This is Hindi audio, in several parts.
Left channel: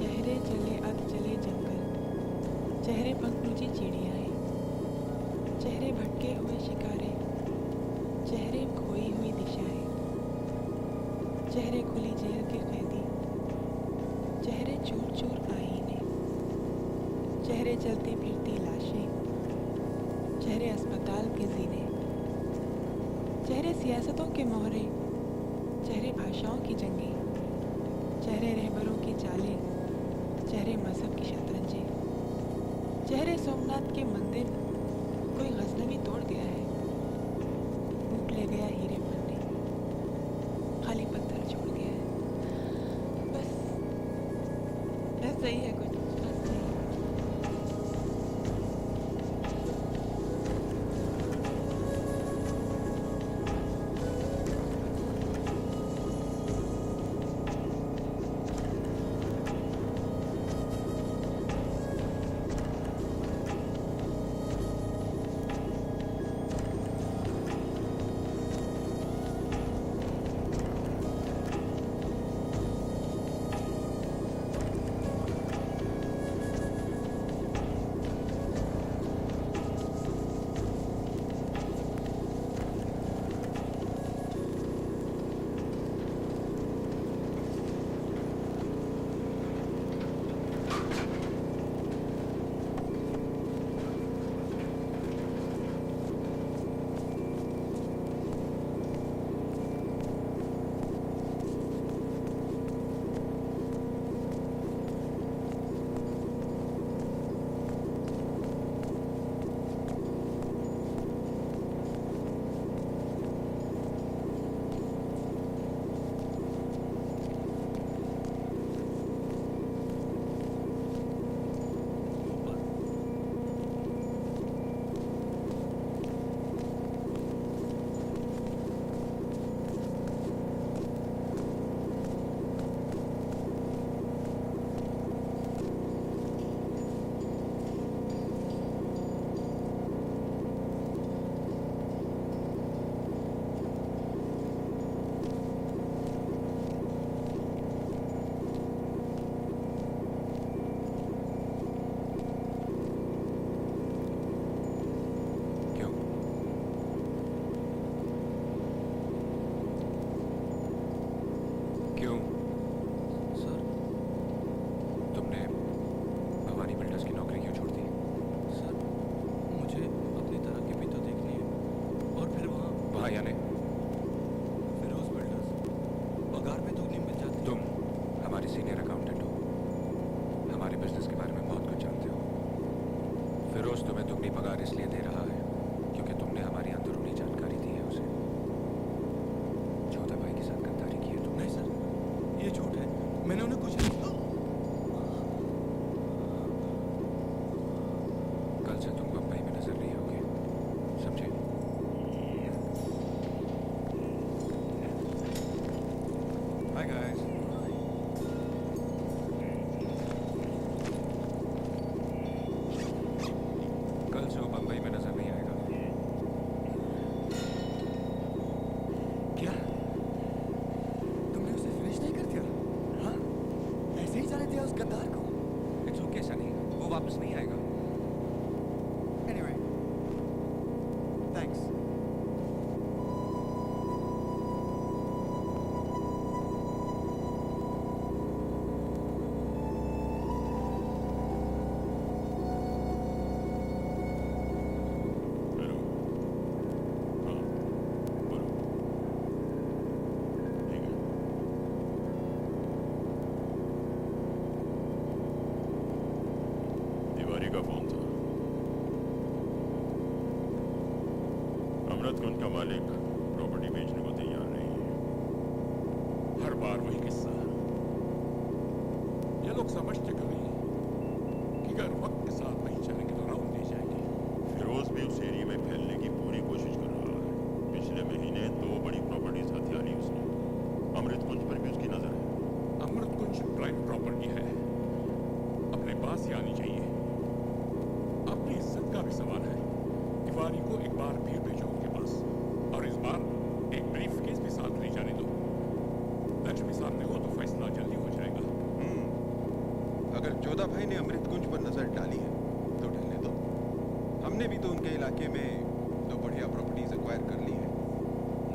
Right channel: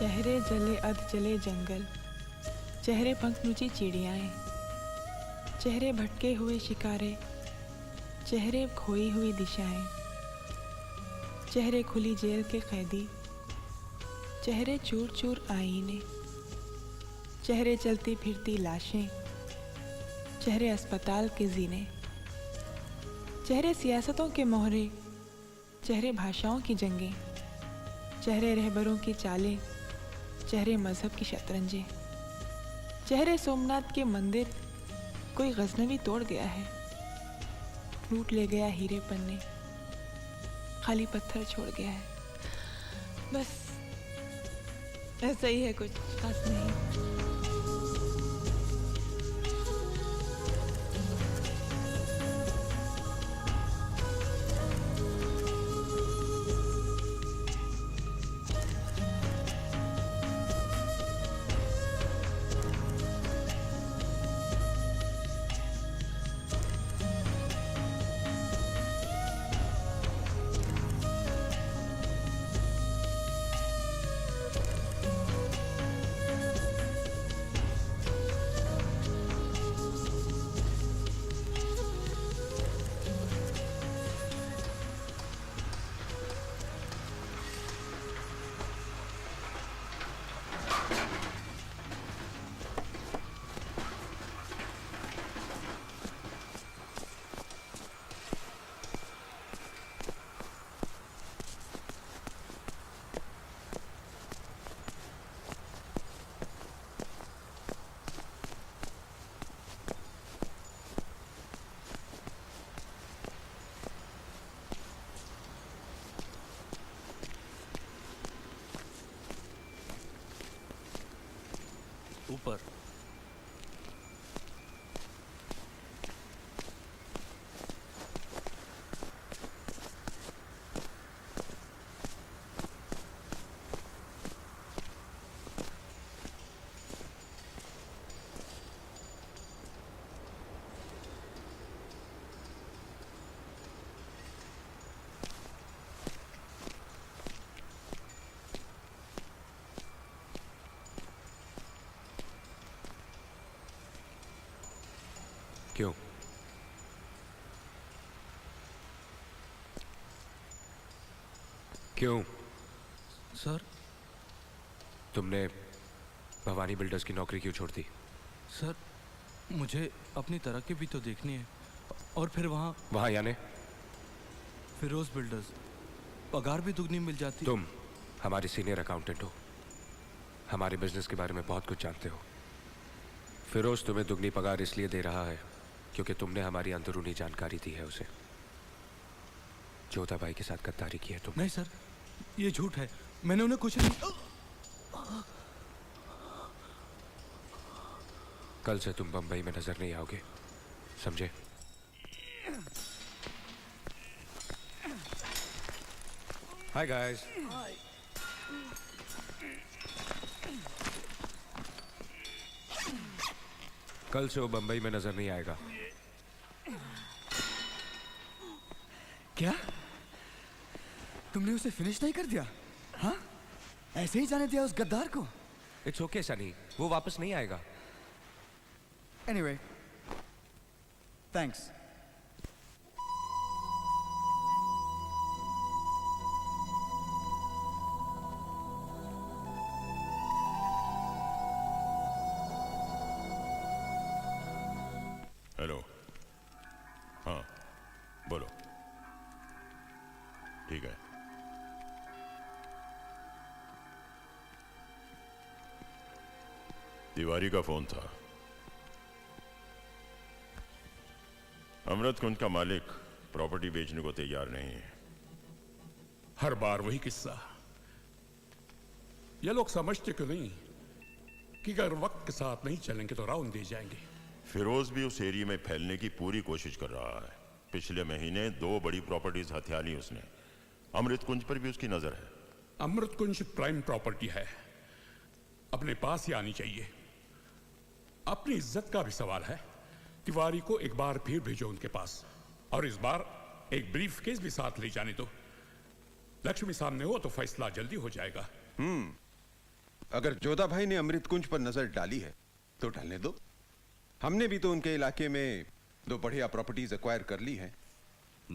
चेहरे जले अध जले जंगल, चेहरे पंखनुची चिड़ियाएँ, चेहरे भटके हुए शिकारे, चेहरे खोई हुई दिशाएं, चेहरे खुली जेल के कैदी, चेहरे चूर चूर आईने, चेहरे चलती फिरती लाशें, चेहरे अस्पताल के जीने, चेहरे सियासतों के मोहरे, चेहरे भाषाओं की जंगें, चेहरे रहबरों की चालें, चेहरे मजहब की शतरंजें, चेहरे सोमनाथ के मंदिर कोई गजनवी तोड़ गया है, लूट ले गया हीरे पन्ने, खाली पत्थर छोड़ गया है। बस ऐसा ही है, कुछ खास नहीं। क्यों? क्यों? सर, तुमने भवानी बिल्डर्स की नौकरी क्यों छोड़ दी? सर मुझे अपनी तरक्की भी तो देखनी है। और फिर वहाँ यानी फिरोज बिल्डर्स, पगार भी दुगनी मिल जाती। तुम हमारी सीनियर अकाउंटेंट हो, हमारे बिजनेस के बारे में बहुत कुछ जानते हो। फिरोज तुम्हें दुगनी पगार इसलिए दे रहा है क्योंकि तुमने हमारी अंदरूनी जानकारी दी है उसे। जोधा भाई के साथ गद्दारी की है तुमने। नहीं सर, ये झूठ है, मैंने उन्हें कुछ नहीं। कल से तुम बंबई में नजर नहीं आओगे, समझे? Hi guys. कल से वो बंबई में नजर नहीं आएगा। क्या तुमने उसे फिनिश नहीं कर दिया? हाँ, ऐसे ही जाने दिया उस गद्दार को? इट्स ओके सनी, वो वापस नहीं आएगा। Anyway, thanks. हेलो, हाँ बोलो। ठीक है। तिवारी का फोन था। अमृत कुंज का मालिक प्रॉपर्टी बेचने को तैयार नहीं है। हर बार वही किस्सा। ये लोग समझते क्यों नहीं कि अगर वक्त के साथ नहीं चलेंगे तो राउंड दे जाएंगे। फिरोज भी उस एरिया में फैलने की पूरी कोशिश कर रहा है। पिछले महीने 2 बड़ी प्रॉपर्टीज हथिया ली उसने। अमृत कुंज पर भी उसकी नजर है। अमृत कुंज प्राइम प्रॉपर्टी है, अपने पास ही आनी चाहिए। अपनी इज्जत का भी सवाल है। तिवारी को एक बार फिर भेजो उनके पास, और इस बार एक ब्रीफ केस भी साथ ले जाने दो। लक्ष्मी सामने हो तो फैसला जल्दी हो जाएगा। अगर जोधा भाई ने अमृत कुंज पर नजर डाली है तो डालने दो। हमने भी तो उनके इलाके में 2 बढ़िया प्रॉपर्टीज एक्वायर कर ली है।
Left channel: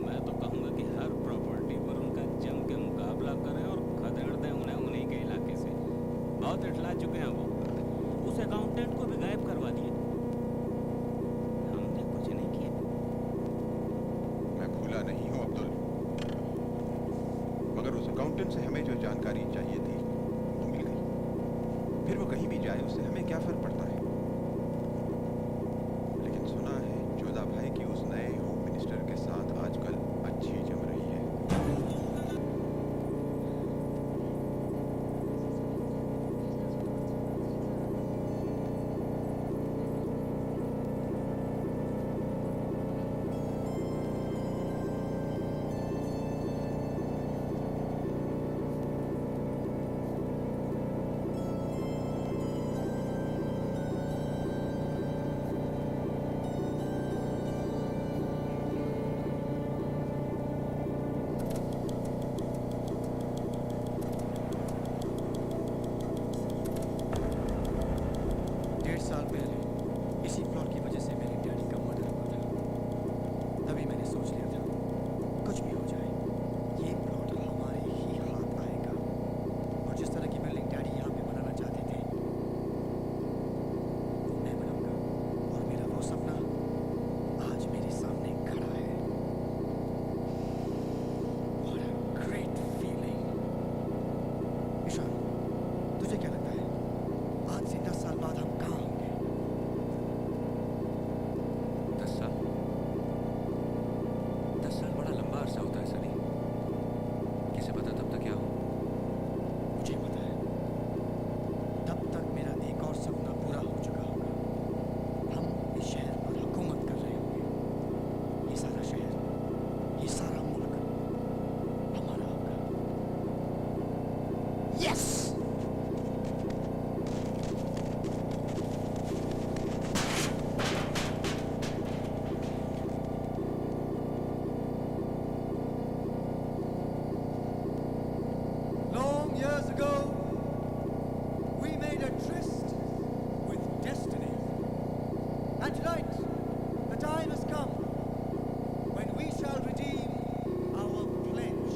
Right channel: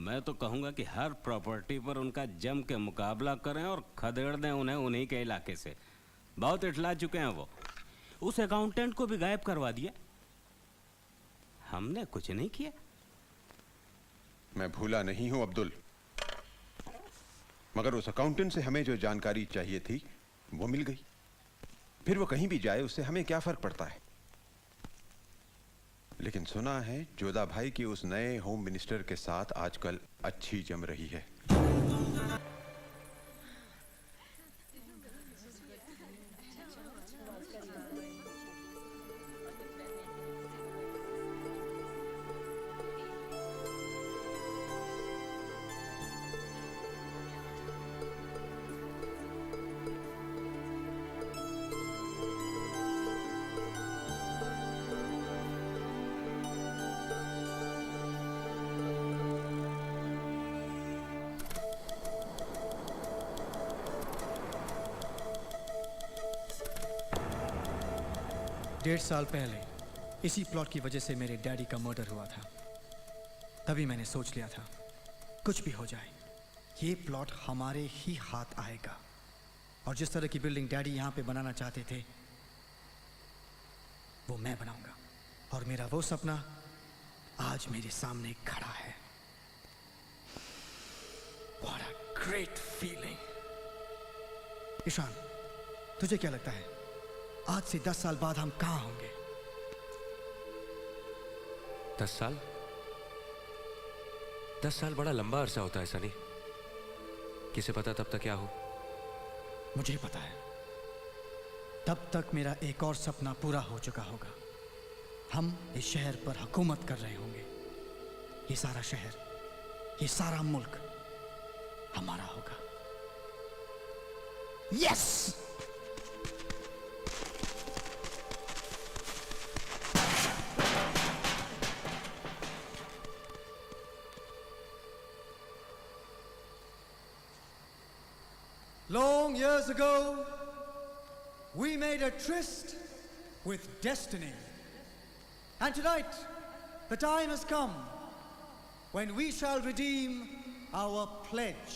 मैं तो कहूंगा कि हर प्रॉपर्टी पर उनका जम के मुकाबला करें और खदेड़ दें उन्हें उन्हीं के इलाके से। बहुत इठला चुके हैं वो। उस अकाउंटेंट को भी गायब करवा दिए। हमने कुछ नहीं किया। मैं भूला नहीं हूं अब्दुल, मगर उस अकाउंटेंट से हमें जो जानकारी चाहिए थी वो मिल गई। फिर वो कहीं भी जाए उससे हमें क्या फर्क पड़ता है। लेकिन सुना है जोधा भाई की उस नए होम मिनिस्टर के साथ आजकल अच्छी जम रही है। डेढ़ साल पहले इसी प्लॉट की वजह से मेरे डैडी का मर्डर हुआ था। तभी मैंने सोच लिया था कुछ भी हो जाए ये प्लॉट हमारे ही हाथ आएगा। और जिस तरह की बिल्डिंग डैडी यहाँ पे बनाना चाहते थे वो मैं बनाऊंगा। और मेरा वो सपना आज मेरे सामने खड़ा है। What a great feeling। Ishan, तुझे क्या लगता है आज से 10 साल बाद हम कहाँ होंगे? 10 साल? 10 साल बड़ा लंबा अरसा होता है सनी। किसे पता तब तक क्या हो। मुझे पता है, तब तक मेरा एक और सपना पूरा हो चुका होगा। हम इस शहर पर हुकूमत कर रहे होंगे। ये सारा शहर, ये सारा मुल्क हमारा होगा। Yes! Long years ago, we made a tryst with destiny. And tonight, the time has come when we shall redeem our pledge.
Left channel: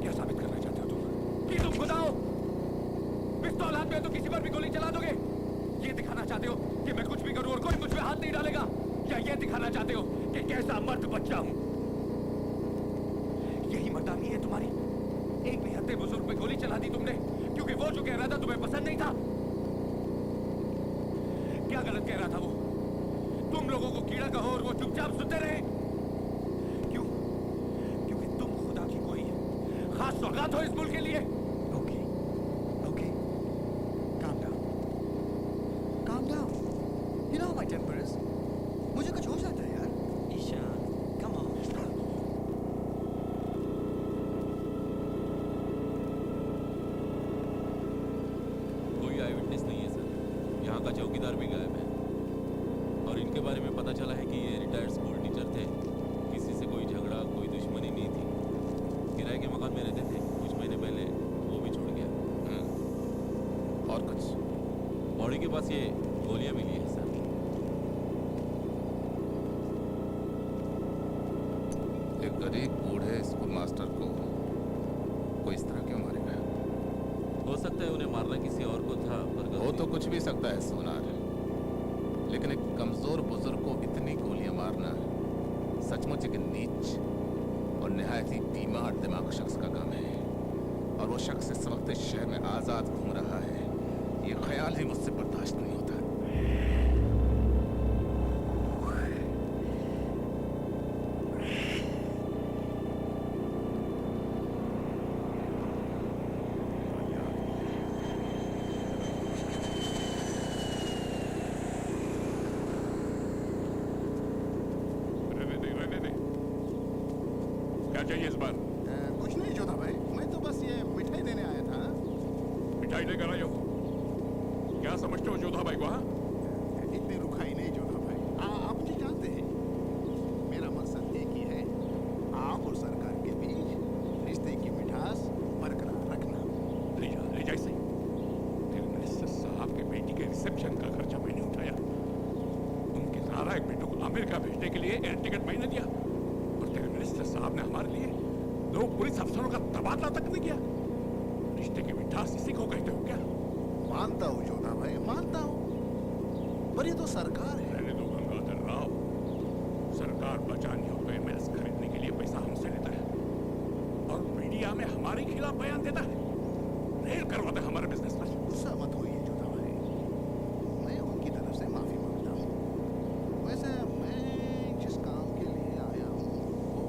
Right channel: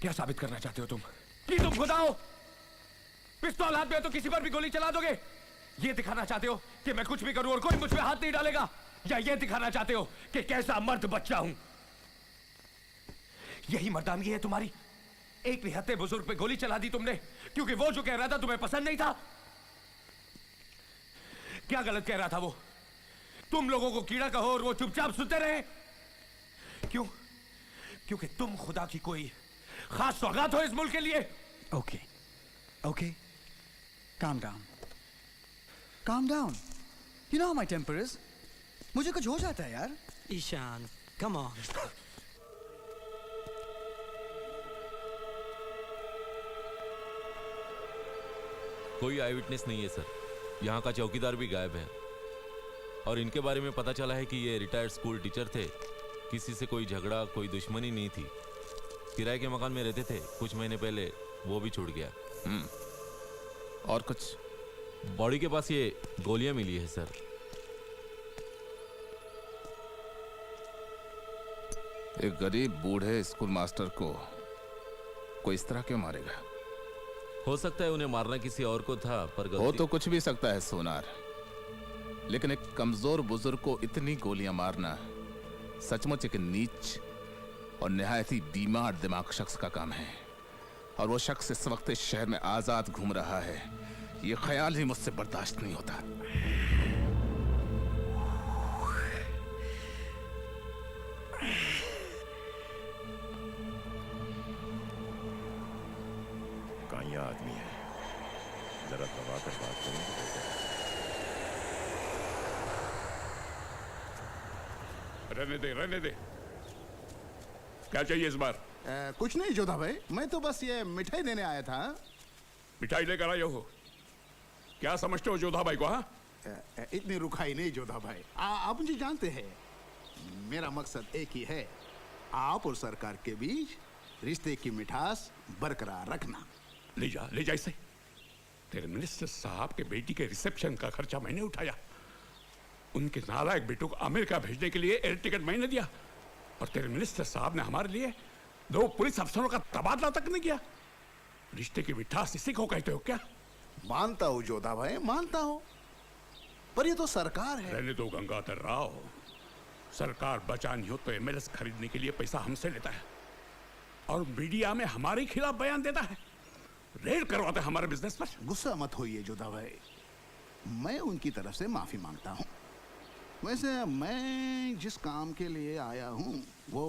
क्या साबित करना चाहते हो तुम? कि तुम खुदा हो? पिस्तौल हाथ में है तो किसी पर भी गोली चला दोगे? ये दिखाना चाहते हो कि मैं कुछ भी करूं और कोई मुझ पे हाथ नहीं डालेगा? या ये दिखाना चाहते हो कि कैसा मर्द बच्चा हूं? यही मर्दानी है तुम्हारी? एक निहत्थे बुजुर्ग पे गोली चला दी तुमने क्योंकि वो जो कह रहा था तुम्हें पसंद नहीं था। क्या गलत कह रहा था वो? तुम लोगों को कीड़ा कहो और वो चुपचाप सुनते रहे? क्यों? क्योंकि तुम खुदा की कोई खास सौगात हो इस मुल्क के लिए। Okay, okay, calm down, calm down. You know how my temper is. मुझे कुछ हो जाता है यार। Ishan, come on. कोई आई विटनेस नहीं है सर। यहाँ का चौकीदार भी गायब है और इनके बारे में पता चला है कि ये रिटायर्ड स्कूल टीचर थे। किसी से कोई झगड़ा, कोई दुश्मनी नहीं थी। किराए के मकान में रहते थे। कुछ महीने पहले वो भी छोड़ गया। और कुछ? बॉडी के पास ये गोलियां मिली है सर। एक गरीब बूढ़े स्कूल मास्टर को कोई इस तरह क्यों मारेगा? हो सकता है उन्हें मारना किसी और को था, पर हो तो कुछ भी सकता है सोनार, लेकिन एक कमजोर बुजुर्ग को इतनी गोलियां मारना सचमुच एक नीच और निहायत ही बीमार दिमाग शख्स का काम है। और वो शख्स इस वक्त इस शहर में आजाद घूम रहा है। ये ख्याल ही मुझसे बर्दाश्त नहीं होता। रहने दे। क्या चाहिए इस बार? कुछ नहीं जोधा भाई, मैं तो बस ये मिठाई देने आया था। मिठाई लेकर आए हो? क्या समझते हो जोधा भाई को? हाँ, इतनी रुखाई नहीं जोधा भाई, आप मुझे जानते हैं। मेरा मकसद एक ही है, आप और सरकार के बीच रिश्ते की मिठास बरकरार रखना। ले जा इसे। तेरे मिनिस्टर साहब के बेटी के रिसेप्शन का खर्चा मैंने उठाया, उनके नालायक बेटों को अमेरिका भेजने के लिए एयर टिकट मैंने दिया, और तेरे मिनिस्टर साहब ने हमारे लिए 2 पुलिस अफसरों का तबादला तक नहीं किया। रिश्ते की मिठास इसी को कहते हो क्या? मानता हूँ जोधा भाई, मानता हूँ, पर ये तो सरकार है। रहने दो गंगाधर राव, सरकार बचानी हो तो एमएलएस खरीदने के लिए पैसा हमसे लेता है, और मीडिया में हमारे खिलाफ बयान देता है, रेड करवाता है हमारे बिजनेस पर। गुस्सा मत होइए जोधा भाई, मैं उनकी तरफ से माफी मांगता हूँ। वैसे मैं जिस काम के लिए आया हूँ वो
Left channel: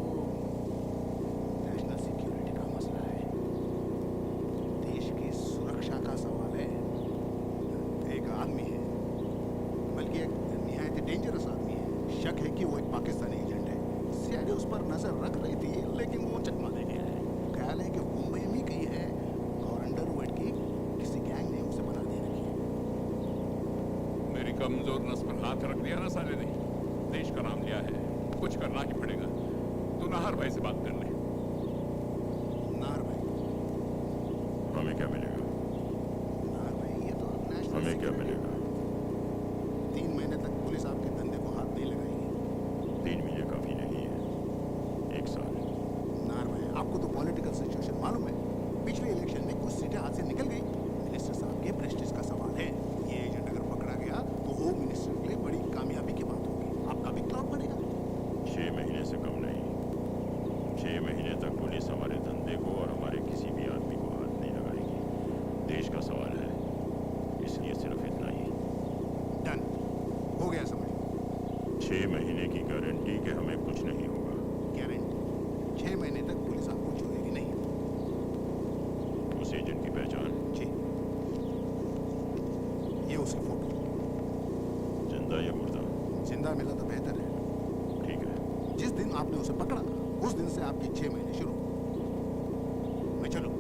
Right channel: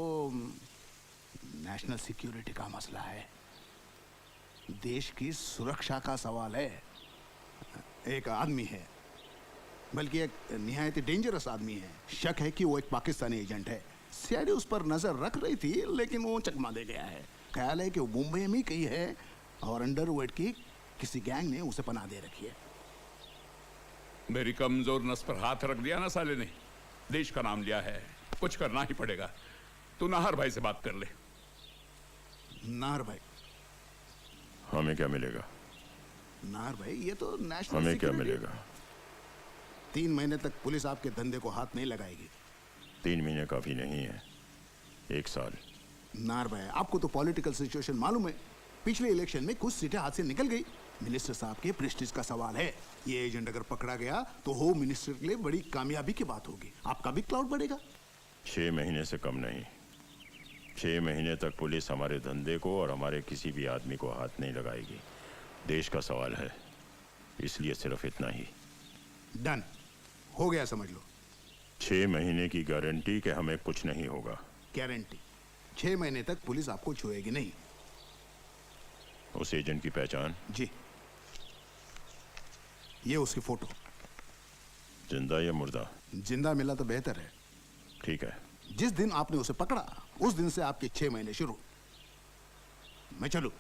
नेशनल सिक्योरिटी का मसला है, देश की सुरक्षा का सवाल है। एक आदमी है, बल्कि एक निहायत डेंजरस आदमी है, शक है कि वो एक पाकिस्तानी एजेंट है। सीआईडी उस पर नजर रख रही थी, लेकिन वो चकमा दे गया है। ख्याल है कि वो मुंबई में कहीं है, और अंडरवर्ल्ड की किसी गैंग ने उसे पनाह दे रखी है। मेरी कमजोर नस पर हाथ रख दिया ना साले ने। देश का नाम लिया है, कुछ करना ही पड़ेगा। तू नाहर भाई से बात कर ले। नाहर भाई? हमें क्या मिलेगा? नाहर भाई, ये तो नेशनल हमें क्या सिक्योरिटी। मिलेगा? 3 महीने तक पुलिस आपके धंधे को हाथ नहीं लगाएगी। 3 महीने काफी नहीं है, 1 साल। नाहर भाई, आपको तो पॉलिटिकल सिचुएशन मालूम है। पिछले इलेक्शन में कुछ सीटें हाथ से निकल गई। मिनिस्टर साहब के प्रेस्टीज का सवाल है। ये एजेंट अगर पकड़ा गया तो होम मिनिस्टर के लिए बड़ी कामयाबी की बात होगी। आपका भी क्लाउड बढ़ेगा। 6 महीने से कम नहीं। 6 महीने तक पुलिस हमारे धंधे को और हमारे किसी भी आदमी को हाथ नहीं लगाएगी। देश का सवाल है, इसलिए सिर्फ इतना ही। डन, हो गया, समझ लो। 6 महीने की गारंटी कि हमें कुछ नहीं होगा। गारंटी? 6 महीने तक पुलिस आपको छुएगी नहीं। उस एजेंट की पहचान? जी, ये उसकी फोटो। जिंदा या मुर्दा? जिंदा मिला तो बेहतर है। ठीक है। जिस दिन आपने उसे पकड़ा उस दिन से आपके 6 महीने शुरू। मैं चलूं?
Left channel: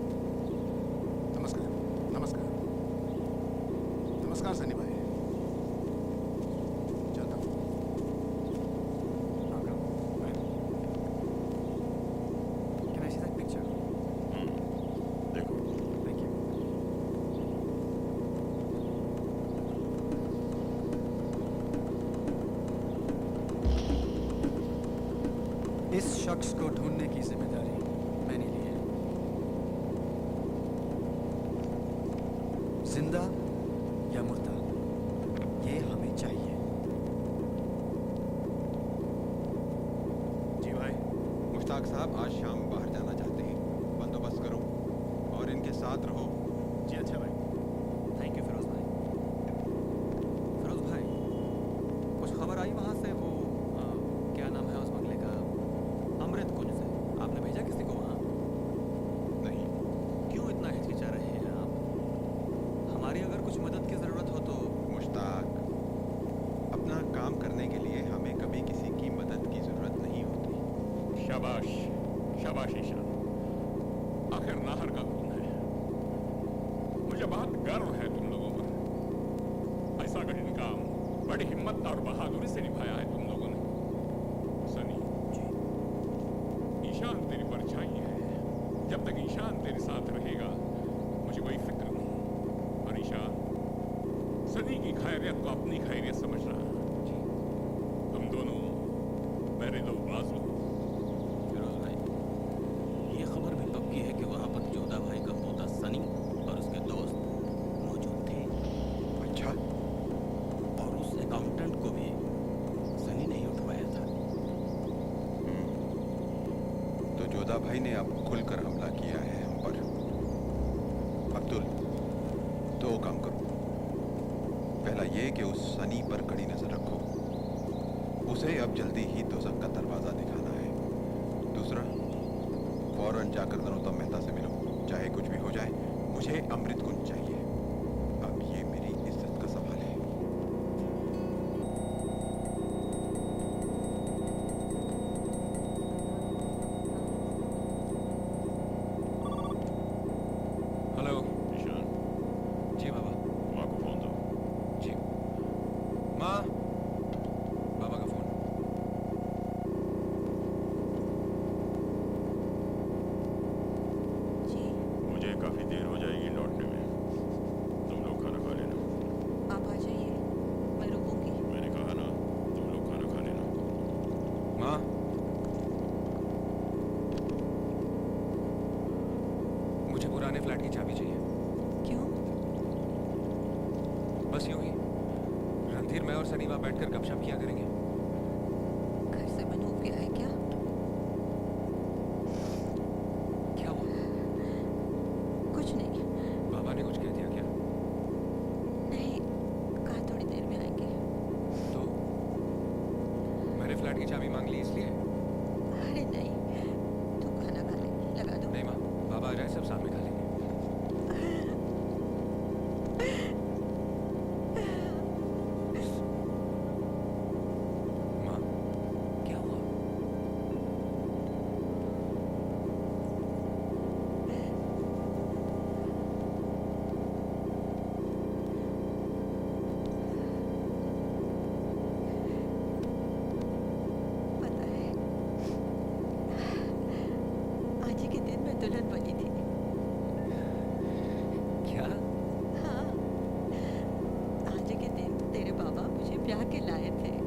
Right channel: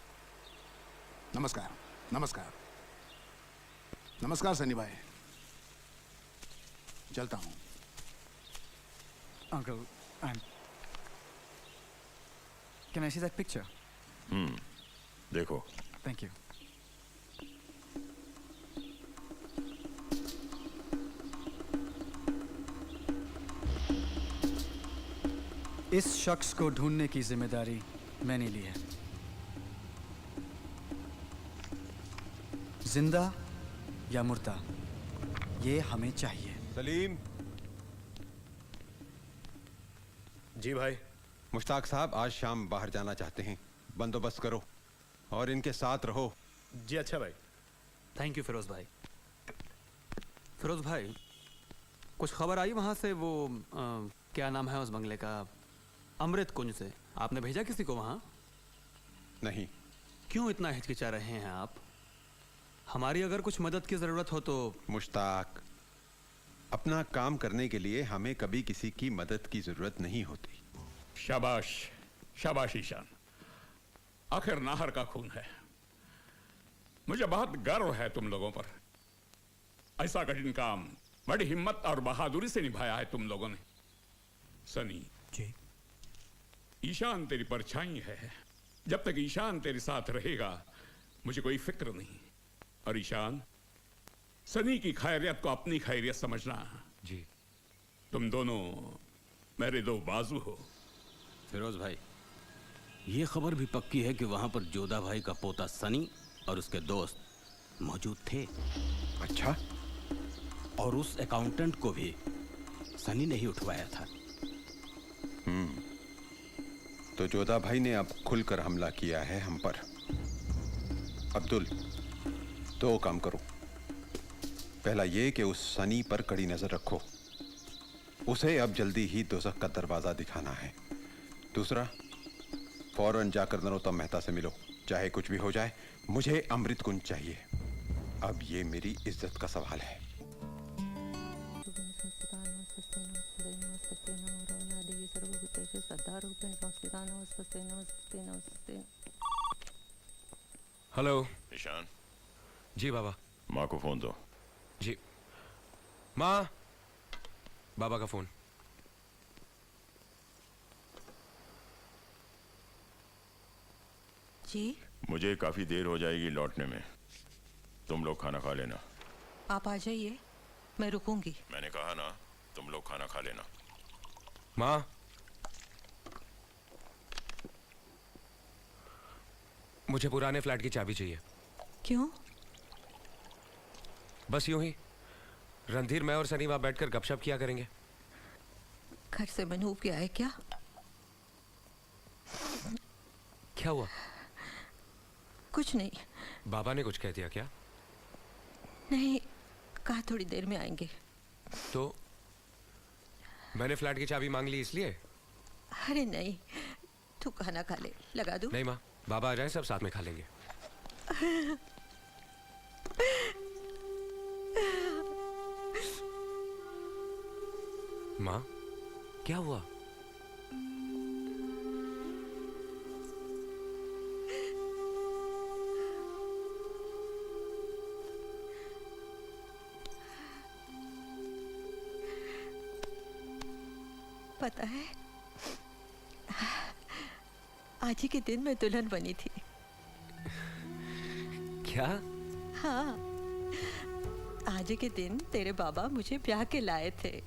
नमस्कार। नमस्कार। नमस्कार सनी भाई, चलता हूं। Uncle, can I see that picture? देखो। Thank you. इस शख्स को ढूंढने की जिम्मेदारी मैंने ली है। जिंदा या मुर्दा, ये हमें चाहिए। सलीम। जी भाई। मुश्ताक साहब आज शाम बाहर जाना चाहते हैं, बंदोबस्त करो और इनके साथ रहो। जी अच्छा भाई। थैंक यू फिरोज भाई। फिरोज भाई, कुछ खबर आई वहाँ से? वो क्या नाम है उस बंगले का? अमृत कुंज से। आपने भेजा किसी को वहाँ? नहीं। क्यों इतना हिचकिचा रहे हैं आप? हमारी अगर कुछ मदद की ज़रूरत हो तो। मुश्ताक, अपना काम करने के लिए हमें कभी किसी की मदद की जरूरत नहीं होती। शाबाश, शाबाश ईशान, आखिर नाहर का खून है। मुझे बहुत गर्व है तुम लोगों पर। ऐसा कठिन काम बड़ी हिम्मत और बहादुरी से निभाया है तुम लोगों ने। सनी जी। ईशान तेरी परछाई है। जब तक ईशान तेरे साथ रहेगा मुझे कोई फिक्र नहीं। और ईशान, सनी की खैरियत को अपनी खैरियत समझना। जी। तुम दोनों मेरे 2 बाजू हो। फिरोज भाई, ये खबर भी पक्की है कि वहाँ पर जोधा भाई का पोता सनी और उसके दोस्त मौजूद थे। अच्छा। और उस अकाउंटेंट को भी सनी ने ही उठवाया था। तो जोधा भाई ने अब खुलकर हमला किया है हम पर। अब्दुल, 2 काम करो। पहला ये कि उस सनी पर कड़ी नजर रखो, उसे अब जल्दी ही दोज़ख का दरवाजा दिखाना है। दूसरा, फौरन जाकर नरोत्तम मेहता से मिलो, चाहे कुछ भी हो जाए। मुझे अमृत कुंज चाहिए। अब ये मेरी इज्जत का सवाल है। हेलो। ईशान, जी बाबा। माँ को फोन दो। जी। माँ। बाबा का फोन। जी। मुझे काफी देर हो जाएगी लौटने में, तुम लोग खाना खा लेना। आप आ जाइए, मैं रुकूंगी। मैंने कहा ना, तुम लोग खाना खा लेना। माँ। मुझे पुराने फ्लैट की चाबी चाहिए। क्यों? बस यूं ही। रणधीर, मैं और सनी वहां बैठकर गपशप किया करेंगे। घर से मनूब गया है क्या? क्या हुआ? कुछ नहीं। बाबा ने कुछ कह दिया क्या? नहीं, कहा थोड़ी देर में आएंगे। तो मैंने फ्लैट की चाबी मांग ली इसलिए? अरे नहीं, तू खाना खा ले, लगा दूं? नहीं माँ, बाबा आ जाए सब साथ में खा लेंगे। माँ, क्या हुआ? पता है, आज ही के दिन मैं दुल्हन बनी थी। क्या? हाँ, आज ही के दिन तेरे बाबा मुझे ब्याह के लाए थे।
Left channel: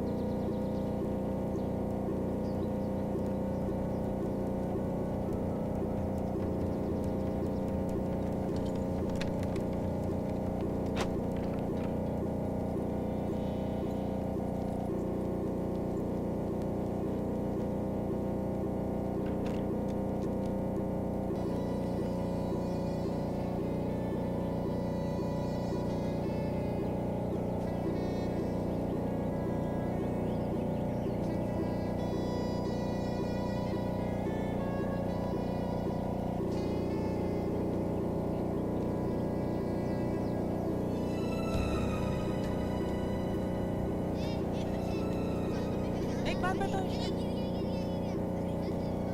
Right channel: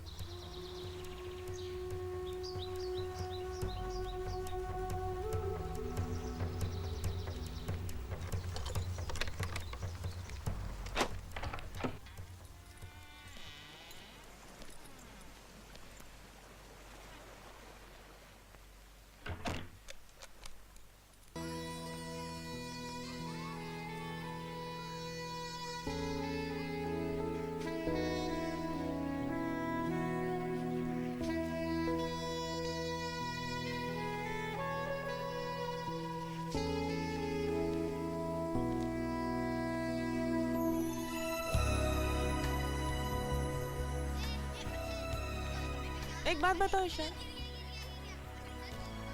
एक बात बताओ ईशान,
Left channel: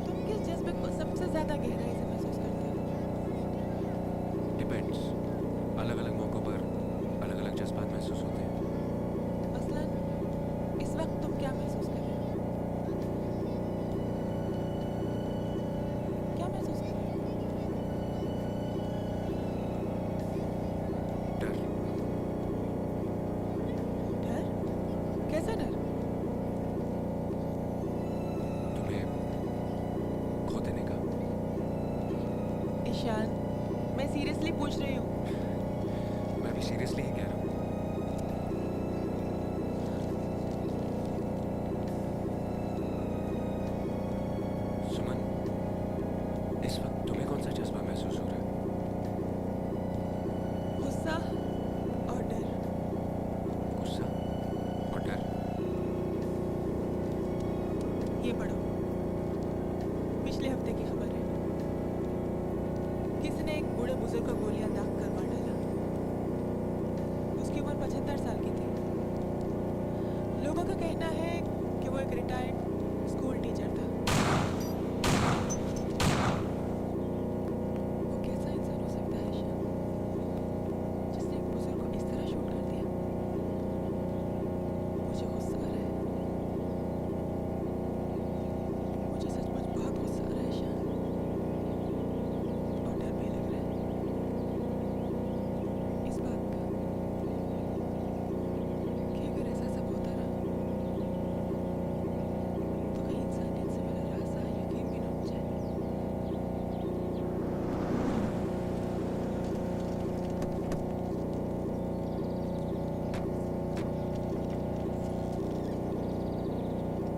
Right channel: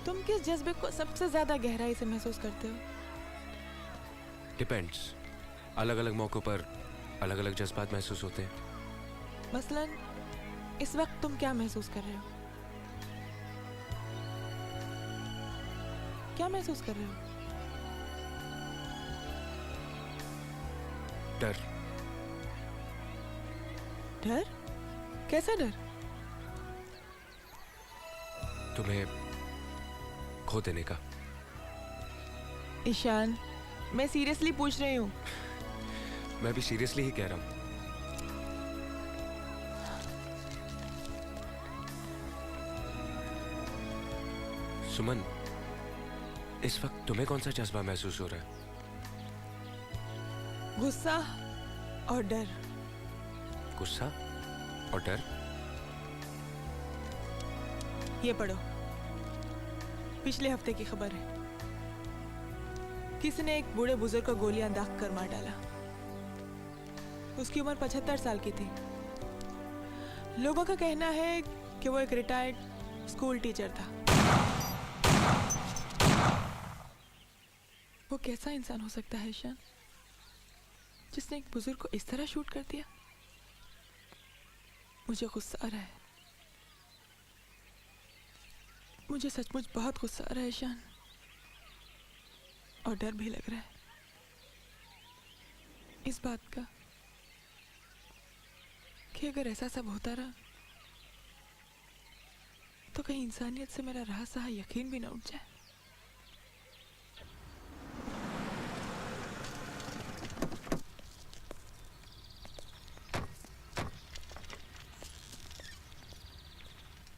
तुम किस जज्बे को सबसे ज्यादा गहराई से महसूस करते हो? डिपेंड्स। अलग अलग मौकों पर अलग अलग जज्बात महसूस होते हैं। मसलन इस वक्त तुम क्या महसूस कर रहे हो? क्या महसूस कर रहे हो? डर। डर? कैसा डर? तुम्हें खो देने का। ईशान, मैं सीरियसली पूछ रही हूँ। मैं भी सीरियसली ही कह रहा हूँ। सुमन, इस वक्त तुम्हें कौन सा जज्बा महसूस हो रहा है? गुस्सा और डर। गुस्सा और डर? ये पढ़ो, पिछले हफ्ते की खबर है। किसी ने एक बूढ़े बुजुर्ग को गोलियां दाग कर मार डाला। उसकी उम्र 75 साल की थी। लोगों का कहना है कि वो एक रिटायर्ड स्कूल टीचर था। वो कैसा इंसान हो सकता है ईशान, जिसने एक बुजुर्ग को इस तरह शूट कर दिया? मुझे गुस्सा आ रहा है, मुझे सचमुच बहुत गुस्सा आ रहा है ईशान, और डर भी लग रहा है इस बात का कि अगर ऐसा सब होता रहा तो कहीं इंसानियत से मेरा राज सहा यकीन भी ना उठ जाए।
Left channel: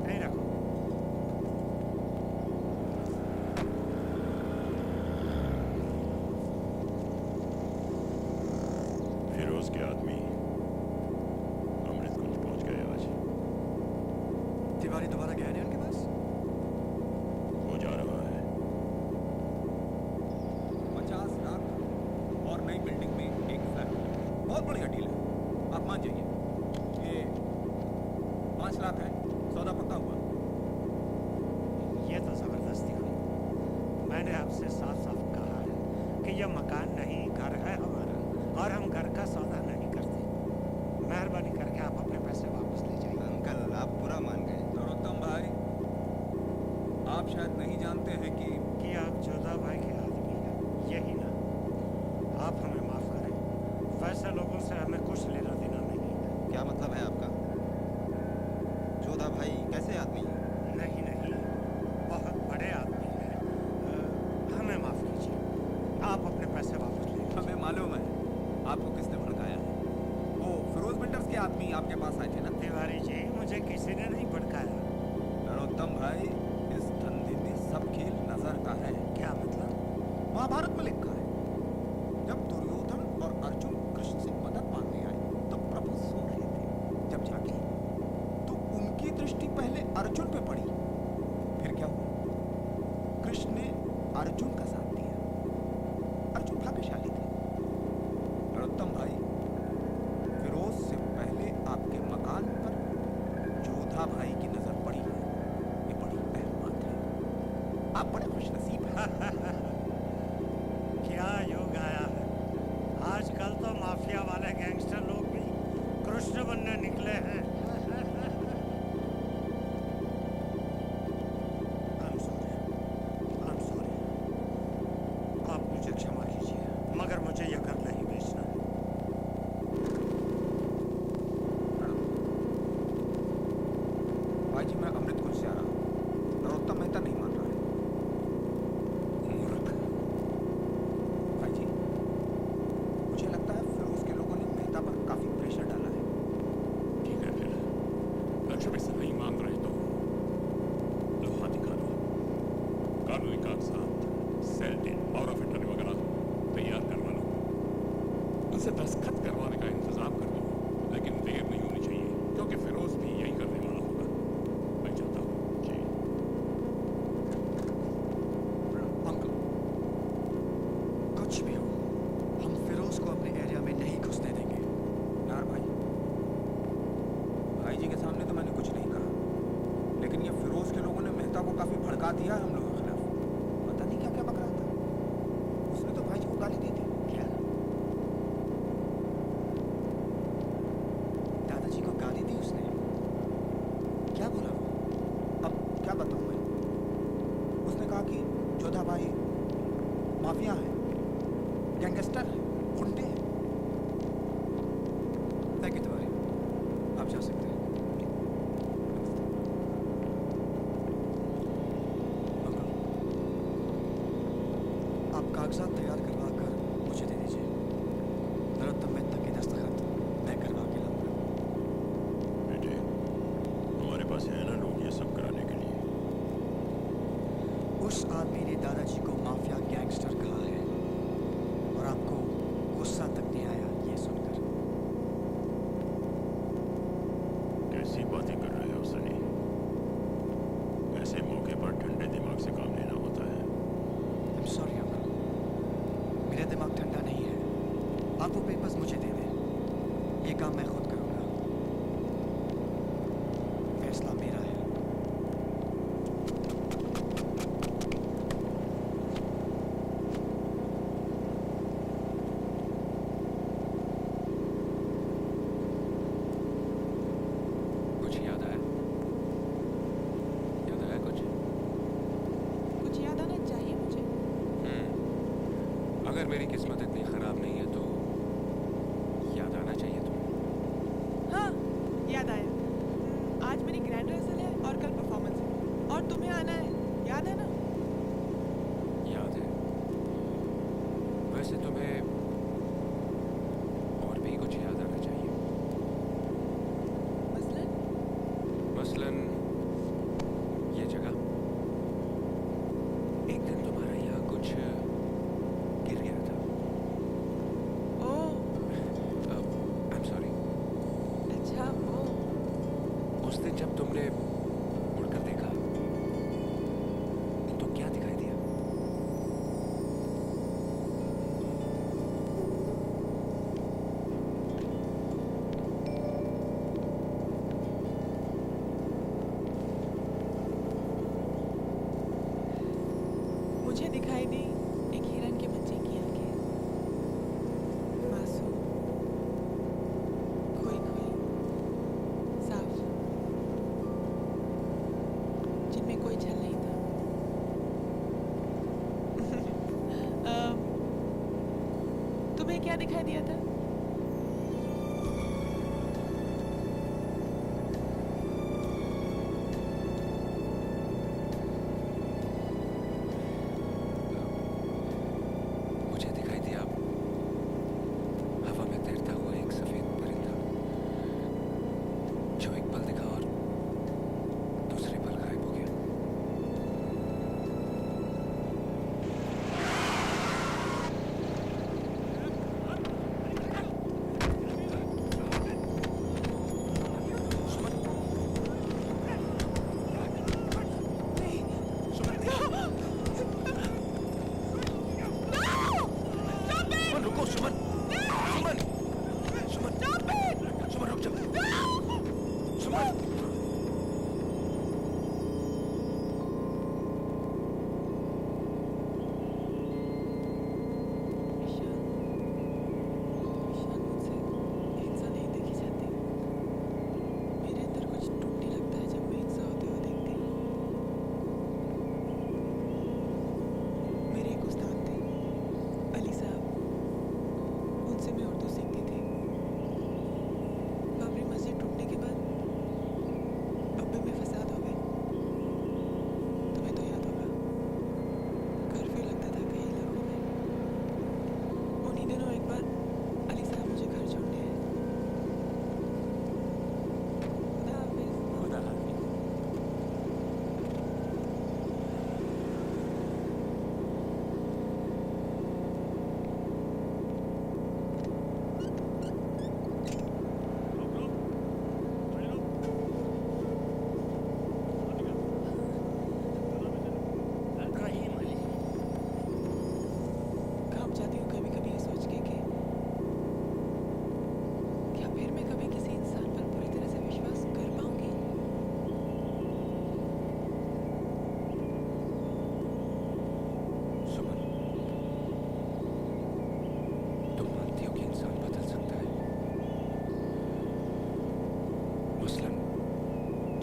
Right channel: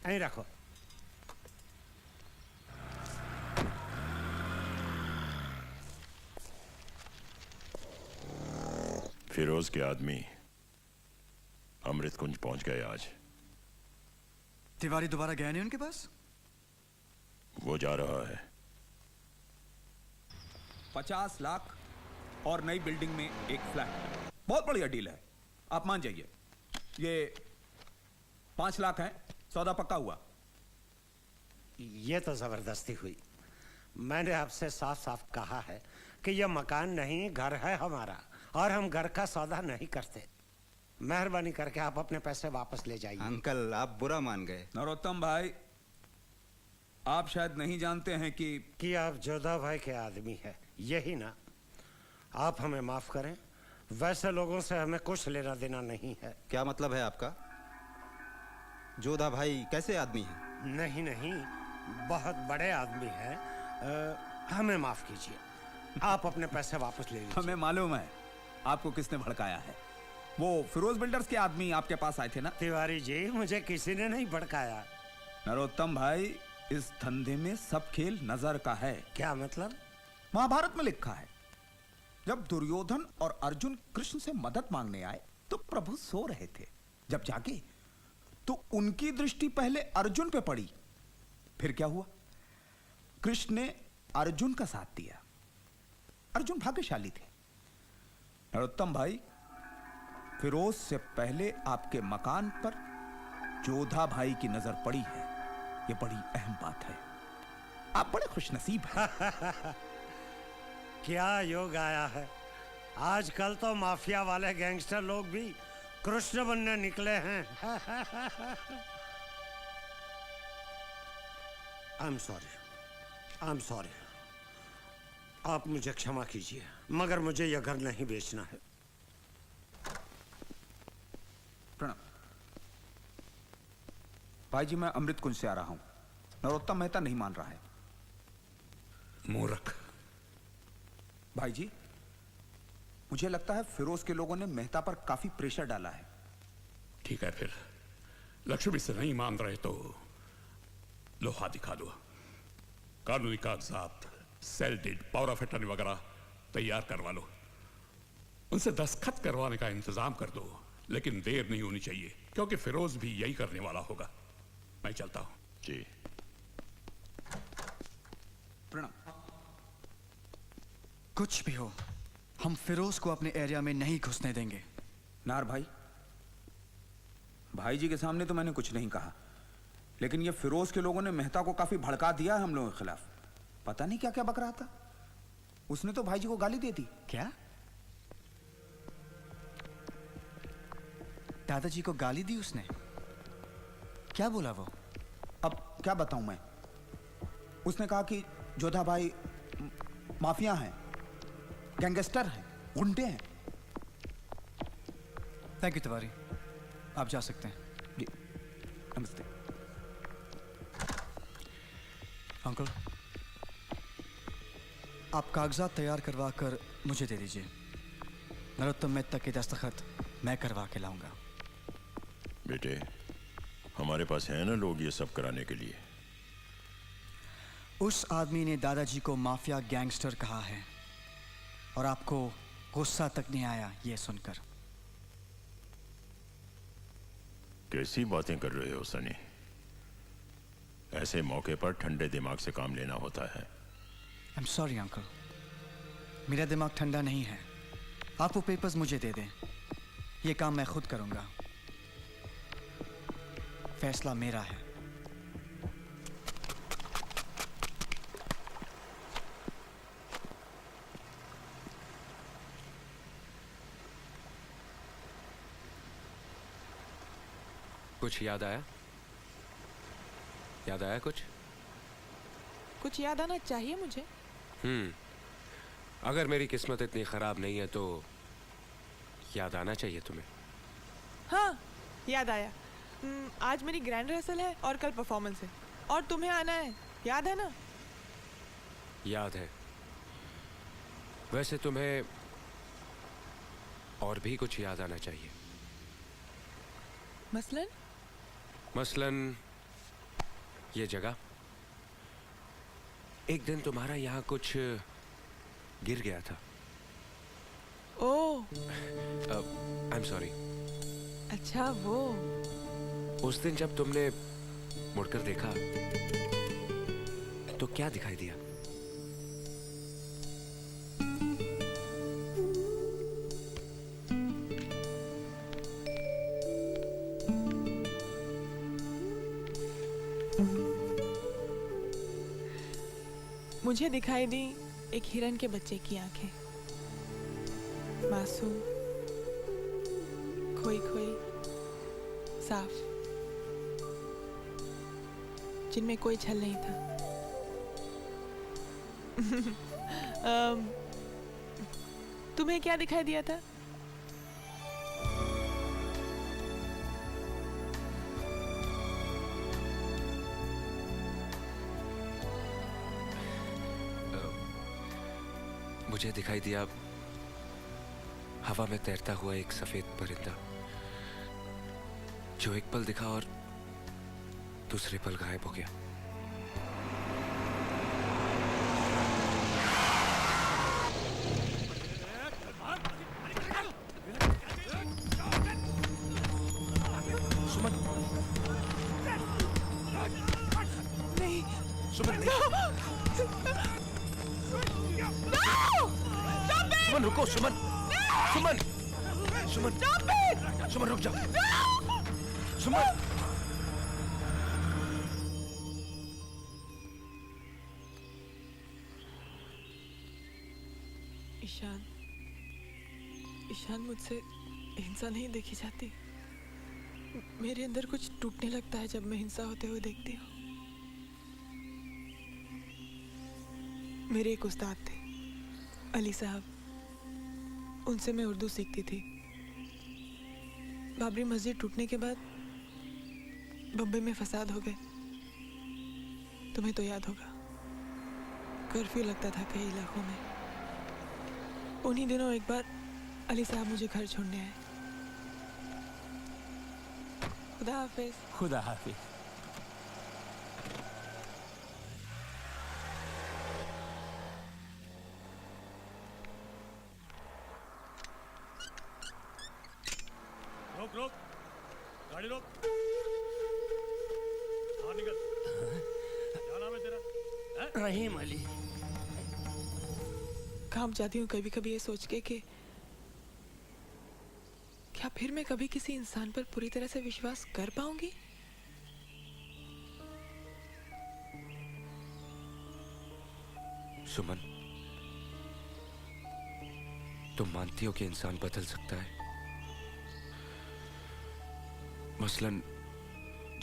नहीं रखो। फिरोज के आदमी अमृत कुंज पहुंच गए आज। तिवारी दोबारा गया नहीं उनके पास? वो जा रहा है। 50 लाख और नई बिल्डिंग में एक फ्लैट, बहुत बढ़िया डील है, आप मान जाइए। ये 5 लाख है, सौदा पक्का हुआ। ये तो जबरदस्ती हुई। मैंने आपसे साफ साफ कहा है कि यह मकान नहीं घर है हमारा, और हम घर का सौदा नहीं करते। मेहरबानी करके आप अपने पैसे वापस ले जाइए। अंकल आप बुरा मान गए। नरोत्तम भाई, आप शायद नहीं जानते हैं कि आप जोधा भाई के आदमी हैं, यही ना? आप हमें माफ करें, वैसे लोगों से हमें कुछ लेना देना नहीं है। क्या मतलब है आपका? जोधा भाई कैसे आदमी है? नहीं नहीं, बहुत बड़े आदमी हैं। हमें माफ कीजिए, आप अपने पैसे वापस ले लीजिए। हमें मालूम है आपको किसने भड़काया है। वो फिरोज बिल्डर्स के आदमी आपके पास आए थे ना? तिवारी जी, मुझे किसी ने नहीं भड़काया। नरोत्तम भाई, इस धंधे में सब खेल नजर का है। क्या मतलब? महाभारत में लिखा है, जब दुर्योधन और अर्जुन कृष्ण से मदद मांगने आए तो प्रभु सो रहे थे। जब जागे तो उनकी दृष्टि पहले अर्जुन पे पड़ी। फिर क्या हुआ? कृष्ण ने अर्जुन का साथ दिया। अर्जुन भाग्यशाली थे। नरोत्तम भाई, फिरोज से पहले आपके मकान पर जोधा भाई की नजर पड़ी है, ये बड़ी अहम बात है। आप बड़े खुशनसीब हैं। क्या योग आया है, आजकल तो माफिया वाले गैंगस्टर लोग भी कृष्ण बनने निकले हैं। I'm sorry। आप मुझे क्षमा कीजिए, मगर मुझे यह घर नहीं बेचना है। भाई जी, मैं अमृत कुंज से आ रहा हूँ। नरोत्तम मेहता नहीं मान रहा है। मूर्ख। भाई जी, मुझे लगता है फिरोज के लोगों ने मेहता पर काफी प्रेशर डाला है। ठीक है, फिर लक्ष्मी से नहीं मान रहे तो लोहा दिखा दो। कानूनी कागजात, sale deed, power of attorney वगैरह तैयार करवा लो। उनसे दस्तखत करवाने का इंतजाम कर दो, लेकिन देर नहीं होनी चाहिए, क्योंकि फिरोज भी यही करने वाला होगा। मैं चाहता हूँ। जी। कुछ भी हो, हम फिरोज को अपने एरिया में नहीं घुसने देंगे। नार भाई, भाई जी के सामने तो मैंने कुछ नहीं कहा, लेकिन ये फिरोज के लोगों ने मेहता को काफी भड़का दिया है हम लोगों के खिलाफ। पता नहीं क्या क्या बक रहा था। उसने तो भाई जी को गाली दे दी। क्या? दादाजी को गाली दी उसने? क्या बोला वो? अब क्या बताऊं मैं? उसने कहा कि जोधा भाई माफिया हैं, गैंगस्टर हैं, गुंडे हैं। थैंक यू तिवारी, आप जा सकते हैं। नमस्ते। अंकल, आप कागजात तैयार करवा कर मुझे दे दीजिए। नरोत्तम मेहता की दस्तखत मैं करवा के लाऊंगा। बेटे, हमारे पास है ना लोग ये सब कराने के लिए। उस आदमी ने दादाजी को माफिया गैंगस्टर कहा है, और आपको गुस्सा तक नहीं आया ये सुनकर। कैसी बातें कर रहे हो सनी? ऐसे मौके पर ठंडे दिमाग से काम लेना होता है। I'm sorry अंकल, मेरा दिमाग ठंडा नहीं है। आप वो पेपर्स मुझे दे दें, ये काम मैं खुद करूंगा। फैसला मेरा है। कुछ याद आया? याद आया कुछ? कुछ याद आना चाहिए मुझे। अगर मेरी किस्मत इतनी खराब नहीं है तो याद आना चाहिए तुम्हें। हाँ, याद आया। आज मेरी ग्रैंड रिहर्सल है और कल परफॉर्मेंस है, और तुम्हें आना है, याद है ना? याद है। वैसे तुम्हें और भी कुछ याद आना चाहिए। मसलन ये जगह। एक दिन तुम्हारा यहाँ कुछ गिर गया था। ओह, आई एम सॉरी। अच्छा वो। उस दिन जब तुमने मुड़कर देखा तो क्या दिखाई दिया? मुझे दिखाई दी एक हिरन के बच्चे की आंखें, मासूम, खोई खोई, साफ, जिनमें कोई छल नहीं था। तुम्हें क्या दिखाई दिया था? मुझे दिखाई दिया हवा में तैरता हुआ एक सफेद परिंदा, जो एक पल दिखा और दूसरे पल गायब हो गया। सुमन रुको, सुमन, सुमन, सुमन, सुमन रुक जाओ, सुमन। ईशान मुझसे हिंसा नहीं देखी जाती। मेरे अंदर कुछ टूटने लगता है जब मैं हिंसा होते हुए देखती हूँ। मेरे एक उस्ताद थे, अली साहब, उनसे मैं उर्दू सीखती थी। बाबरी मस्जिद टूटने के बाद बम्बई में फसाद हो गए। तुम्हें तो याद होगा, कर्फ्यू लगता था कई इलाकों में। उन्हीं दिनों एक बार अली साहब मुझे घर छोड़ने आए। खुदा हाफिज। खुदा हाफिज। रहीम अली। काम चाहती हूँ कभी कभी ये सोच के कि क्या फिर मैं कभी किसी इंसान पर पूरी तरह से विश्वास कर पाऊंगी? सुमन, तुम मानती हो कि इंसान बदल सकता है? मसलन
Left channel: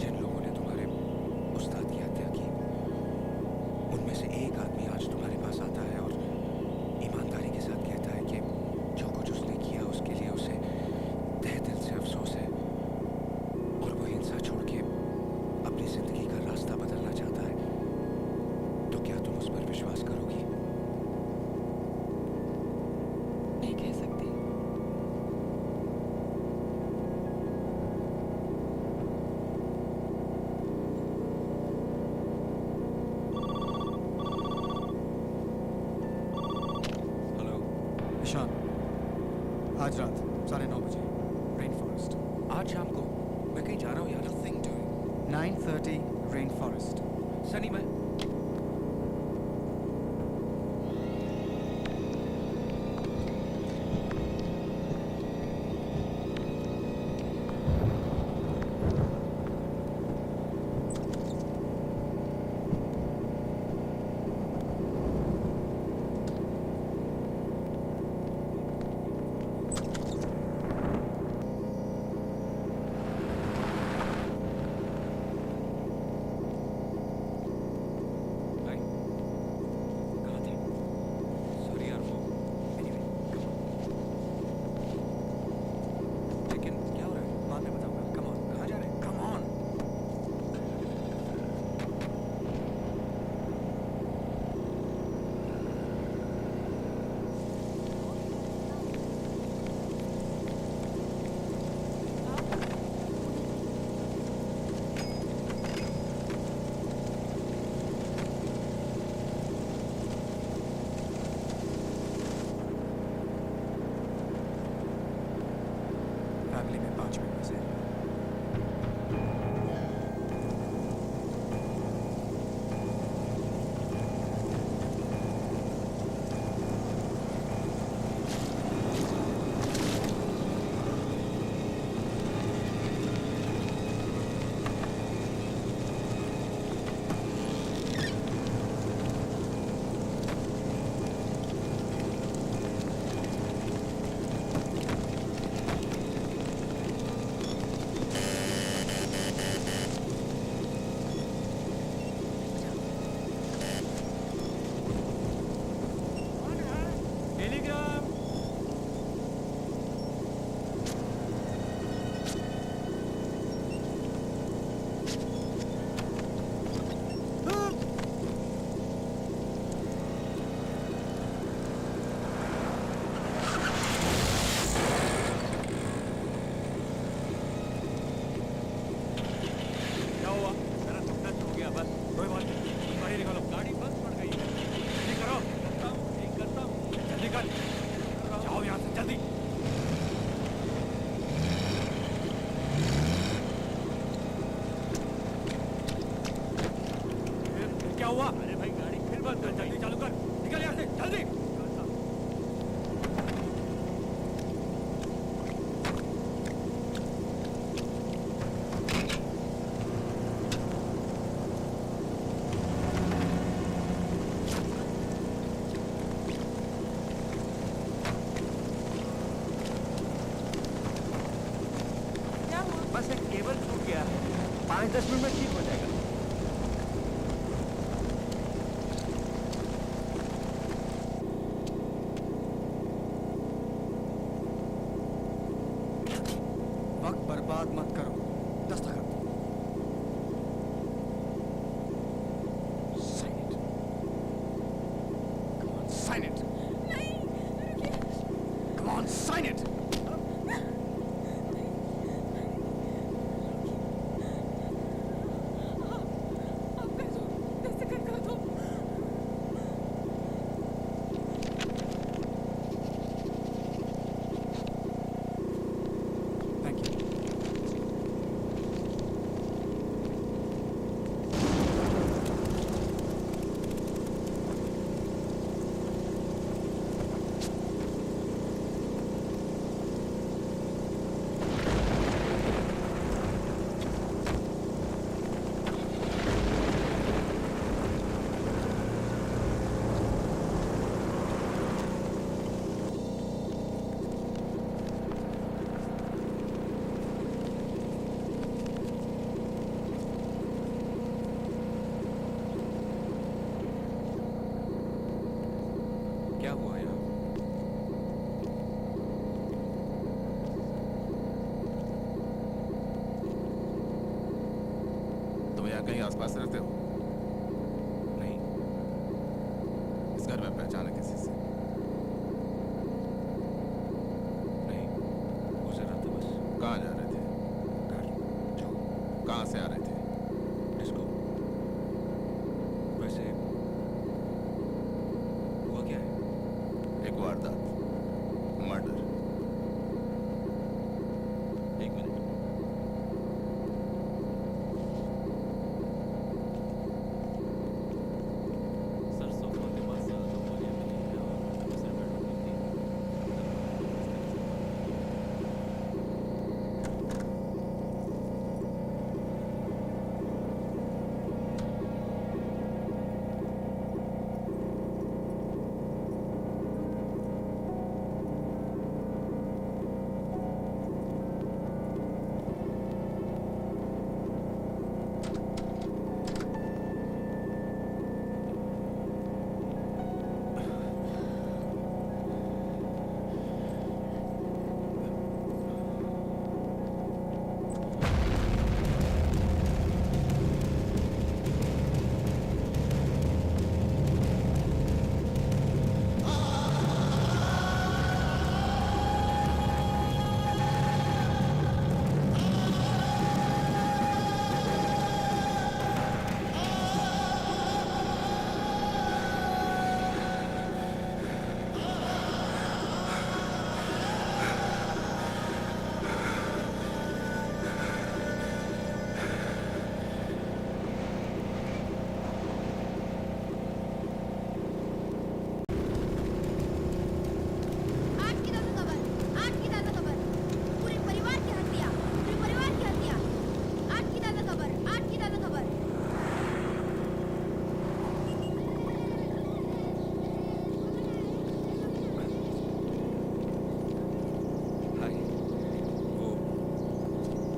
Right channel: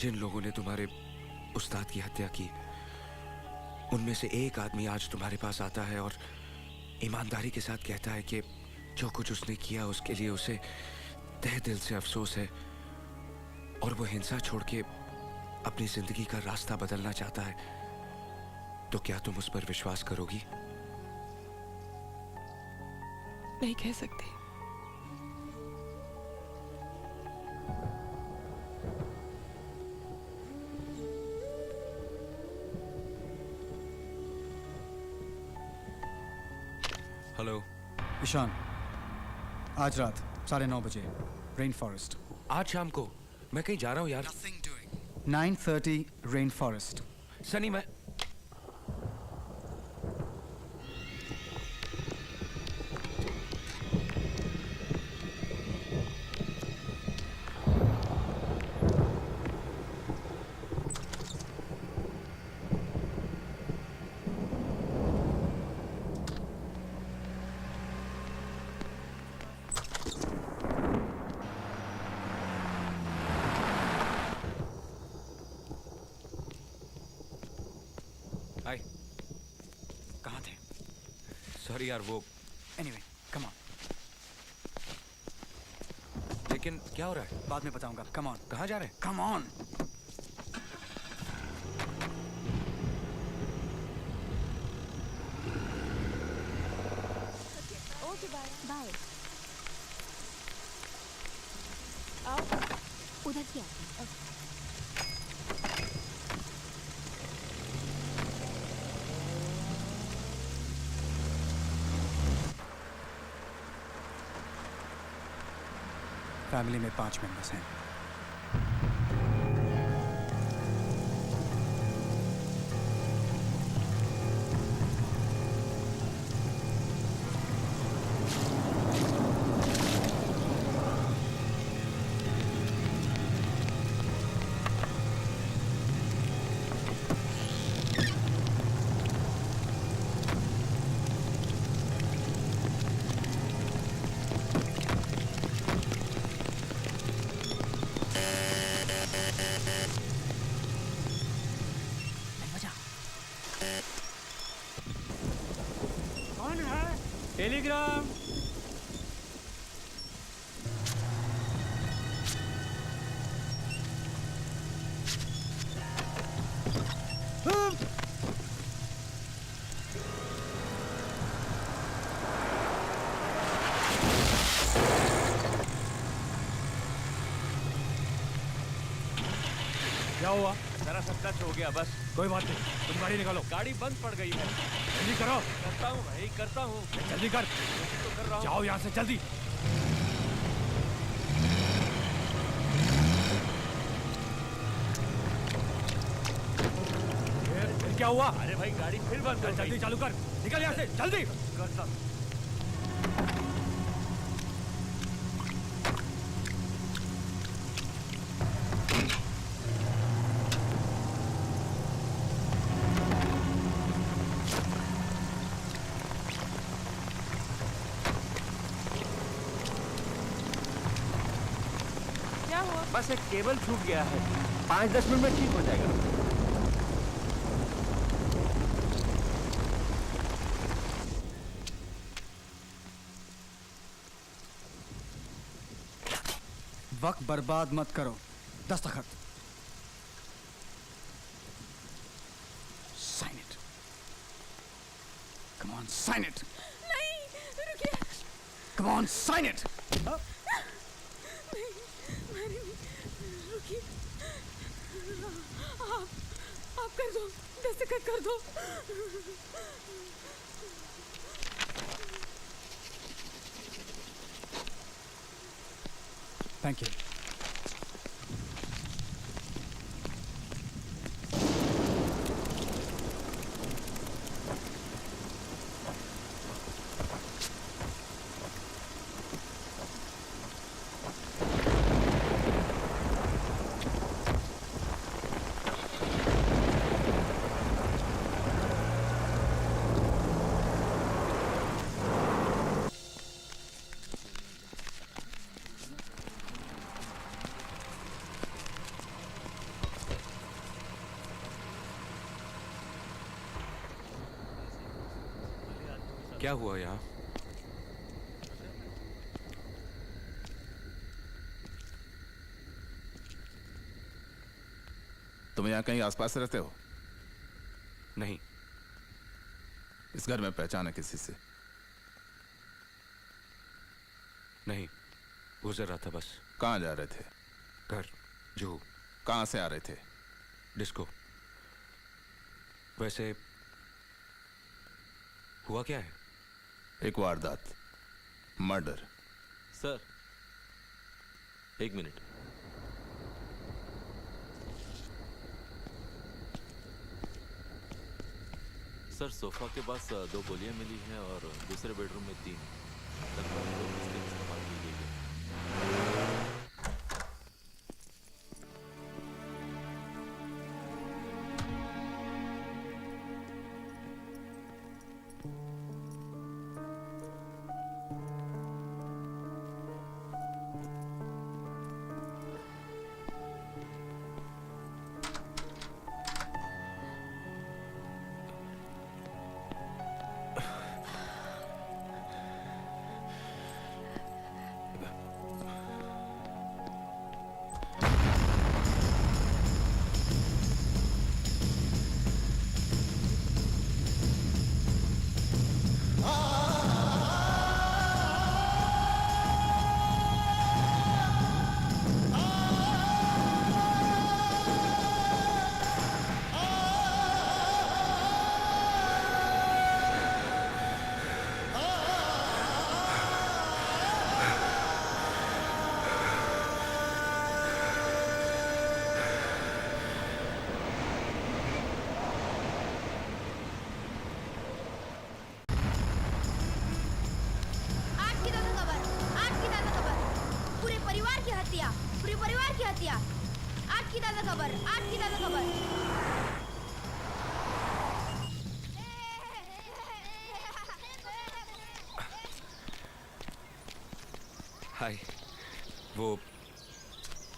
जिन लोगों ने तुम्हारे उस्ताद की हत्या की, उनमें से एक आदमी आज तुम्हारे पास आता है और ईमानदारी के साथ कहता है कि जो कुछ उसने किया उसके लिए उसे तहे दिल से अफसोस है, और वो हिंसा छोड़ के अपनी जिंदगी का रास्ता बदलना चाहता है। तो क्या तुम उस पर विश्वास करोगी? नहीं कह सकती। ईशान, आज रात 9:30 बजे रेन फॉरेस्ट। आज शाम को? मैं कहीं जा रहा हूँ यार। 9:30 रेन फॉरेस्ट। सनी, मैं बाद में बताऊंगा। Come on. कहाँ जा रहे हैं? Come on. फैमिली में 5 मेंबर्स हैं। हो गया बस। कोई बात नहीं, तुम गाड़ी निकालो। गाड़ी बंद पड़ गई है। जल्दी करो। करता हूँ भाई, करता हूँ। जल्दी कर। जाओ यहाँ से जल्दी। फिर क्या हुआ? अरे भाई गाड़ी फिर बंद कर। जल्दी चालू कर, निकल यहाँ से जल्दी। करता हूँ। क्या हुआ? बस एक केबल छूट गया है, 5-10 मिनट में ठीक हो जाएगा। वक्त बर्बाद मत करो। दस्तखत। Sign it. Come on sign it. नहीं, रुकिए। Come on sign it. आप कर दो, दस्तखत कर दो। Thank you. क्या हुआ यहाँ? तुम यहाँ कहीं आसपास रहते हो? नहीं। इस घर में पहचान है किसी से? नहीं, गुजर रहा था बस। कहाँ जा रहे थे? घर। जो? कहाँ से आ रहे थे? डिस्को। वैसे हुआ क्या है? एक वारदात, मर्डर। सर, एक मिनट। सर, सोफा के पास 2 गोलियां मिली हैं और दूसरे बेडरूम में 3।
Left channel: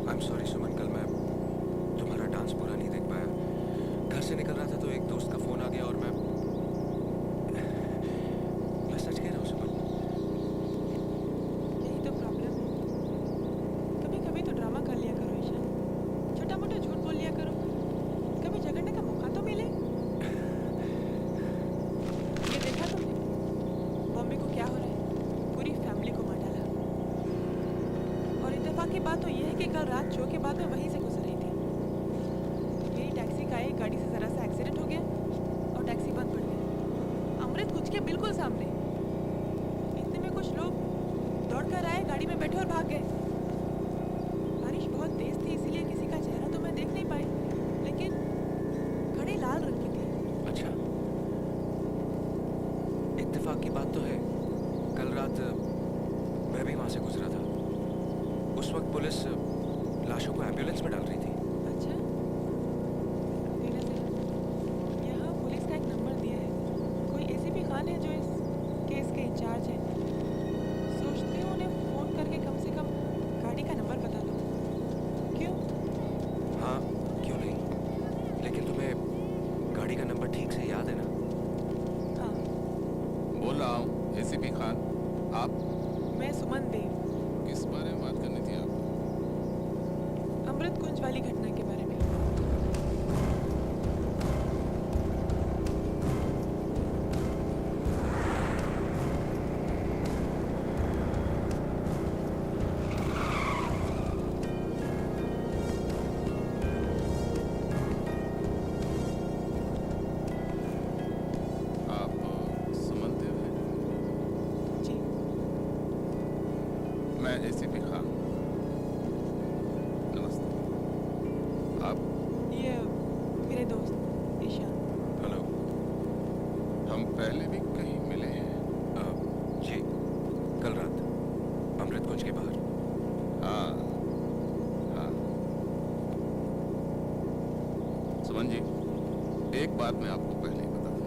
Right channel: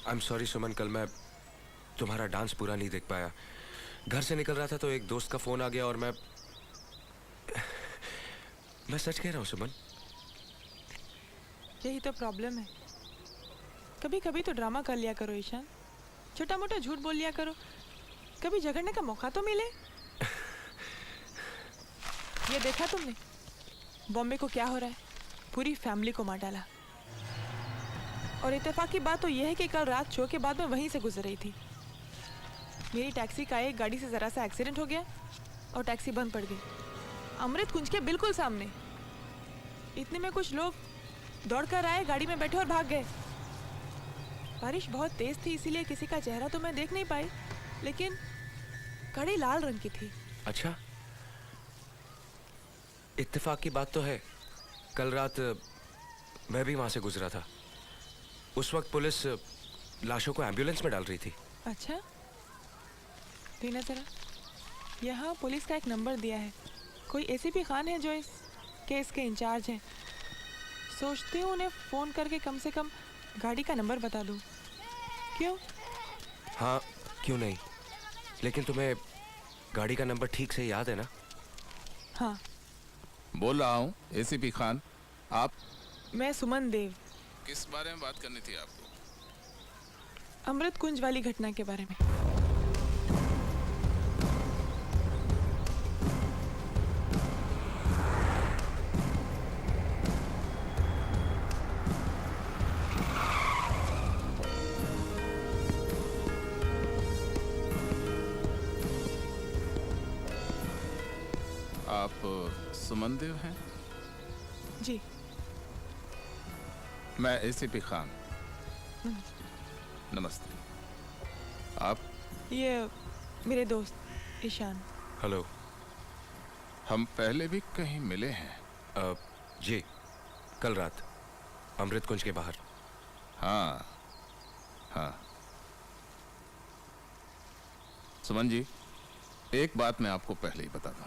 आई एम सॉरी सुमन, कल मैं तुम्हारा डांस पूरा नहीं देख पाया। घर से निकल रहा था तो एक दोस्त का फोन आ गया और मैं सच कह रहा हूँ सुमन। यही तो प्रॉब्लम है। कभी कभी तो ड्रामा कर लिया करो ईशान, छोटा मोटा झूठ बोल लिया करो, कभी झगड़ने का मौका तो मिले। ये देखा तुमने बॉम्बे को क्या हो रहा है? पूरी फैमिली को मार डाला। और इत्तेफाक की बात तो यह है कि कल रात शो के बाद मैं वहीं से गुजर रही थी। मेरी टैक्सी का एक गाड़ी से ज़रा सा एक्सीडेंट हो गया और टैक्सी बंद पड़ गई। अमृत कुंज के बिल्कुल सामने। इतने में कुछ लोग दौड़कर आए, गाड़ी में बैठे और भाग गए। बारिश बहुत तेज थी, इसीलिए किसी का चेहरा तो मैं देख नहीं पाई, लेकिन गाड़ी लाल रंग की थी। अच्छा, इत्तेफाक की बात तो है, कल रात मैं भी वहां से गुजरा था। उस वक्त पुलिस लाशों को एम्बुलेंस में डाल रही थी। अच्छा, रीना सर, यहाँ पुलिस का एक नंबर दिया है। कोई एसीपी खान है जो इस केस के इंचार्ज हैं। सोचती हूँ उन्हें फ़ोन करके कम से कम गाड़ी का नंबर बता दूँ। क्यों? हाँ, क्यों नहीं, लेकिन तुम्हें गाड़ी का नंबर ठीक से याद है ना? हाँ। बोल रहा हूँ एसीपी खान, आप? मैं सुमन देव। किस बारे में बात करनी थी आपको? अमृत कुंज वाली घटना के बारे में। आप सुमन देव हैं? जी। मैं एसीपी खान। नमस्ते। आप? ये मेरे दोस्त ईशान। हेलो। हम पहले भी कहीं मिले हैं? जी, कल रात अमृत कुंज के बाहर। हाँ हाँ। सुमन जी, एक बात मैं आपको पहले ही बता दूं।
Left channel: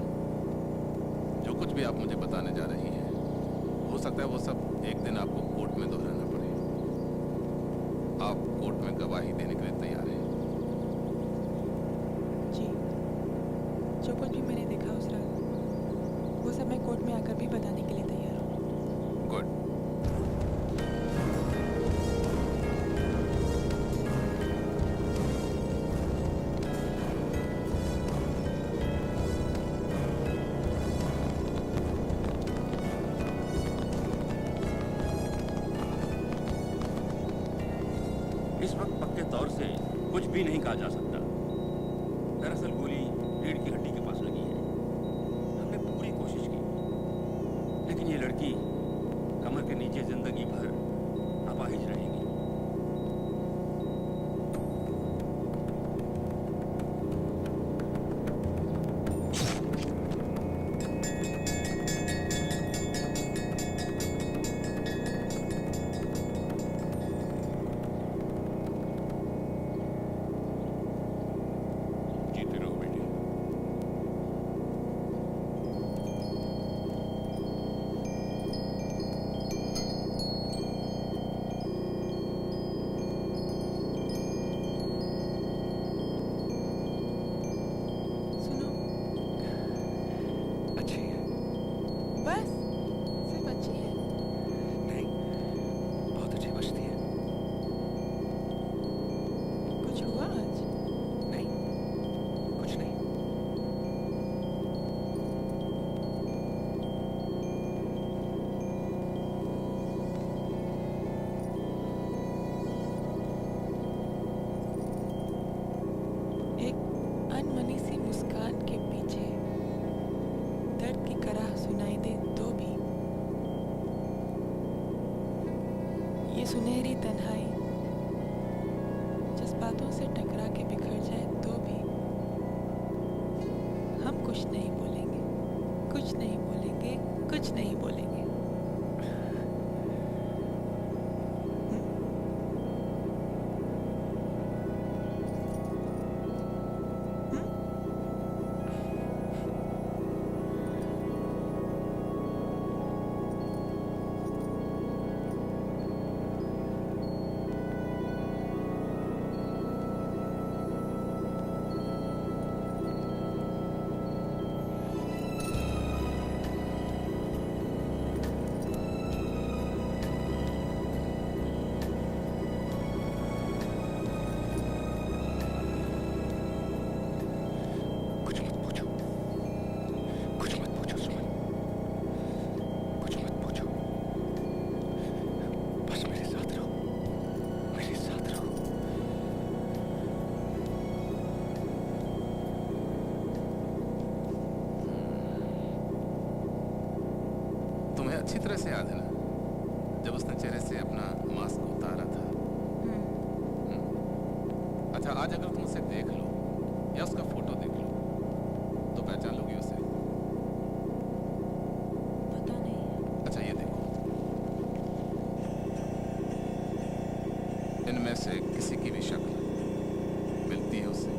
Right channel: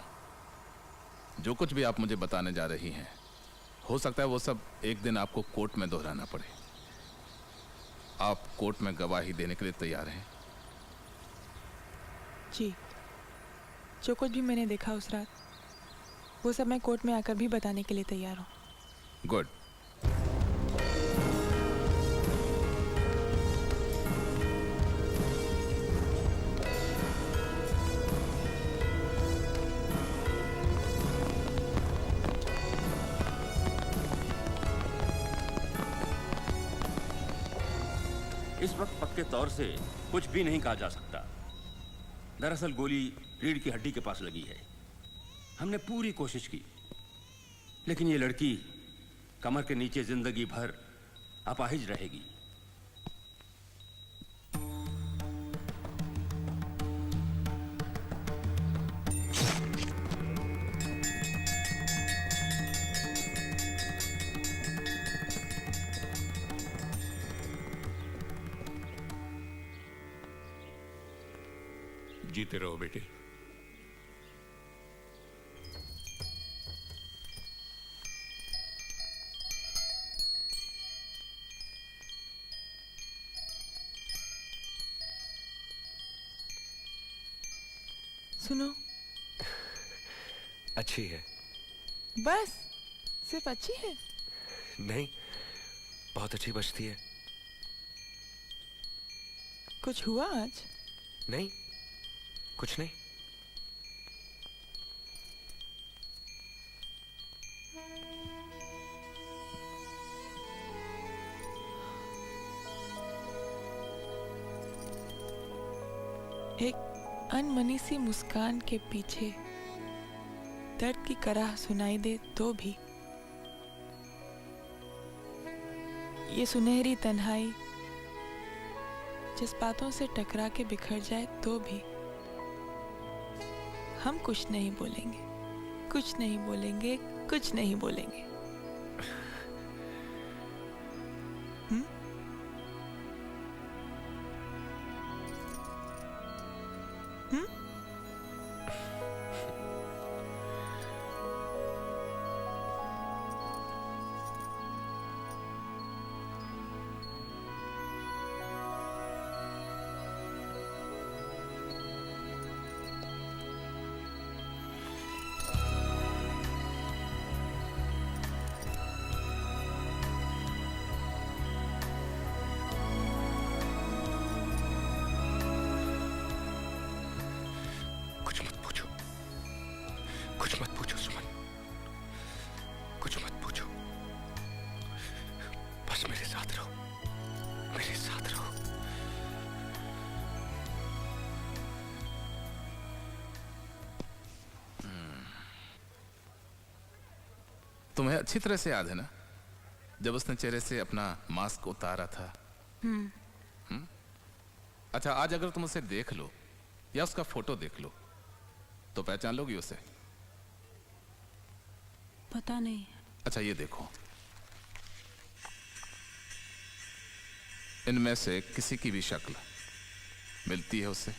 जो कुछ भी आप मुझे बताने जा रही हैं, हो सकता है वो सब एक दिन आपको कोर्ट में दोहराना पड़े। आप कोर्ट में गवाही देने के लिए तैयार हैं? जी, जो कुछ भी मैंने देखा उस रात, वो सब मैं कोर्ट में आकर भी बताने के लिए तैयार हूँ। गुड। इस वक्त पक्के तौर से कुछ भी नहीं कहा जा सकता। दरअसल गोली रीढ़ की हड्डी के पास लगी है। हमने पूरी कोशिश की, लेकिन ये लड़की कमर के नीचे जिंदगी भर अपाहिज रहेगी। जीते रहो बेटी। सुनो, अच्छी है। बस सिर्फ अच्छी है? नहीं, बहुत अच्छी बजती है। कुछ हुआ आज? नहीं, कुछ नहीं। एक अनमनी सी मुस्कान के पीछे दर्द की कराह सुनाई दे तो भी, ये सुनहरी तन्हाई जज्बातों से टकरा के बिखर जाए तो भी हम कुछ नहीं बोलेंगे, कुछ नहीं बोलेंगे, कुछ नहीं बोलेंगे। तुम्हें अच्छी तरह से याद है ना, जब उसने चेहरे से अपना मास्क उतारा था। अच्छा, आज अगर तुम उसे देख लो या उसका फोटो देख लो तो पहचान लोगी उसे? पता नहीं। अच्छा, ये देखो, इनमें से किसी की भी शक्ल मिलती है उससे?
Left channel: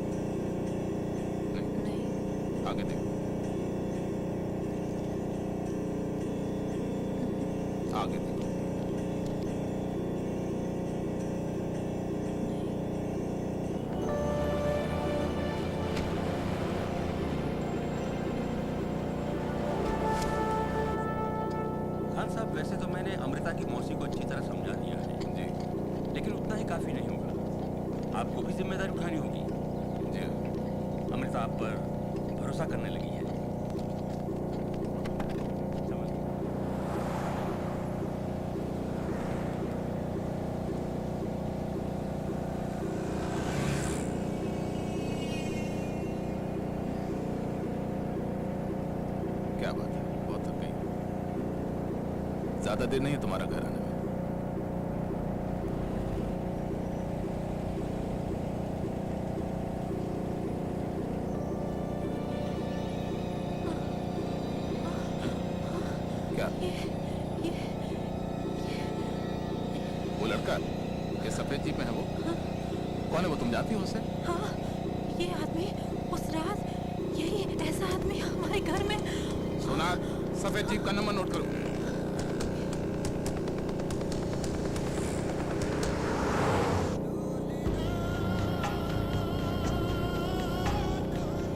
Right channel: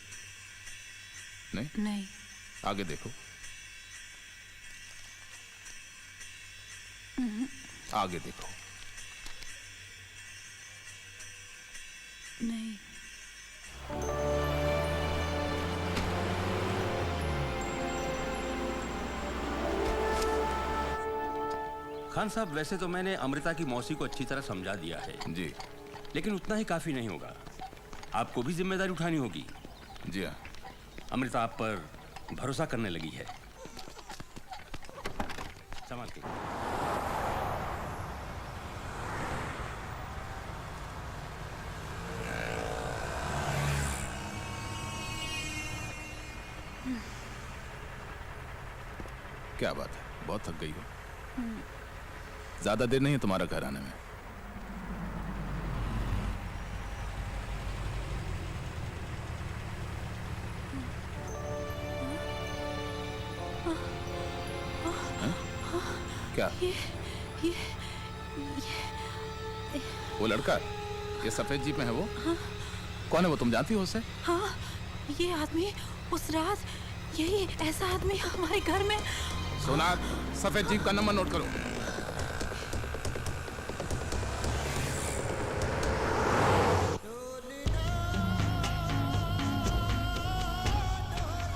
नहीं। आगे देखो, आगे देखो। खान साहब, वैसे तो मैंने अमृता की मौसी को अच्छी तरह समझा दिया है जी, लेकिन उतना ही काफी नहीं होगा। आपको भी जिम्मेदारी उठानी होगी। जी हाँ। अमृता आप पर भरोसा करने लगी है। संभाल के। क्या बात है, बहुत थक गई। ज्यादा देर नहीं है तुम्हारा घर आने में। क्या वो लड़का, ये सफेद जीप में है वो? कौन है वो, तुम जानती हो उसे? हाँ, ये आदमी उस रात, यही ऐसा आदमी हमारे घर में। सोनार, सफेद जीप का नंबर नोट करो।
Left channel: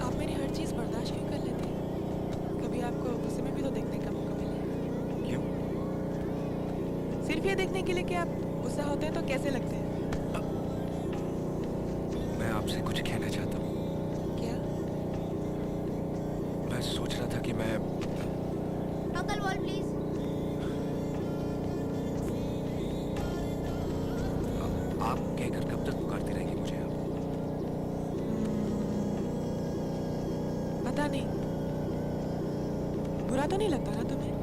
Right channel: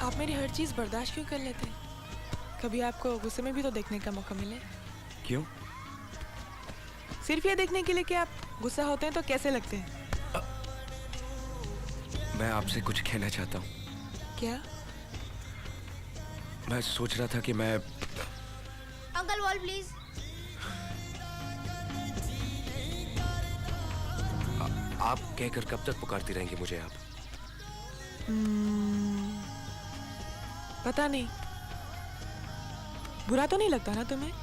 आप मेरी हर चीज बर्दाश्त क्यों कर लेते हैं? कभी आपको गुस्से में भी तो देखने का मौका मिले। क्यों? सिर्फ ये देखने के लिए कि आप गुस्सा होते हैं तो कैसे लगते हैं। मैं आपसे कुछ कहना चाहता हूँ। क्या? मैं सोच रहा था कि मैं अंकल वॉल प्लीज। आप कहकर कब तक पुकारती रहेंगी मुझे आप? पता नहीं, बुरा तो नहीं लगता ना तुम्हें?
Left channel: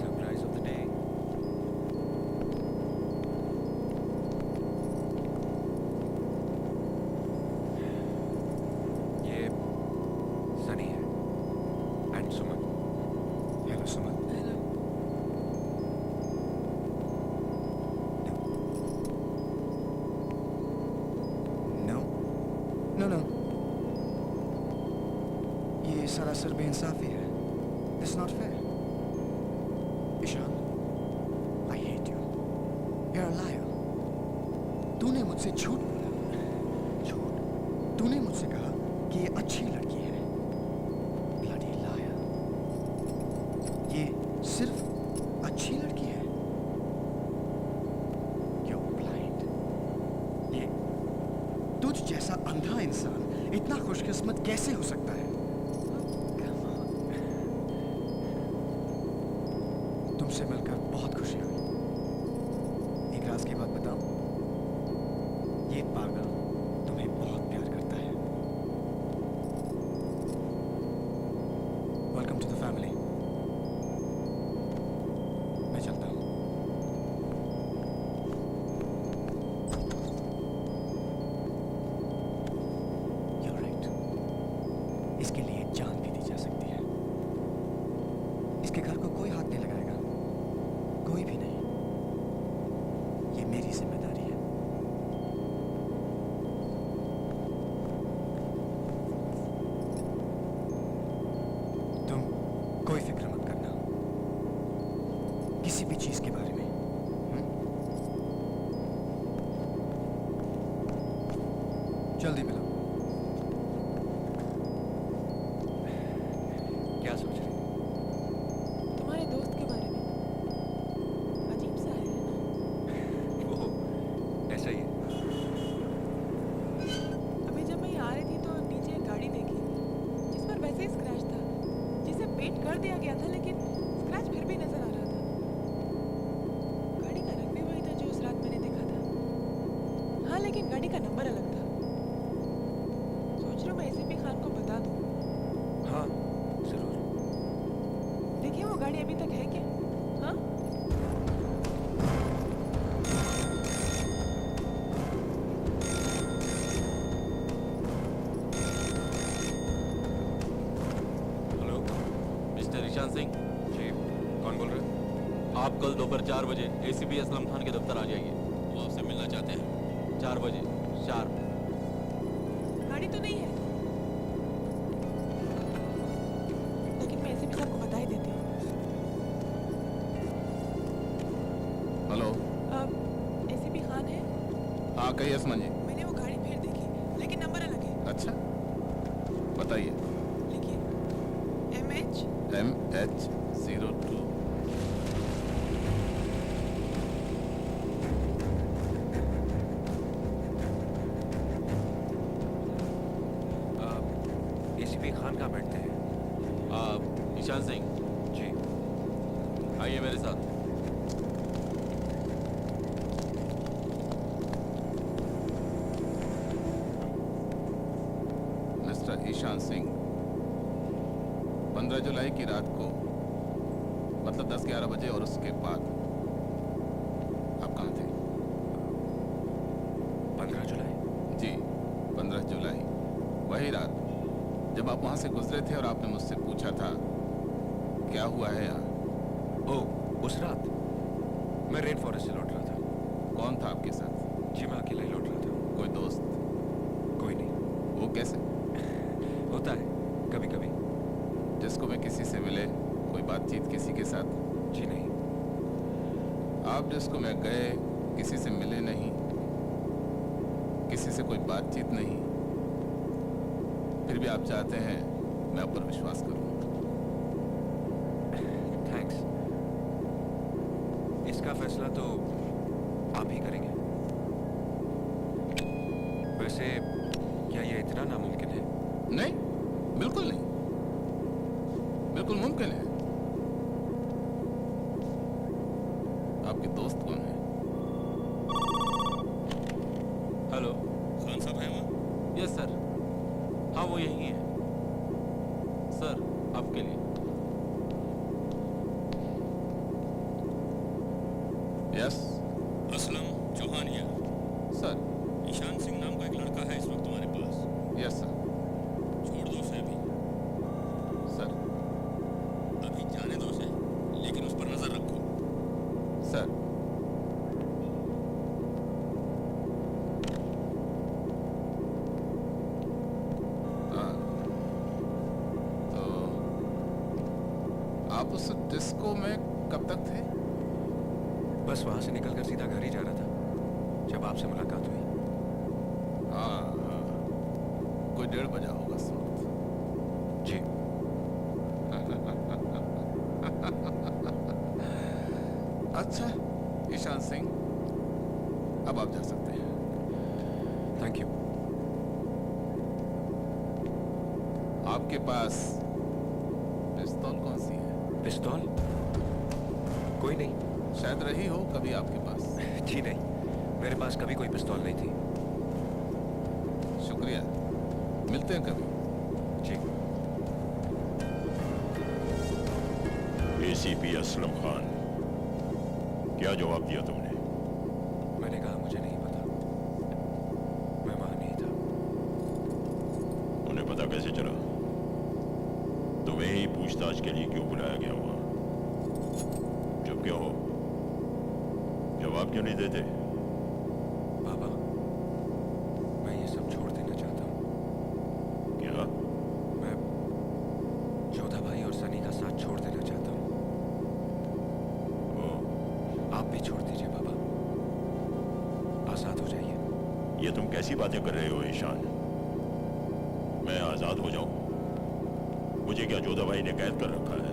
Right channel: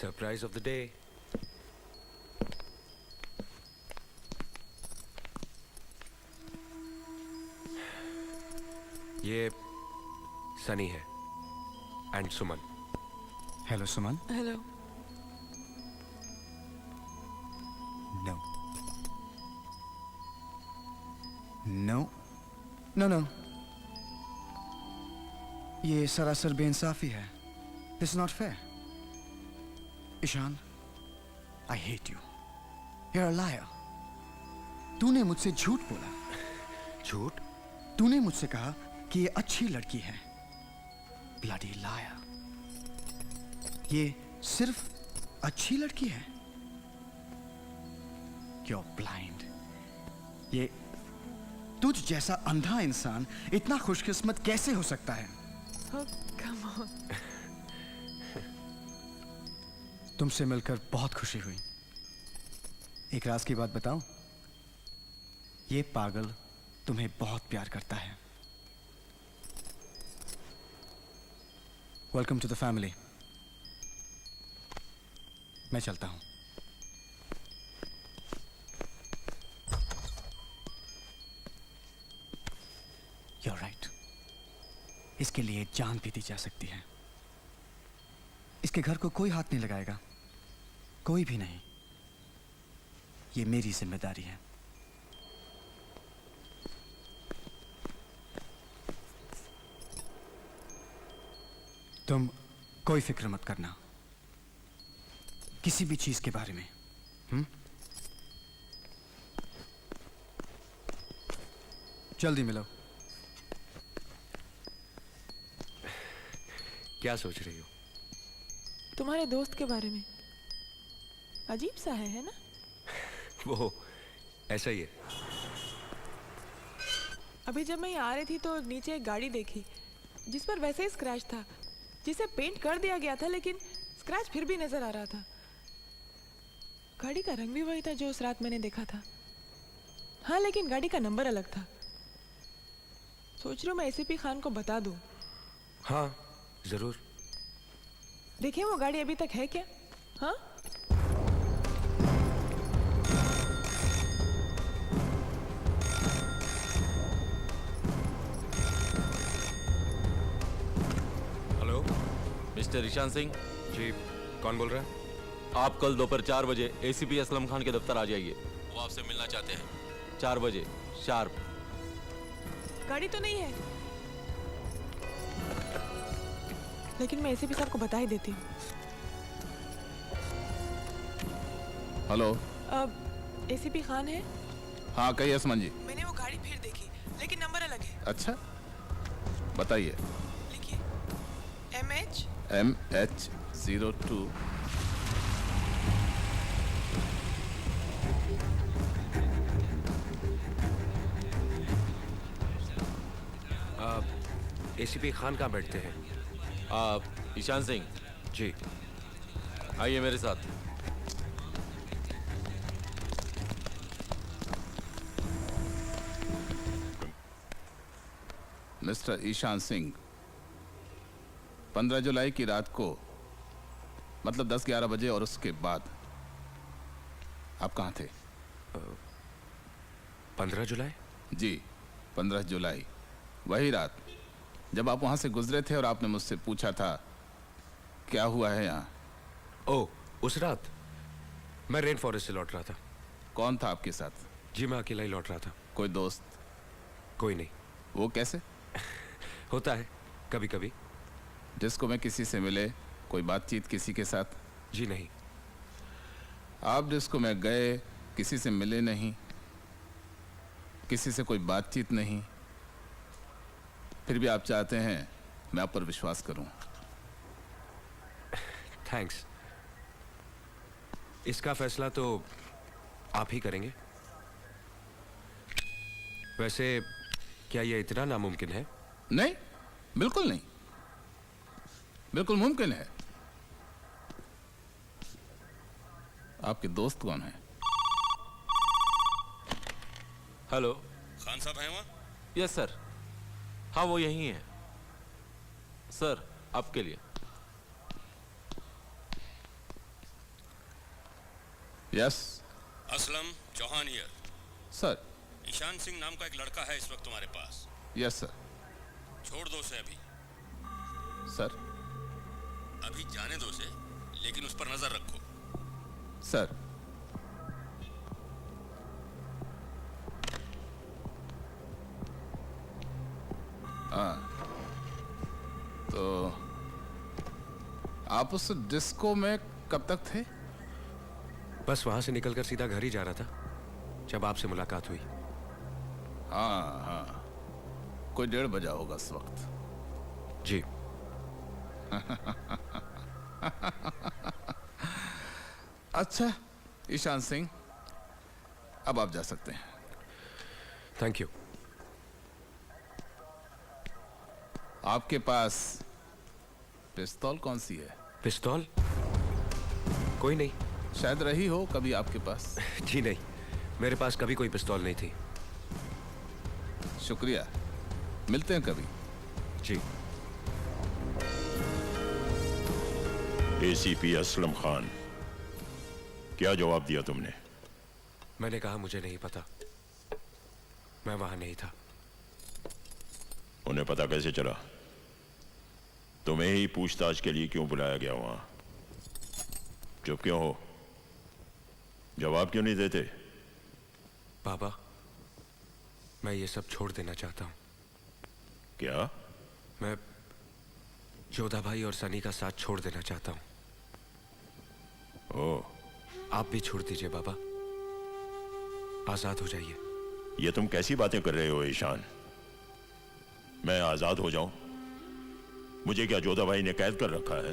Surprise of the day. ये सनी है and Suman. Hello Suman. Hello. No, ये सरासर बेइंसाफी है। It's not fair. Ishan, I hate you. You're a liar. तूने मुझसे झूठ बोला। झूठ? तूने मुझसे कहा कि ये अच्छी लड़की है। Bloody liar. ये सिर्फ अच्छी लड़की है। You're blind. ये तुझ जैसा अंधा इंसान इतना खुशकिस्मत कैसे हो सकता है? तुमसे मिलकर बहुत खुशी हुई। एक राज की बात बताऊं? ये पागल तुम्हें बहुत प्यार करता है। Welcome to the family. मैं चलता हूं। इसके लिए जान भी दी जा सकती है। इसके घर को कोई हाथ नहीं लगाएगा, कोई भी नहीं। ये मेरी जिम्मेदारी है। तुम कोई फिक्र मत करना किसी भी चीज के बारे में। जल्दी मिलो। क्या सोच रही हो? तुम्हारे दोस्त के बारे में। अजीब सा है ना? वो ऐसा ही है। अभी जब मैं यहाँ आ रही थी तो नीचे एक गाड़ी देखी जिस पर वैसे ही स्क्रैच था, जिसे पेंट कर दिया गया था, लेकिन स्क्रैच फिर भी नजर आ रहा था। गाड़ी का रंग भी वही था जो उस रात मैंने देखा था। हाँ, लेकिन गाड़ी का नंबर अलग था। सोच रही हूँ मैं एसीपी खान को बता दूँ। हाँ जरूर। देखिए वो गाड़ी अभी तक है क्या? हाँ, मिस्टर ईशान सिंह। जी, कौन बोल रहे हैं? आप कल दोपहर 4 बजे एसीपी असलम खान के दफ्तर आ जाइए। वो आपसे मिलना चाहते हैं। 4 बजे शार्प। गाड़ी तो नहीं है, लेकिन मैं एसीपी साहब को बता ही देती हूँ। हेलो। अब एसीपी खान है? हाँ कहिए असमान जी। मैंने वो गाड़ी फिर देखी, लेकिन नंबर अलग है। अच्छा बताइए। लिखिए MH02। एसीपी खान कहाँ बैठते हैं? आप ईशान सिंह जी, आइए मेरे साथ। मिस्टर ईशान सिंह, 15 जुलाई की रात को मतलब 10-11 बजे और उसके बाद आप कहाँ थे? 15 जुलाई? जी 15 जुलाई, वही रात जब आप वहां से गुजरे थे और आपने मुझसे पूछा था क्या हुआ है यहाँ। ओह, उस रात मैं रेन फॉरेस्ट से लौट रहा था। कौन था आपके साथ? जी मैं अकेला ही लौट रहा था। कोई दोस्त? कोई नहीं। वो कैसे? होता है कभी कभी। जिसको मैं किसी से मिले, कोई बातचीत किसी के साथ? जी नहीं। आप जिसको मैं गए किसी से मिले नहीं, किसी से कोई बातचीत नहीं, फिर भी आप चाहते हैं मैं आप पर विश्वास करूं। थैंक्स। इसका फैसला तो आप ही करेंगे। वैसे क्या ये इतना नामुमकिन है? नहीं, बिल्कुल नहीं, बिल्कुल मुमकिन है। आपके दोस्त कौन है? हेलो। खान साहब हैं वहाँ? Yes sir. हाँ वो यही है सर, आपके लिए। Yes. Aslam Chauhan here. Sir. Ishaan Singh नाम का एक लड़का है इस वक्त तुम्हारे पास। Yes sir. छोड़ दो उसे अभी। सर। अभी जाने दो उसे, लेकिन उस पर नजर रखो। सर। हाँ तो आप उस डिस्को में कब तक थे? बस वहां से निकलकर सीधा घर ही जा रहा था जब आपसे मुलाकात हुई। हाँ हाँ, कोई 1:30 बजा होगा इस वक्त। जी। अच्छा ईशान सिंह, अब आप जा सकते हैं। Thank you. आपके पास पिस्तौल कौन सी है? पिस्तौल? कोई नहीं। शायद रही हो कभी आपके पास। जी नहीं, मेरे पास कभी कोई पिस्तौल नहीं थी। शुक्रिया, मिलते हैं कभी। जी। एसीपी असलम खान, क्या जवाब दिया तुमने? मैंने कहा मुझे नहीं पता, मैं वहां नहीं था। उन्हें पता कैसे चला? तुम्हें ही पूछताछ के लिए क्यों बुलाया गया वहां? चुप क्यों हो? जवाब क्यों नहीं देते? बाबा, मैं ये सब छोड़ देना चाहता हूँ। क्या? मैं जोधा भाई और सनी का साथ छोड़ देना चाहता हूँ। ओह, आप भी छोड़ दीजिए बाबा, आजाद हो जाइए। ये तुम कैसी बातें कर रहे हो ईशान? मैं आजाद हो जाऊं? मुझे क्या जोधा भाई ने कैद कर रखा है?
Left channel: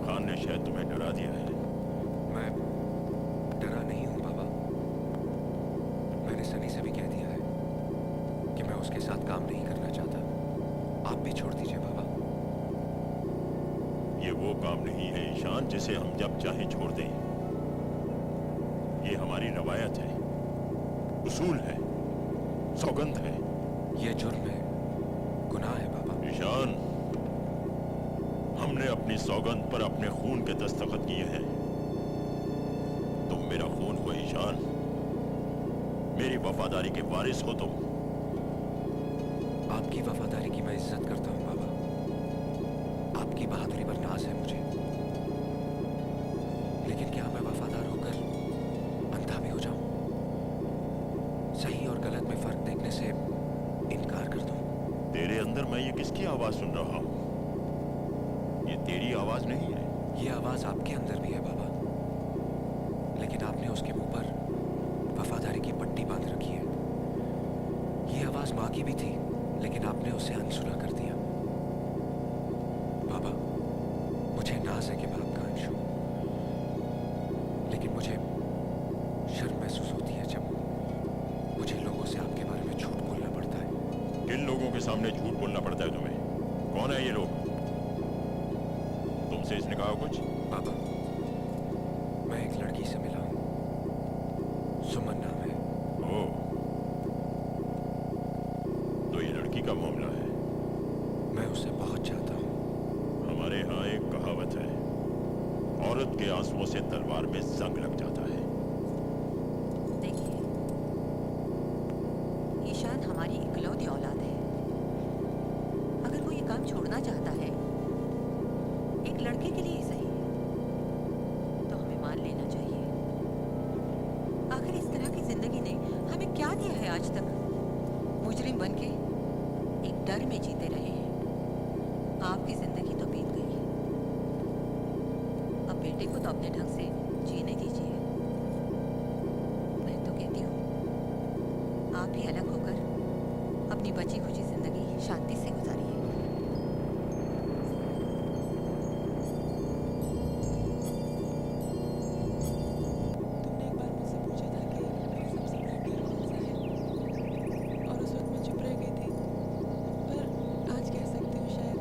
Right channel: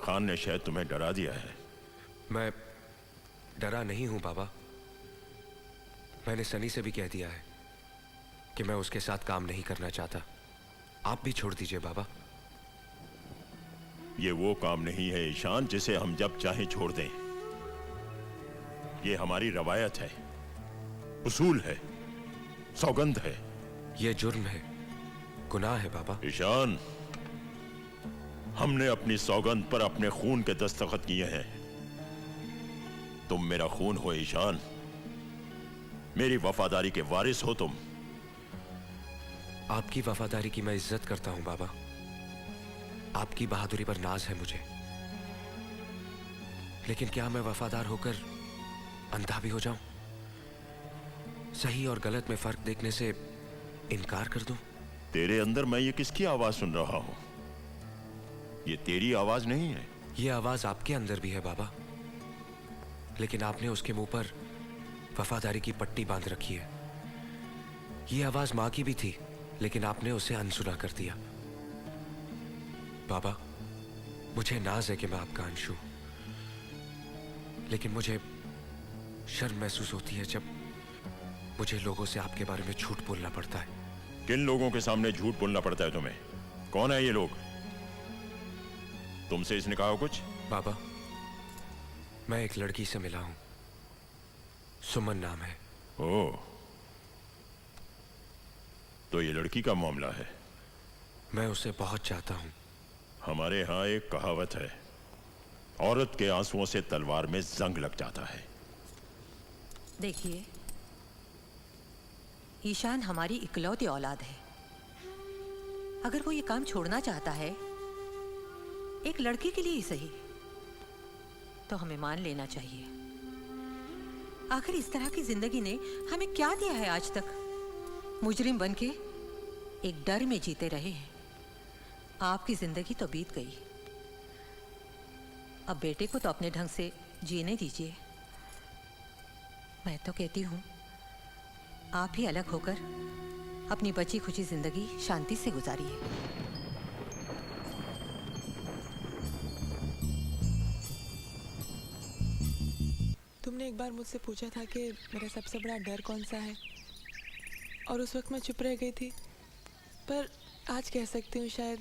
खान ने शायद तुम्हें डरा दिया है। मैं डरा नहीं हूं बाबा। मैंने सनी से भी कह दिया है कि मैं उसके साथ काम नहीं करना चाहता। आप भी छोड़ दीजिए बाबा। ये वो काम नहीं है ईशान जिसे हम जब चाहें छोड़ दें। ये हमारी रवायत है, उसूल है, सौगंध है। ये जुर्म है, गुनाह है बाबा। ईशान, हमने अपनी सौगंध पर अपने खून के दस्तखत किए हैं। तुम मेरा खून हो ईशान, मेरी वफादारी के वारिस हो तुम। आपकी वफादारी की मैं इज्जत करता हूं बाबा। आपकी बहादुरी पर नाज है मुझे, लेकिन क्या मैं वफादार होकर अंधा भी हो जाऊं? सही और गलत में फर्क देखने से इनकार कर दूं? तेरे अंदर मैं ये किसकी आवाज सुन रहा हूं? ये तेरी आवाज नहीं है। ये आवाज आपके अंदर भी है बाबा, लेकिन आपने उसके मुंह पर वफादारी की पट्टी बांध रखी है। ये आवाज मां की भी थी, लेकिन आपने उसे अनसुना कर दिया। बाबा, मुझे नाज है कि मैं आपका अंश हूं, लेकिन मुझे शर्म महसूस होती है जब मुझे लोगों से आपके बारे में झूठ बोलना पड़ता है। किन लोगों के सामने झूठ बोलना पड़ता है तुम्हें? कौन है ये लोग? तुमसे इसने कहा कुछ? बाबा, मैं एक लड़की से मिला हूं, सुमन नाम है। ओह, तो ये लड़की का मामला है। मैं उसे बहुत चाहता हूं। हमारे यहाँ एक कहावत है, औरत के आंसुओं से तलवार में जंग लग जाता है। देखिए, ईशान हमारी इकलौती औलाद है। अगर वो ये काम छोड़ना चाहता है, एक लड़के के लिए ही सही, तो हमें मान लेना चाहिए। आखिर इस तरह की जिंदगी ने हमें क्या दिया है आज तक? मुजरिम बनके एक डर में जीते रहे हैं। आपकी जिंदगी तो बीत गई, अब बेटे को तो अपने ढंग से जीने दीजिए। मैं तो कहती हूँ आप भी अलग होकर अपनी बची खुची जिंदगी शांति से गुजारिए। तुमने एक बार मुझसे पूछा था कि मेरा सबसे बड़ा डर कौन सा है, और उस वक्त मैं चुप रह गई थी। पर आज कह सकती हूँ शायद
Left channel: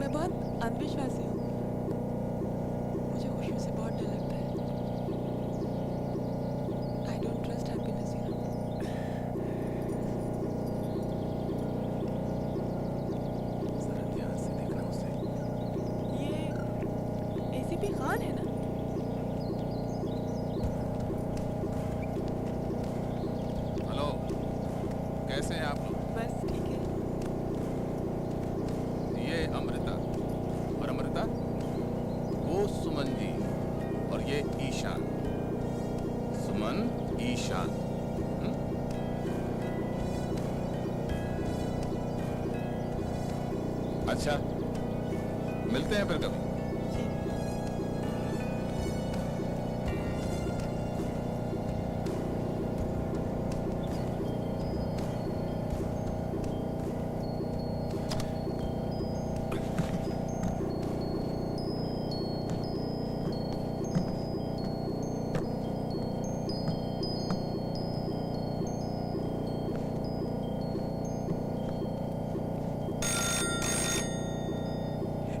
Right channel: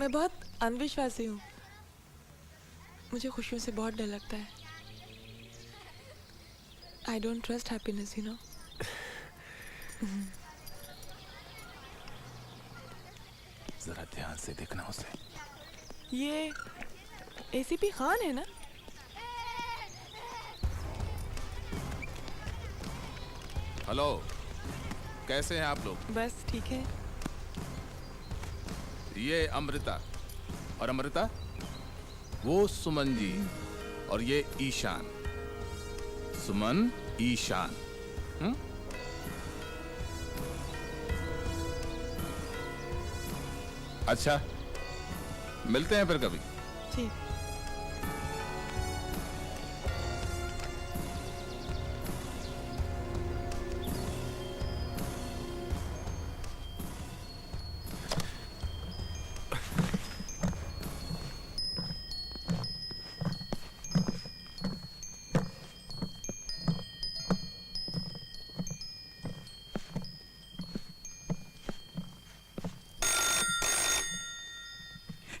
मैं बहुत अंधविश्वासी हूँ। मुझे खुशियों से बहुत डर लगता है। I don't trust happiness, you know. जरा ध्यान से देखना उसे। ये ACP खान है ना? हेलो, कैसे हैं आप लोग? बस ठीक है। ये अमृता, और अमृता वो सुमन जी, और ये ईशान। सुमन, ईशान। अच्छा, मिलते हैं फिर कभी। जी।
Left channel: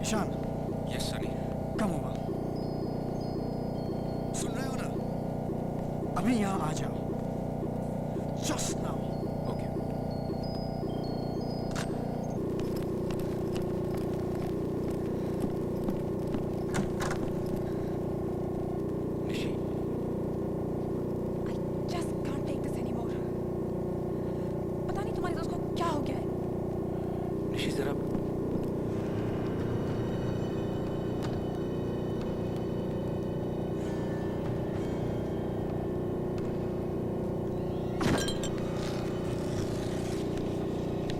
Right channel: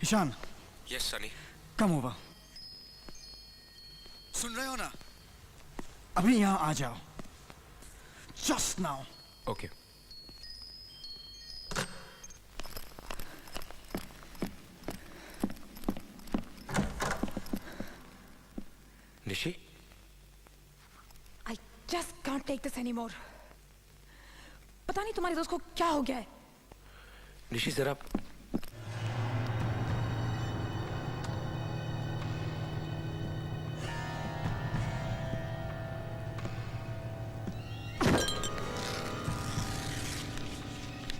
Ishaan. Yes Sunny. Come over. सुन रहे हो ना? अभी यहाँ आ जाओ। Just now. Okay. Nishi, I just can't take this anymore. पता नहीं तुम्हारे दोस्त को क्या हो गया है। निशी जरा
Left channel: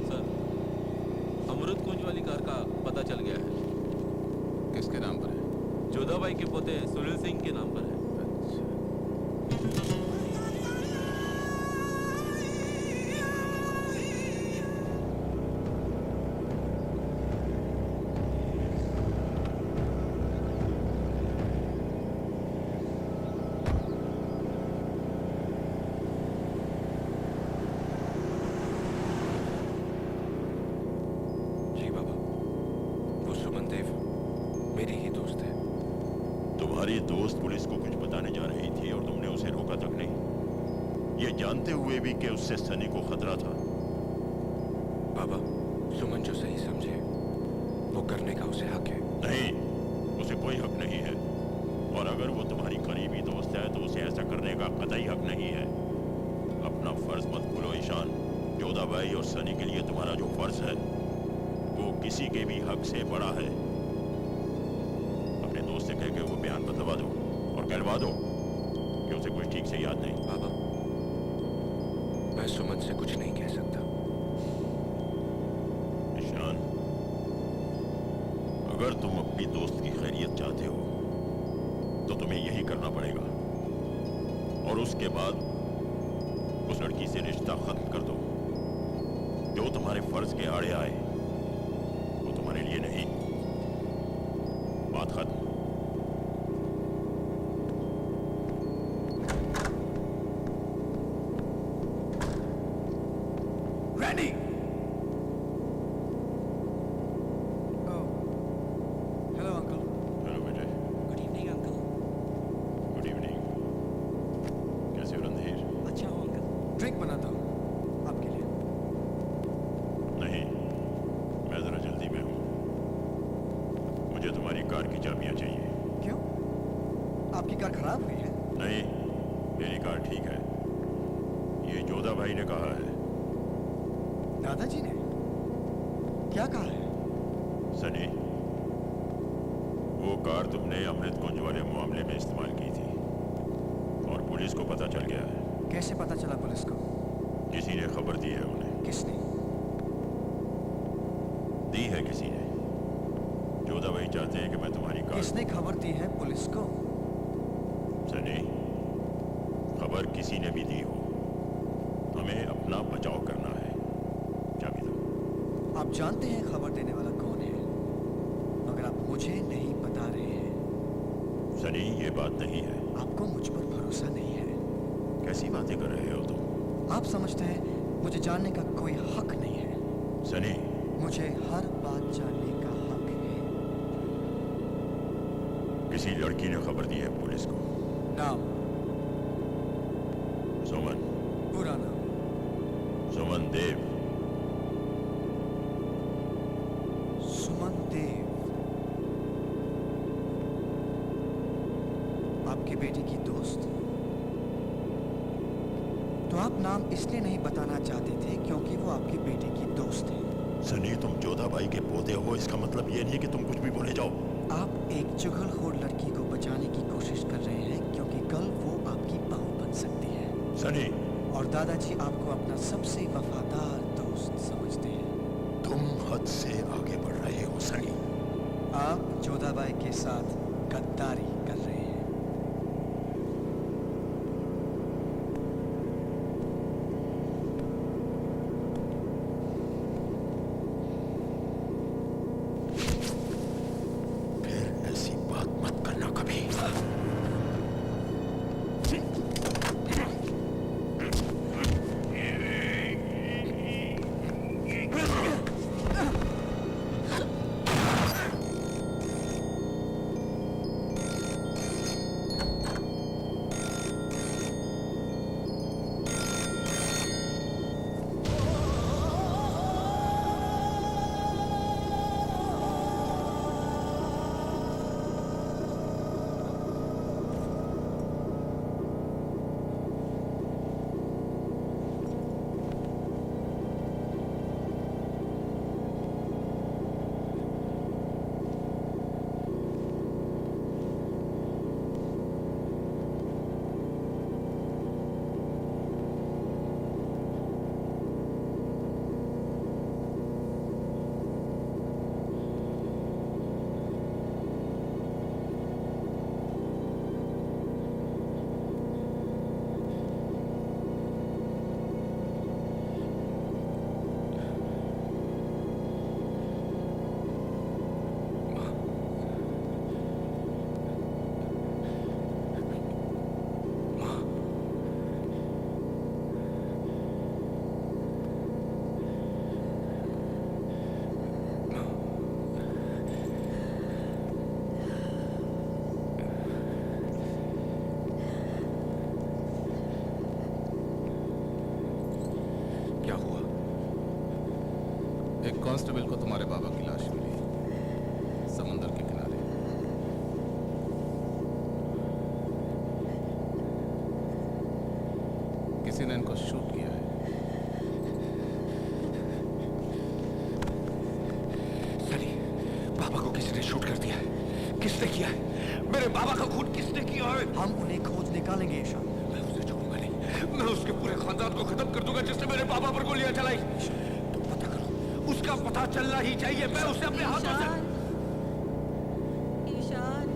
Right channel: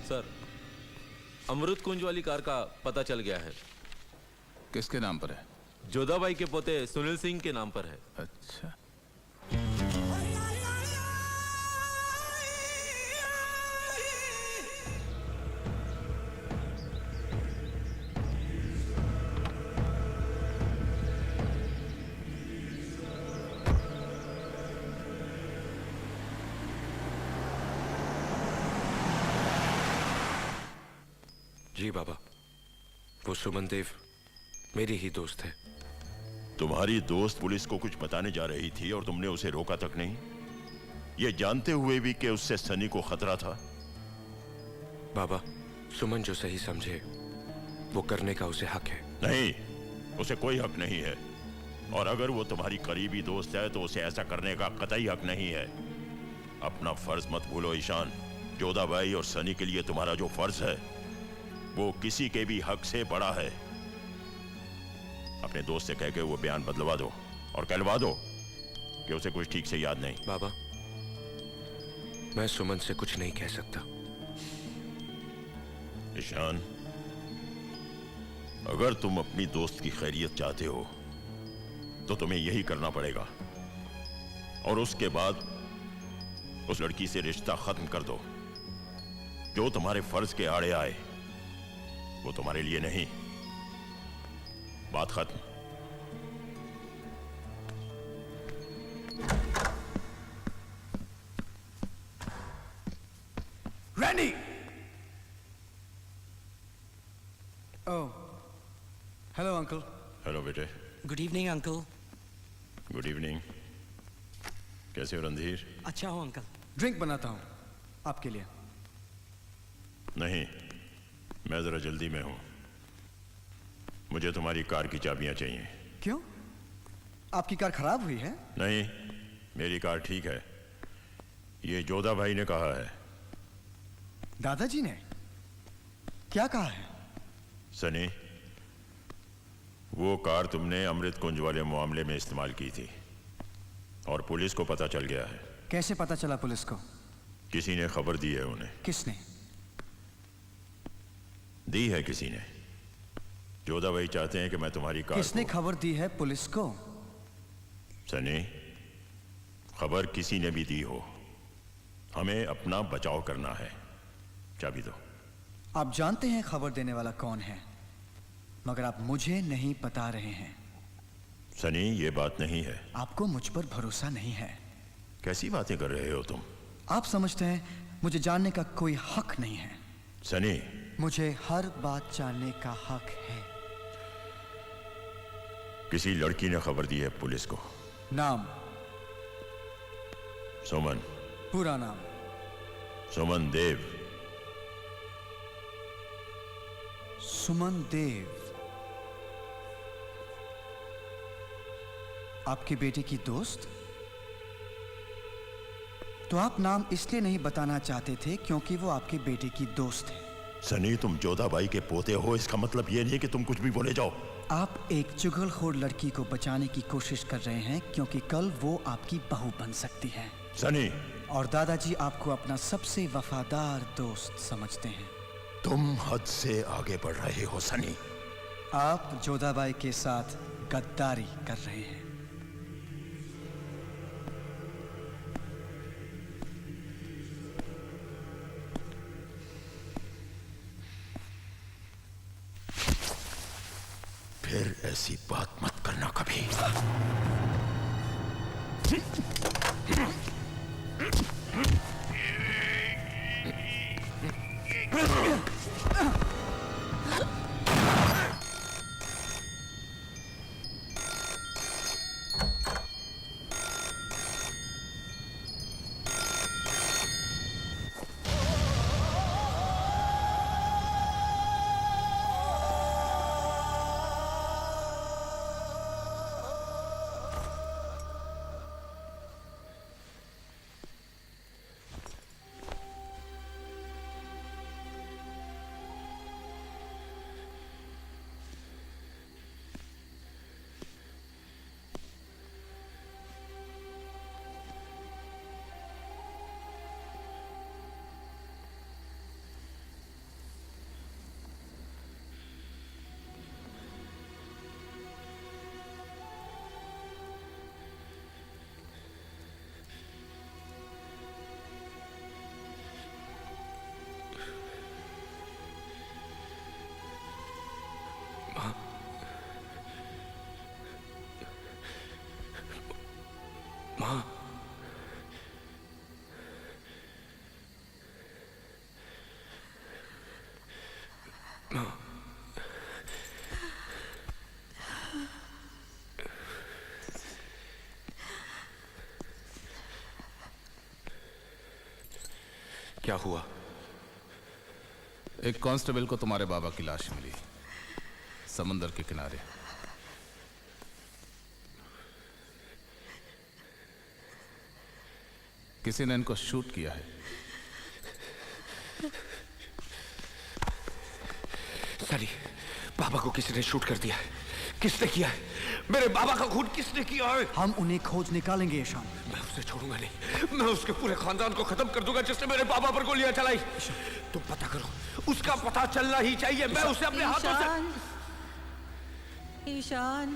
सर, अमृत कुंज वाली कार का पता चल गया है। किसके नाम पर है? जोधाबाई के पोते सुनील सिंह के नाम पर है। अच्छा। जी बाबा, वो सुमन देव मेरी ही दोस्त है। तुम्हारी दोस्त पुलिस को कुछ बताने जा रही थी और तुमने उसे रोका तक नहीं, ये जानते हुए भी कि उससे सनी को खतरा था। बाबा, सुमन जो सही समझे वो करने का उसे हक है। नहीं, उसे कोई हक नहीं है। और अगर वो तुम्हारी करीबी दोस्त है तो उसे ऐसा करने का कतई हक नहीं है। अपना फर्ज मत भूलो ईशान। जोधाबाई और सनी के लिए तुम्हारा जो फर्ज है वो किसी के भी हक से बड़ा है। अपने दोस्त से कह के वो बयान बदलवा दो और कहलवा दो कि उसे कुछ ठीक से याद नहीं। बाबा, मैं सुमन से कुछ नहीं कह सकता। ईशान, अगर तुम अपनी दोस्त की खैरियत चाहते हो तो तुम्हें यही करना पड़ेगा। और उसके बाद उस लड़की से रिश्ता खत्म कर दो। जो तुम्हारे फर्ज के आड़े आए वो तुम्हारे लिए नहीं। बात खत्म। रैनी! ओह, हेलो अंकल। हेलो बेटे। Good evening uncle. Good evening. कैसे हो रणधीर? अच्छा हो अंकल। ड्रिंक बनाता हूँ आपके लिए। नहीं, मैं जरा जल्दी में हूँ। मुझे तुम्हारी कार की चाबियां चाहिए। क्यों? आपकी कार खराब हुई है? नहीं, मेरी कार ठीक है। ये जोधा भाई ने कहा है। दादाजी ने क्या कहा है? सनी, वो कार तुमने अमृत कुंज वाले मामले में इस्तेमाल की थी और पुलिस को पता चल गया है। कैसे पता चला पुलिस को? किसी ने खबर दी है उन्हें। किसने दी है? किसी ने। जोधा भाई चाहते हैं कि मैं तुम्हारी कार। किसने खबर दी है पुलिस को? सनी, खबर किसी ने भी दी हो, हमें अपना बचाव करना है। चाबी दो। आप जानते हैं खबर देने वाला कौन है, मगर आप मुझे नहीं बता रहे हैं। सनी, ये बात नहीं है। आपको मुझ पर भरोसा नहीं है। कैसी बातें कर रहे हो तुम? आप समझते हैं मुझे जानने का कोई हक नहीं है। सनी, मुझे हर बात जानने का हक है। किसी लड़की ने खबर दी है पुलिस को। नाम? सुमन। पूरा नाम? सुमन देव। सुमन देव आपकी बेटी की दोस्त? तो आप नाम इसलिए नहीं बताना चाहते थे क्योंकि वो आपकी बेटी की दोस्त है। सनी, तुम जोधा भाई के पोते हो, इसका मतलब ये नहीं कि तुम कुछ भी बोले जाओ। आप एक चुगलखोर लड़की को बचाने की कोशिश कर रहे हैं क्योंकि कल वो आपकी बहू बन सकती है। सनी! और दादाजी आपको अपना सबसे वफादार दोस्त समझते हैं। तुम हद से आगे बढ़ रहे हो सनी। आप जोधाबाई के साथ गद्दारी कर रहे हैं। फिर ऐसी बात मत करना कभी। क्या हुआ? एक कांस्टेबल को तुम्हारे बाबा की लाश मिली समंदर के किनारे। किसी ने इनको शूट किया है। सनी, बाबा को किसी ने शूट कर दिया है। किसने किया है? मेरे बाबा का खून किसने किया है? हम उन्हें खोज निकालेंगे ईशान। मैं उसे छोड़ूंगा नहीं। मैं उसके पूरे खानदान को खत्म कर दूंगा जिसने मेरे बाबा पर गोलियां चलाई। तुम पता करो, उसका पता चलना ही चाहिए। मैं उसे अपने हाथों से। ईशान,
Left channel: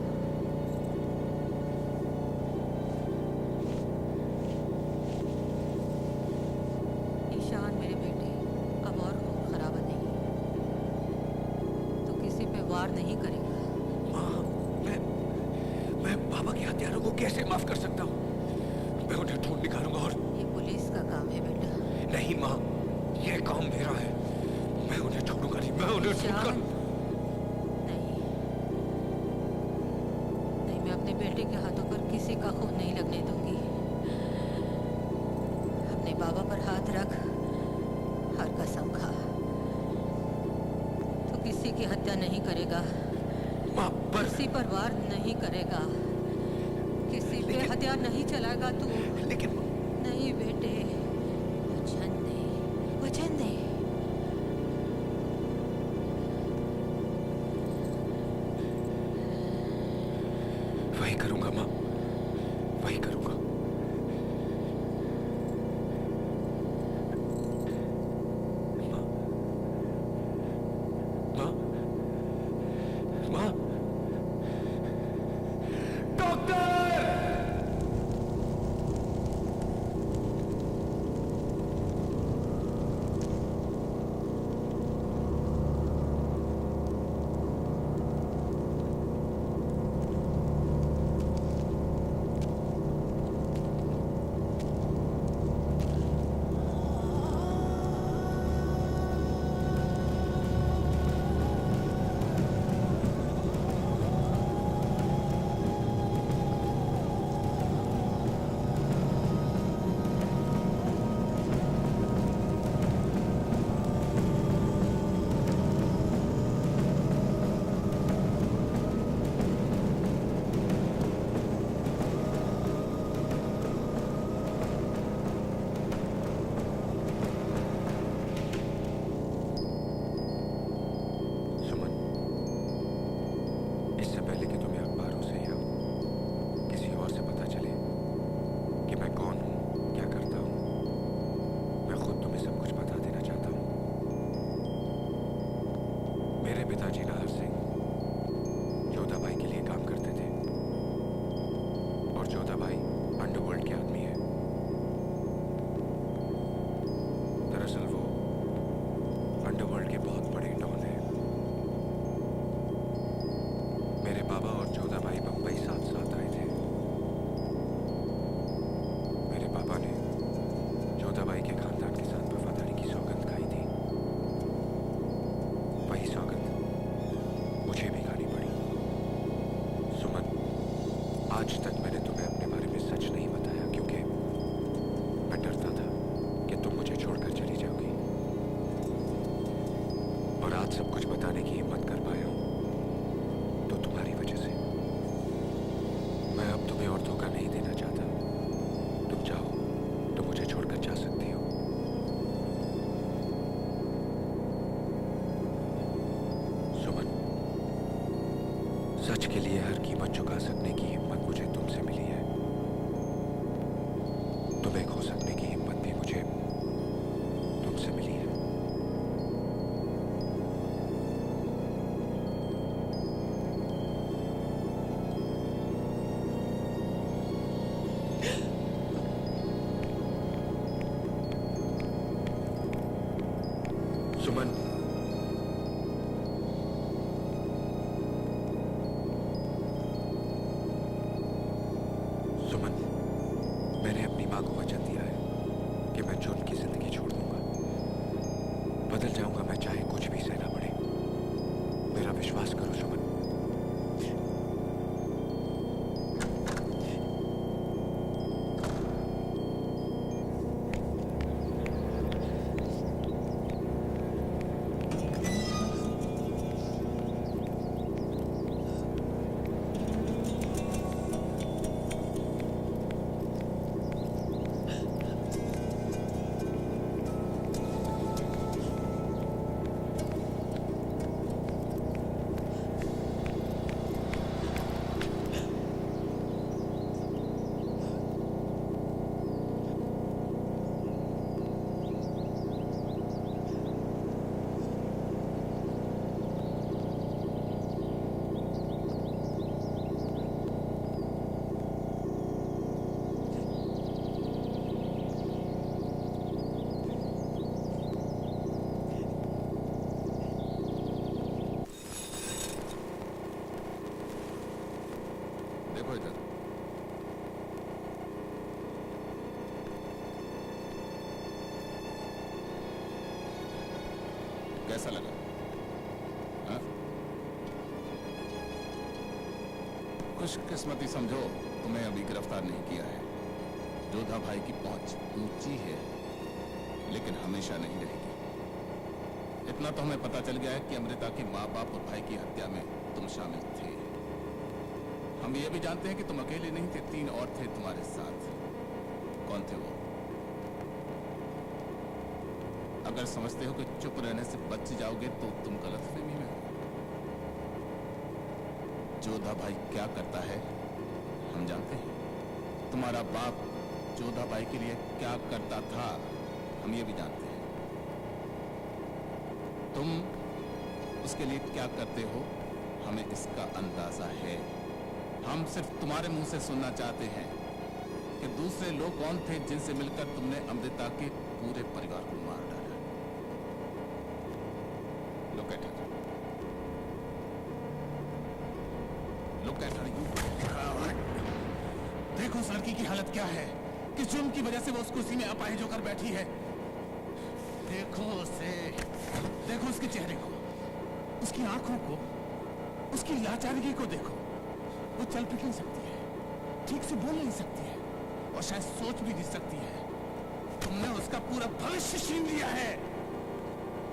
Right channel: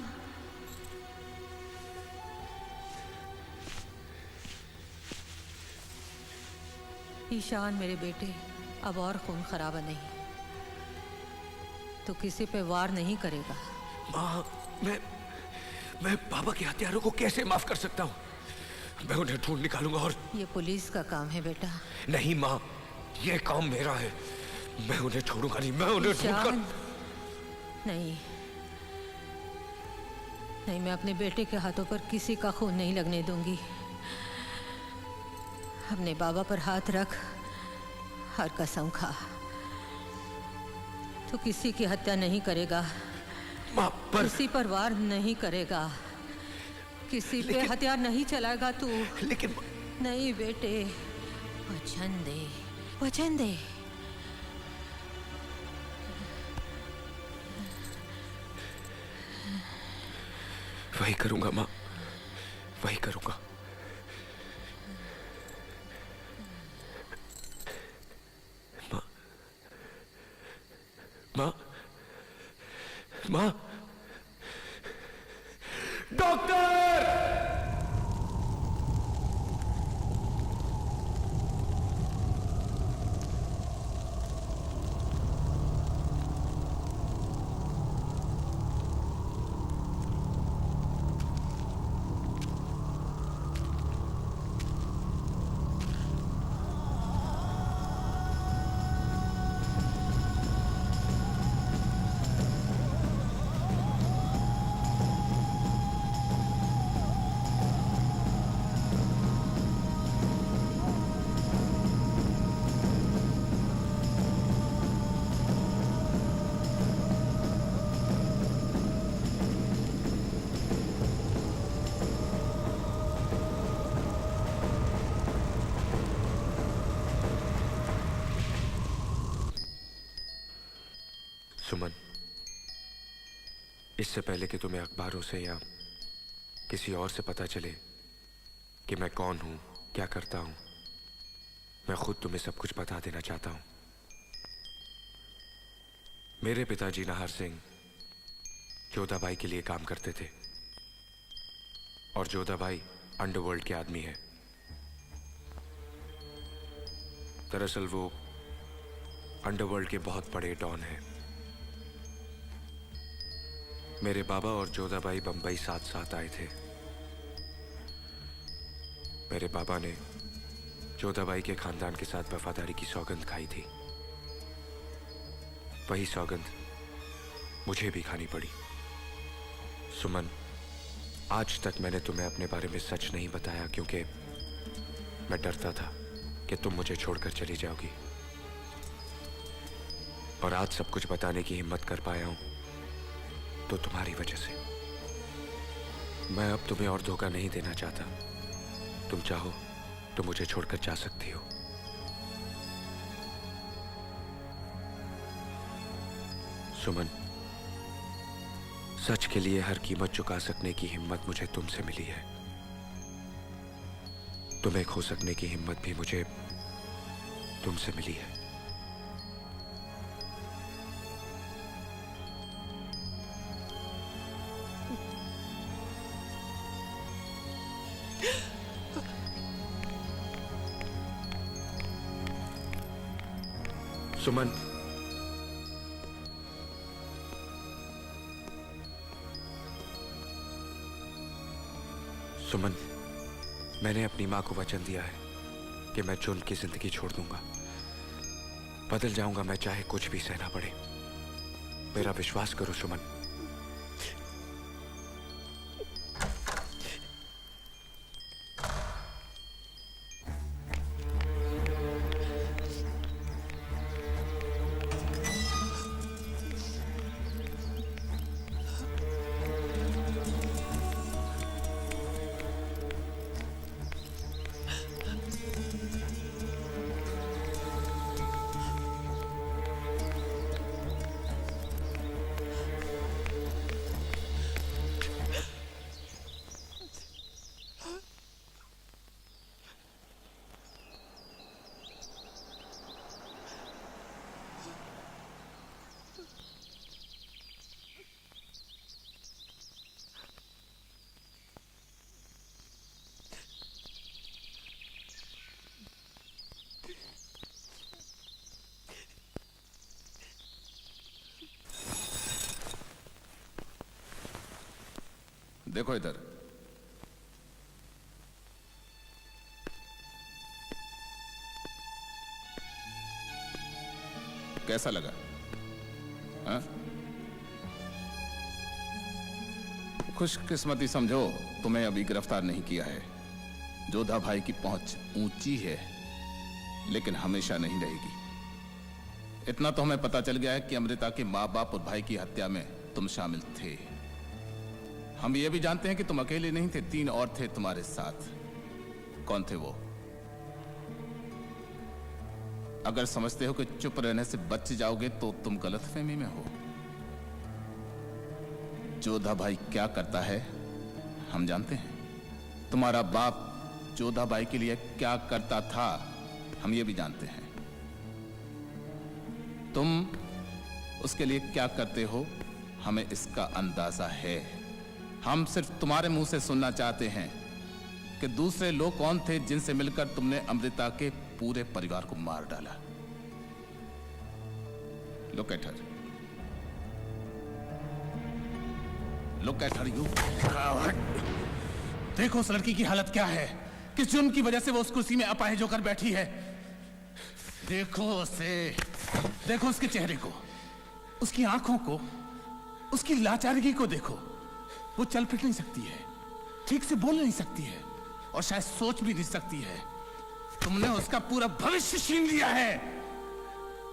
ईशान मेरे बेटे, अब और खून खराबा नहीं। तू किसी पे वार नहीं करेगा। माँ, मैं बाबा के हत्यारों को कैसे माफ कर सकता हूँ? मैं उन्हें ढूंढ निकालूंगा और ये पुलिस का काम है बेटा। नहीं माँ, ये काम मेरा है। मैं उन्हें छोड़ूंगा नहीं। मैं उन्हें ढूंढकर नहीं, नहीं, मैं अपने बेटे के हाथों पर किसी का खून नहीं लगने दूंगी। अपने बाबा पर हाथ रख, हर कसम खा। तू किसी की हत्या नहीं करेगा, किसी पर वार नहीं करेगा, किसी पे हथियार नहीं चलाएगा तू। लेकिन नहीं बेटे, वचन दे, वचन दे। वही करूंगा माँ, वही करूंगा। माँ, माँ, डॉक्टर! इससे पहले कि तुम्हें अखबारों से या किसी और से पता चले कि मैं कौन हूं, क्या करता हूं, मैं खुद तुम्हें सब कुछ बता देना चाहता हूं। मेरे पिताजी नाहर सिंह जोधा भाई के लिए काम करते थे और जोधा भाई अंडरवर्ल्ड के आदमी है। दरअसल वो अंडरवर्ल्ड के बहुत बड़े डॉन हैं। मेरे बाबा और जोधा भाई बंबई साथ साथ आए थे। मेरे पापा ने जोधा भाई के खानदान के साथ वफादारी की सौगंध खाई थी। वही सौगंध मुझे भी खानी पड़ी। सुमन, आज तक मैंने तुम्हें अपने बारे में सच नहीं बताया क्योंकि मैं डरता था कि तुम मुझे छोड़कर चली जाओगी। और आज सब कुछ बताने की हिम्मत कर पाया हूं तो तुम्हारी वजह से। मैं अब तुम्हें और धोखा नहीं देना चाहता। तुम चाहो तो मुझे छोड़कर जा सकती हो। सुमन, सच के लिए हर कीमत चुका सकने की हिम्मत मुझे तुमसे मिली है। तुम्हें खो सकने की हिम्मत भी मुझे तुमसे मिली है। सुमन, सुमन, मैंने अपनी माँ को वचन दिया है कि मैं जुर्म की जिंदगी छोड़ दूंगा। बदल जाऊंगा मैं, चाहे कुछ भी सहना पड़े। मेरा विश्वास करो सुमन। देखो इधर। कैसा लगा? हाँ? खुशकिस्मती समझो तुम्हें अभी गिरफ्तार नहीं किया है। जोधा भाई की पहुंच ऊंची है, लेकिन हमेशा नहीं रहेगी। इतना तो हमें पता चल गया है कि अमृता के माँ बाप और भाई की हत्या में तुम शामिल थे। हम ये भी जानते हैं कि तुम अकेले नहीं थे, 3 और थे तुम्हारे साथ। कौन थे वो? अगर समझते हो कि चुप रहने से बच जाओगे तो तुम गलतफहमी में हो। जोधा भाई क्या करता है हम जानते हैं। तुम्हारा बाप जोधा भाई के लिए क्या करता था हम ये भी जानते हैं। तुम उसके लिए क्या करते हो हमें इसका अंदाजा है। हम सिर्फ तुम्हारे मुंह से सुनना चाहते हैं कि दूसरे लोग कौन थे जिनसे मिलकर तुमने अमृता के पूरे परिवार को मार डाला। Look at her. Look at her, you coward. देखो उस लड़की की हालत क्या है, किस जुर्म की वजह से वो उस कुर्सी में अपाहिज होकर बैठी है। देखो उसे, देखो उसके चेहरे को, उसकी आंखों को, उसकी लाचारगी को देखो। वो चल फिर नहीं सकती है, ठीक से बोल नहीं सकती है और शायद सोच भी नहीं सकती है। तुमने उसका पूरा भविष्य छीन लिया है।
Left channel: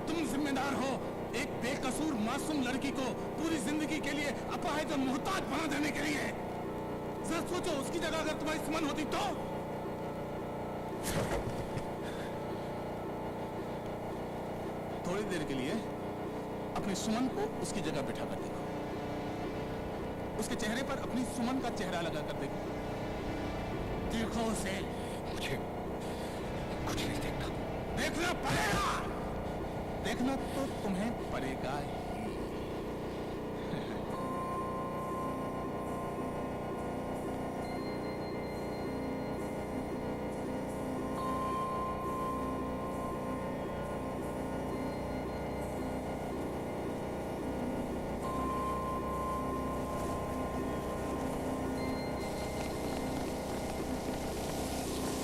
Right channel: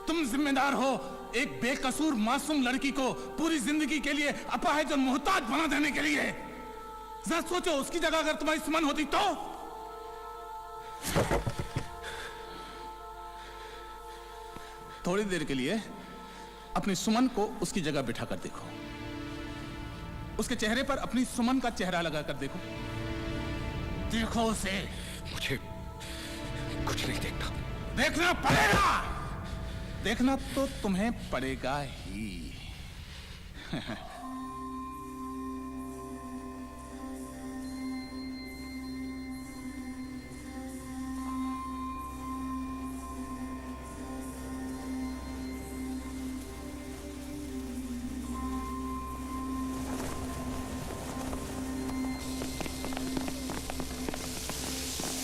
तुम जिम्मेदार हो एक बेकसूर मासूम लड़की को पूरी जिंदगी के लिए अपाहिज और मोहताज बना देने के लिए। जरा सोचो, उसकी जगह अगर तुम्हारी सुमन होती तो। थोड़ी देर के लिए अपनी सुमन को उसकी जगह बिठा कर देखो। उसके चेहरे पर अपनी सुमन का चेहरा लगा कर देखो। देखो उसे। मुझे कुछ नहीं देखना। देखना पड़ेगा। देखना तो तुम्हें पड़ेगा ही।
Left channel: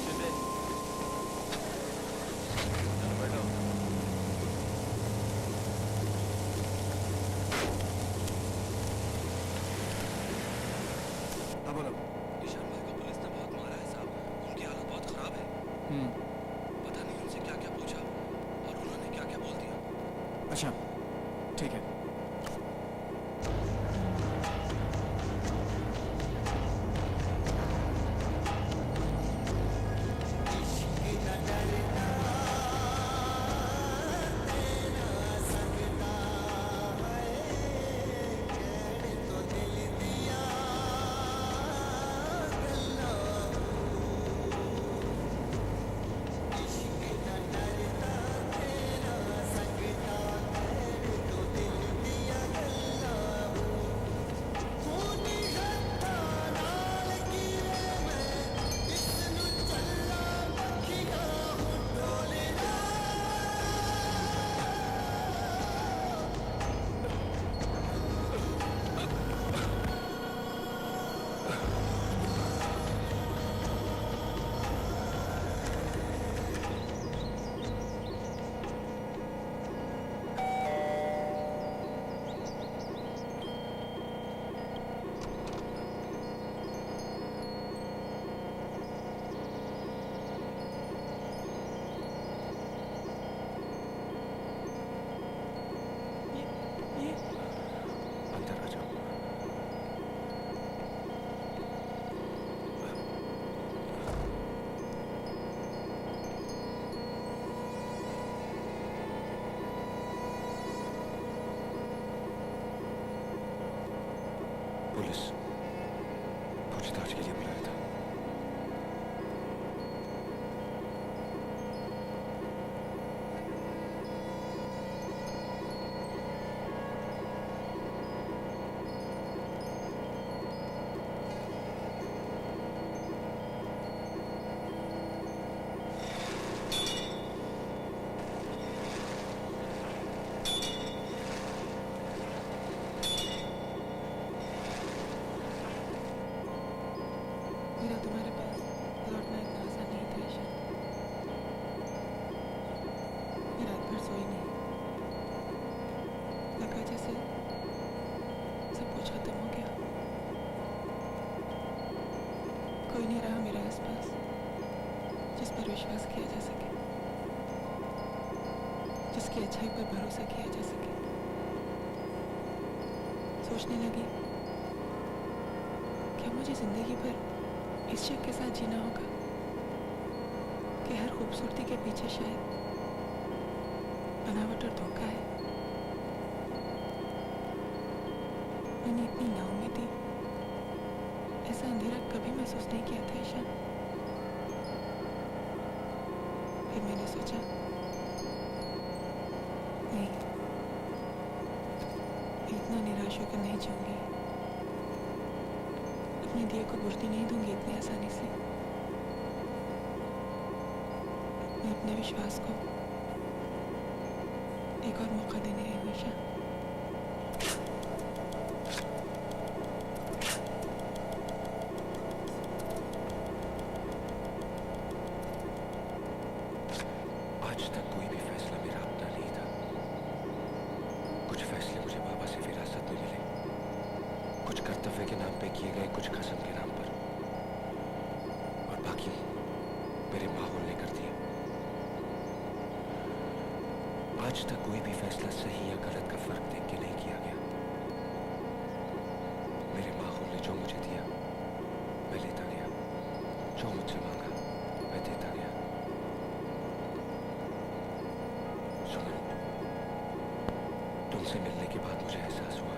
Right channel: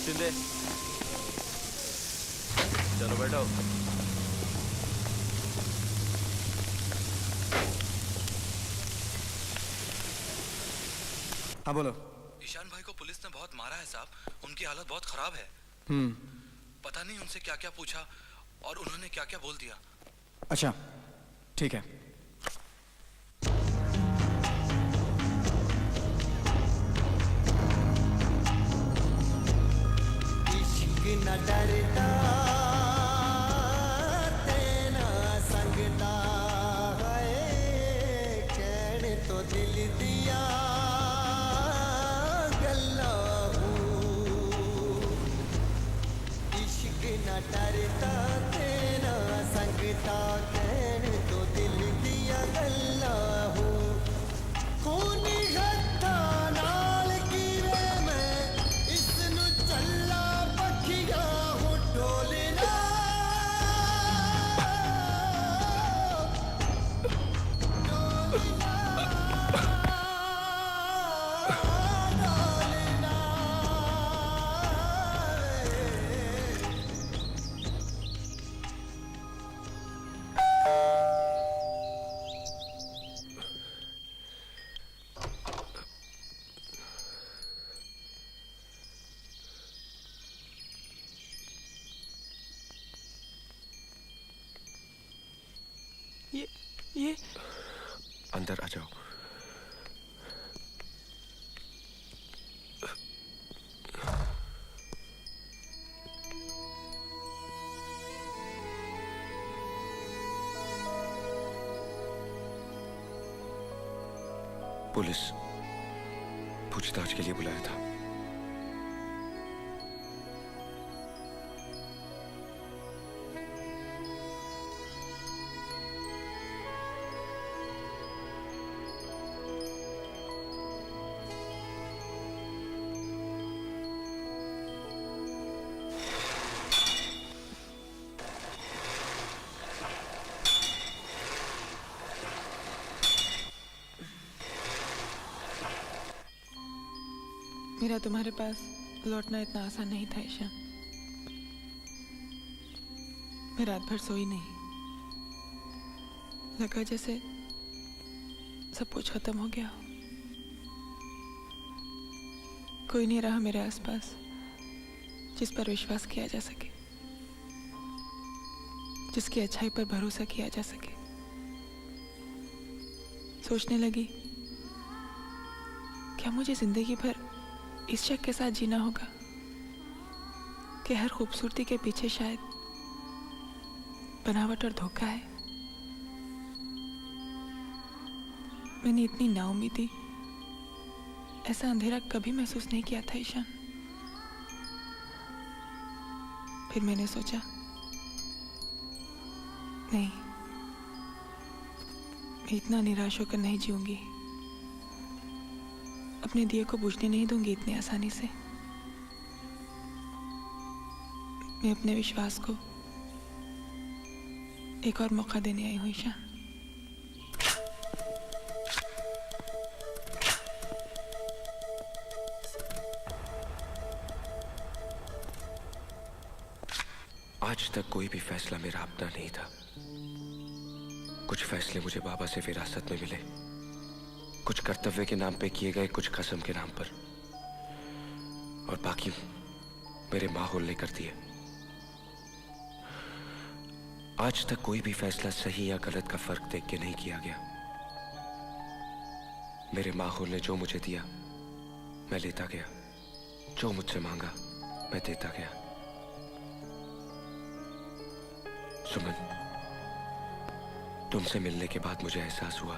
शिंदे, चलो बैठो। हाँ बोलो। ईशान भाई को पुलिस ने बहुत मारा है साहब, उनकी हालत बहुत खराब है। पता नहीं उनसे क्या क्या पूछा और उन्होंने क्या क्या बोल दिया। अच्छा ठीक है। इश्क न डरता तेना संगता है, कहने तो दिल दिया गल्ला हूँ। इश्क न डरता तेना संगता, कहने तो दिल दिया गल्ला हूँ। खूनी हत्था नाल कीवे मैं इसनु चल्ला पखिया हूँ डोलना। ये अंदर आ जाओ। पुलिस पूछताछ के लिए बुलाया था। पता तुम्हारे पास लौटना इतना आसान नहीं था ईशान। मैं रात भर सोई नहीं, लगा जैसे सब कुछ खत्म हो गया। कोई नहीं रहा मेरे आसपास जिस पर विश्वास किया जा सके, जिसकी अच्छाई पर भरोसा किया जा सके। सोचने लगी, क्या मुझे जिंदगी भर इस शक के साथ जीना होगा कि हर खूबसूरती के पीछे शायद बनावट और धोखा है। मैंने इतनी नाउम्मीदी, ऐसा अंधेरा कभी महसूस नहीं किया था ईशान। फिर मैंने सोचा, नहीं, मैं इतना निराश होकर नहीं जीऊंगी, अपने दिए को बुझने नहीं दूंगी इतनी आसानी से। मैं अपने विश्वास को एक और मौका देने आई हूँ ईशा। आज तक कोई भी फैसला मेरा अपना नहीं था। कुछ फैसले मुझे बाबा से विरासत में मिले, कुछ कर्तव्य के नाम पे किए गए, कुछ कसम के नाम पर, और बाकी मेरे माहौल ने कर दिए। आज तक कोई भी फैसला सही या गलत का फर्क देख के नहीं किया गया। मेरे माहौल ने जो मुझे दिया मैं लेता गया, जो मुझसे मांगा मैं देता गया। सुमन, तुमसे मिलने के बाद मुझे एहसास हुआ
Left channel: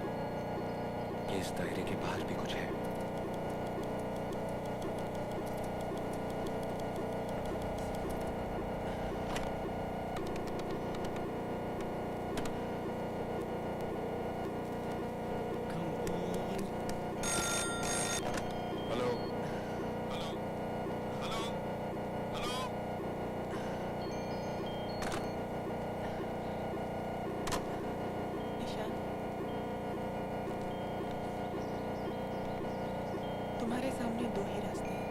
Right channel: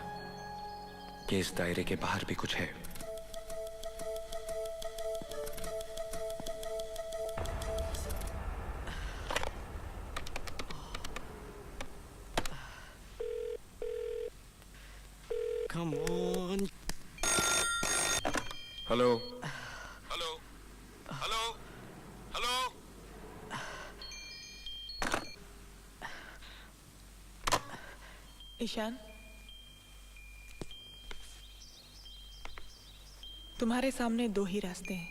कि इस दायरे के बाहर भी कुछ है। Come on. Hello hello hello hello. Ishaan, तुम्हारे सामने दो ही रास्ते हैं।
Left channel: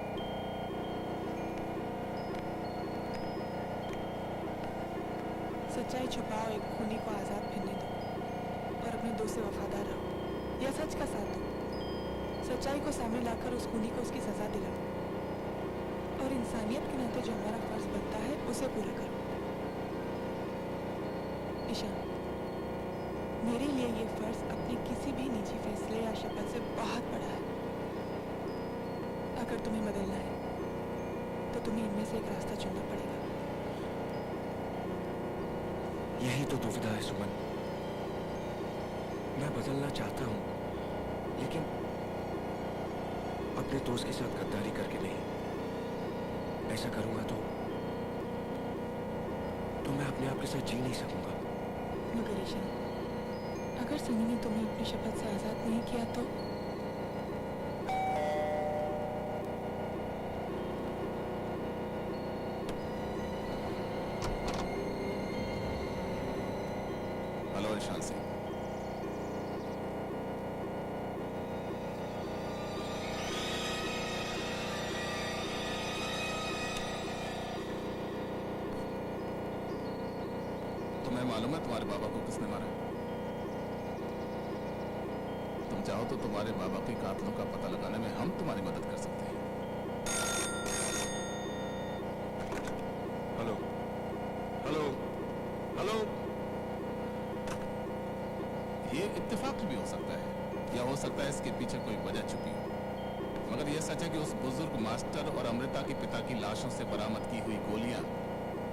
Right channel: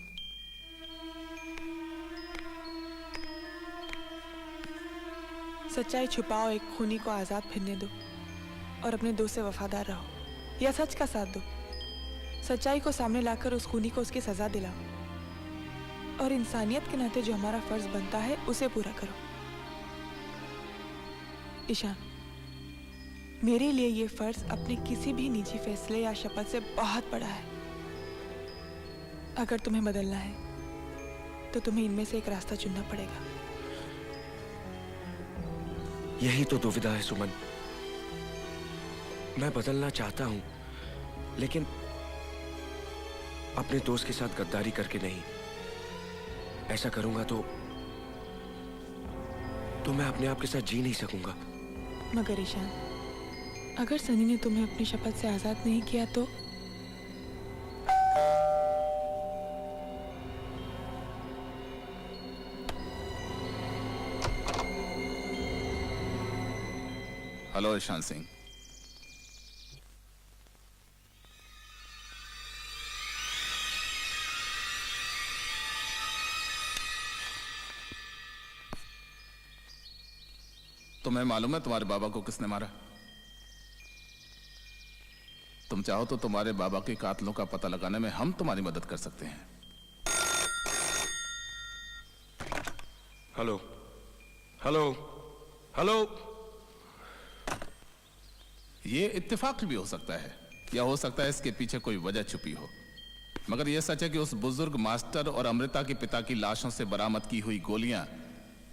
सच्चाई छुपाओ, एक खूनी को आजाद फिरने दो और अपने दोस्त से वफादार रहो, या सच का साथ दो। सच्चाई को सामने लाकर उस खूनी को उसकी सजा दिलाओ और इंसानियत के नाते जो हमारा फर्ज बनता है उसे पूरा करो। ईशान, मेरे लिए ये फर्ज अपने किसी भी निजी फैसले या शपथ से बहुत बड़ा है। अगर तुम्हें बदलना है तो तुम्हें इनमें से एक रास्ता चुनना पड़ेगा। यही तो दुविधा है सुमन। मैं बदलना चाहता हूं, लेकिन अपने दोस्त के साथ गद्दारी करके नहीं। ऐसा करूंगा तो मैं अपने आप के साथ जी नहीं सकूंगा। मगर ईशान, अगर सनी ने तुम्हें अपनी शपथ से आजाद नहीं किया तो हेलो ईशान सिंह। तुम्हें मालूम है तुम्हारे बाबा को किसने मारा? तुम चाहो तो तुम्हारे बाबा के कातलों का पता लगाने में हम तुम्हारी मदद कर सकते हैं। Hello hello hello. ये इत्तेफाक भी हो सकता है, या हो सकता है इसके पीछे कोई वजह छुपी हो। मगर यह सच है कि उस बुजुर्ग मास्टर और अमृता के पिता की लाशों से बरामद की हुई गोलियां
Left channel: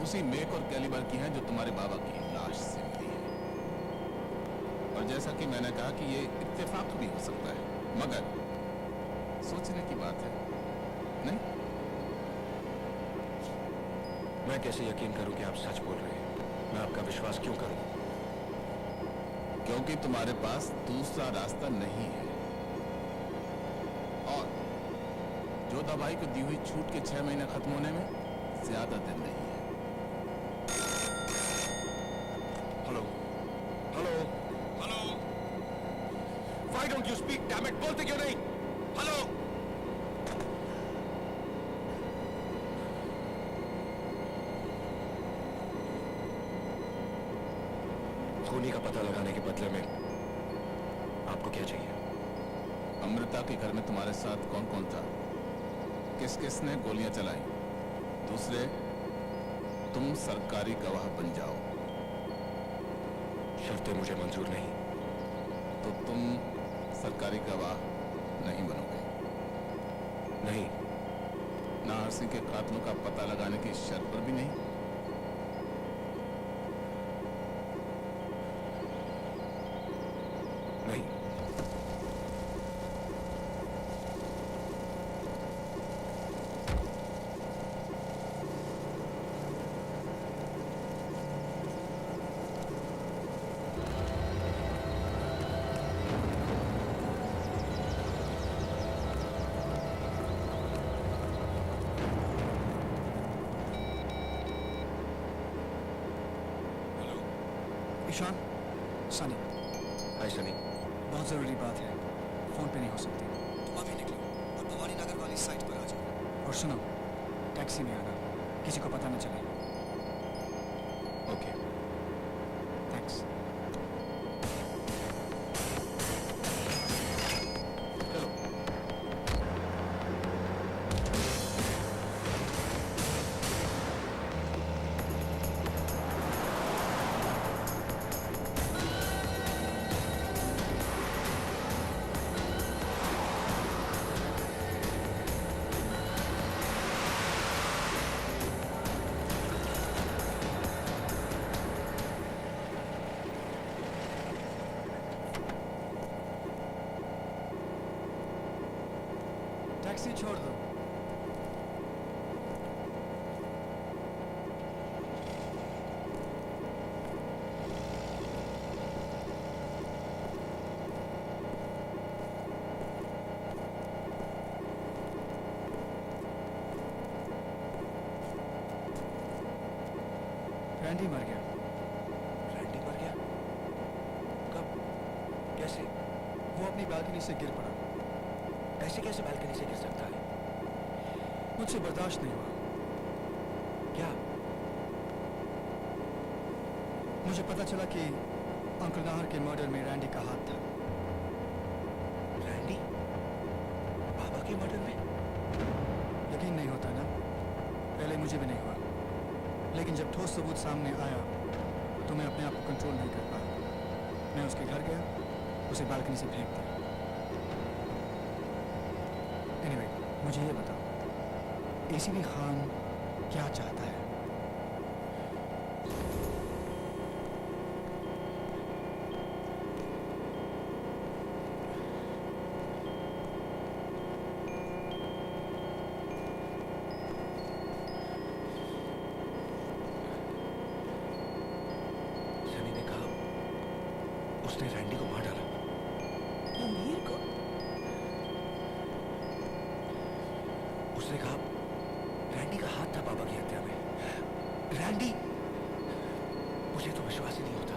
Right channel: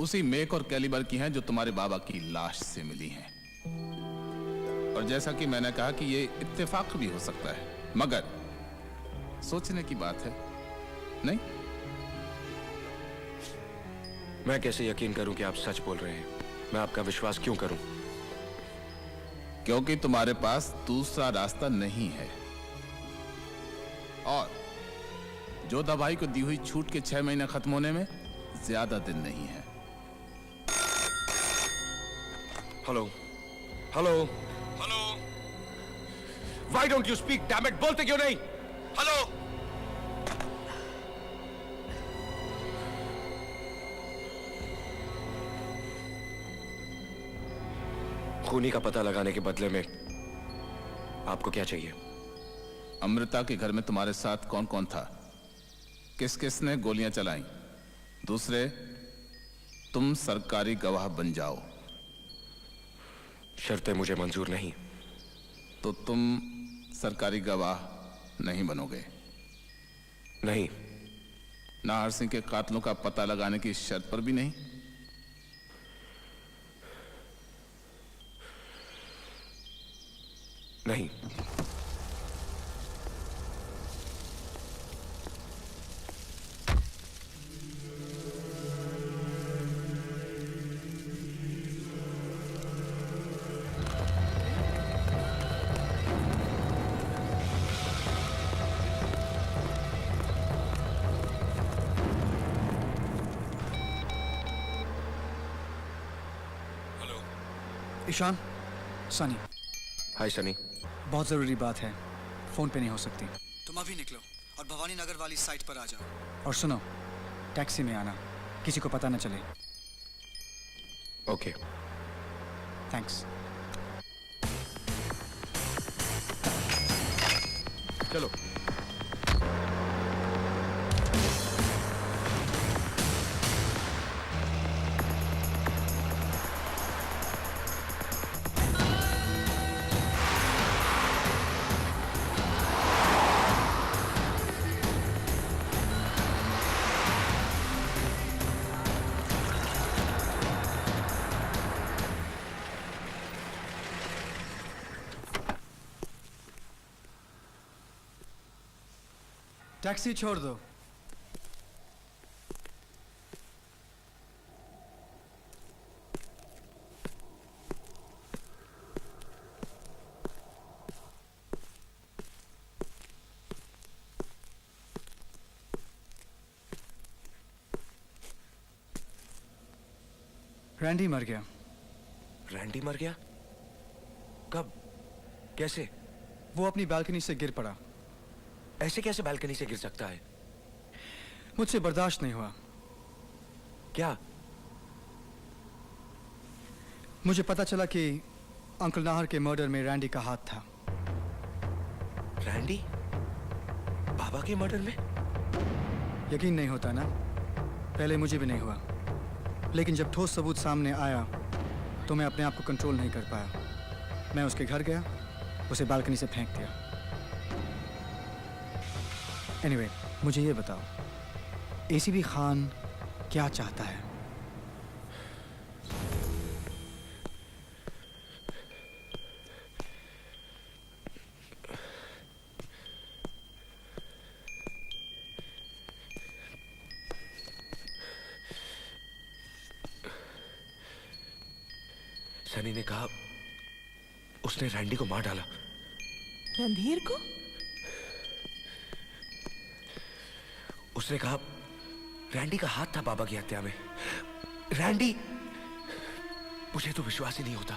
उसी मेक और कैलिबर की हैं जो तुम्हारे बाबा की लाश से मिली है। और जैसा कि मैंने कहा कि ये इत्तेफाक भी हो सकता है, मगर सोचने की बात है, नहीं? मैं कैसे यकीन करूं कि आप सच बोल रहे हैं? मैं आपका विश्वास क्यों करूं? क्योंकि तुम्हारे पास दूसरा रास्ता नहीं है, और जोधा भाई को दी हुई छूट के 6 महीने खत्म होने में ज्यादा दिन नहीं है। Hello hello hello. Why don't you speak? Damn it! बोलते क्यों नहीं? हेलो। खूनी का पता लगाने के बदले में आपको क्या चाहिए? अमृता के घर में तुम्हारे साथ कौन कौन था? किस किस ने गोलियां चलाई? दूसरे, तुम सरकारी गवाह बन जाओ। शर्तें मुझे मंजूर नहीं। तो तुम सरकारी गवाह नहीं बनोगे? नहीं। नाहर सिंह के कातलों का पता लगाने की शर्त पर भी नहीं? नहीं। ईशान, सनी। हाय सनी। बहुत ज़रूरी बात है, फ़ोन पे नहीं हो सकती। तुम अभी निकलो और भवानी नगर वाली साइट पर आ जाओ। और सुनो, टैक्सी में आना, किसी को पता न चले। ओके। थैंक्स। चलो। टैक्सी छोड़ दो। रैंडी मर गया। रैंडी मर गया? कब? कैसे? वो अपनी बालकनी से गिर पड़ा। ऐसे कैसे बालकनी से गिर सकता है? मुझसे बर्दाश्त नहीं हुआ। क्या? मुझे पता चला कि अंकल नाहर के मर्डर में रैंडी का हाथ था। रैंडी? बाबा के मर्डर में? यकीन नहीं होता ना? पहले मुझे भी नहीं हुआ, लेकिन जब ठोस सबूत सामने आया तो मैं अपने आप को कंट्रोल नहीं कर पाया। मैं उसके घर गया, उसे बालकनी से फेंक दिया। एनीवे, मुझे ये बताओ, एसीपी खान क्या चाहता है? सनी ने कहा उसने रैंडी को मार डाला। रणधीर को? उसने कहा रैंडी का हाथ था बाबा की हत्या में। रैंडी? मुझे तो विश्वास ही नहीं होता।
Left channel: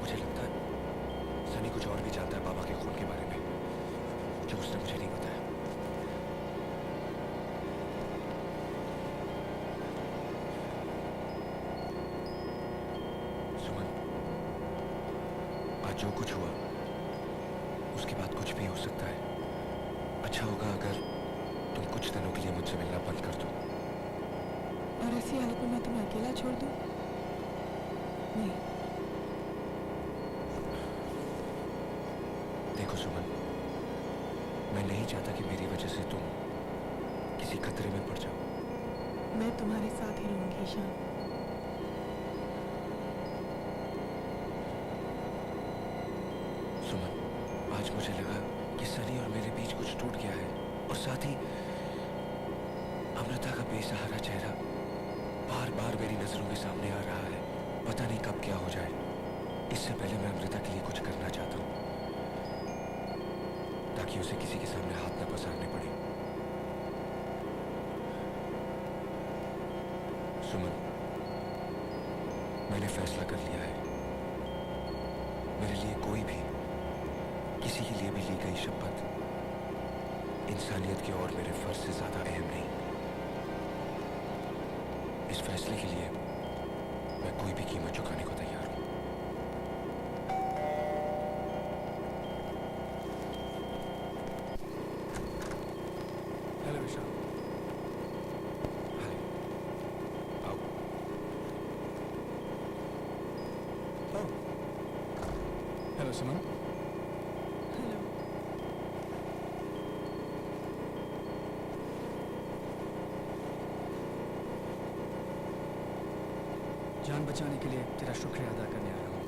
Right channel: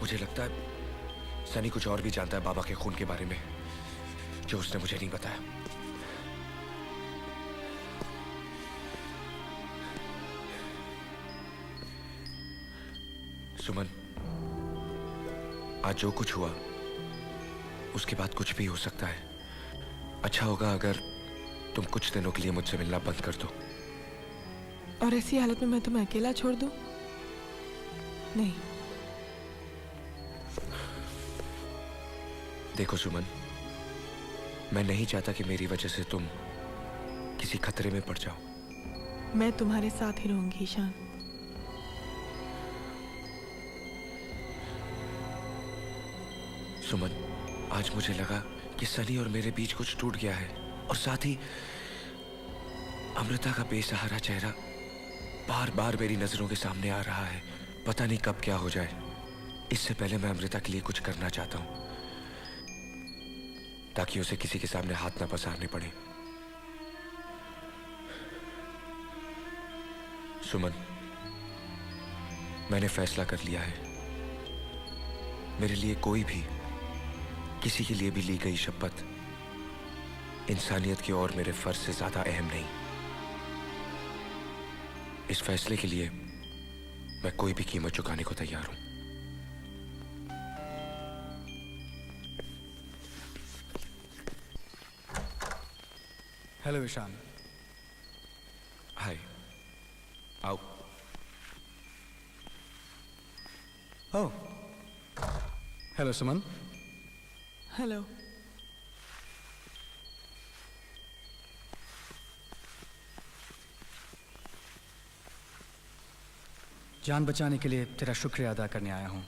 मुझे लगता है सनी कुछ और भी जानता है बाबा के खून के बारे में, जो उसने मुझे नहीं बताया। सुमन, आज जो कुछ हुआ उसके बाद कुछ भी हो सकता है। अच्छा होगा अगर तुम कुछ दिनों के लिए मुझसे मिलना बंद कर दो। और ऐसी हालत में मैं तुम्हें अकेला छोड़ दूं? नहीं। देखो सुमन, मैं नहीं चाहता कि मेरी वजह से तुम किसी खतरे में पड़ जाओ। मैं तुम्हारे साथ ही रहूंगी ईशान। सुमन, आज मुझे लगा कि सनी और मेरे बीच कुछ टूट गया है, और साथ ही अमृता का बेसहारा चेहरा बार बार मेरी नजरों के सामने आ रहा है। पता नहीं कब क्या हो जाए। इससे पहले मैं अमृता के लिए कुछ करना चाहता हूं, ताकि उसे किसी के सामने हाथ न पसारने पड़े। सुमन, मैंने फैसला कर लिया है। मेरे लिए कोई भी, किसी के लिए भी ली गई शपथ इंसानियत की और मेरे फर्ज से ज्यादा अहम नहीं। इस फैसले के लिए मैं कोई भी कीमत चुकाने को तैयार हूं। हेलो ईशान। हाय। आओ। ओह, हेलो सुमन। हेलो। जान बचाने के लिए तेरा शुक्रिया अदा करने आया हूँ।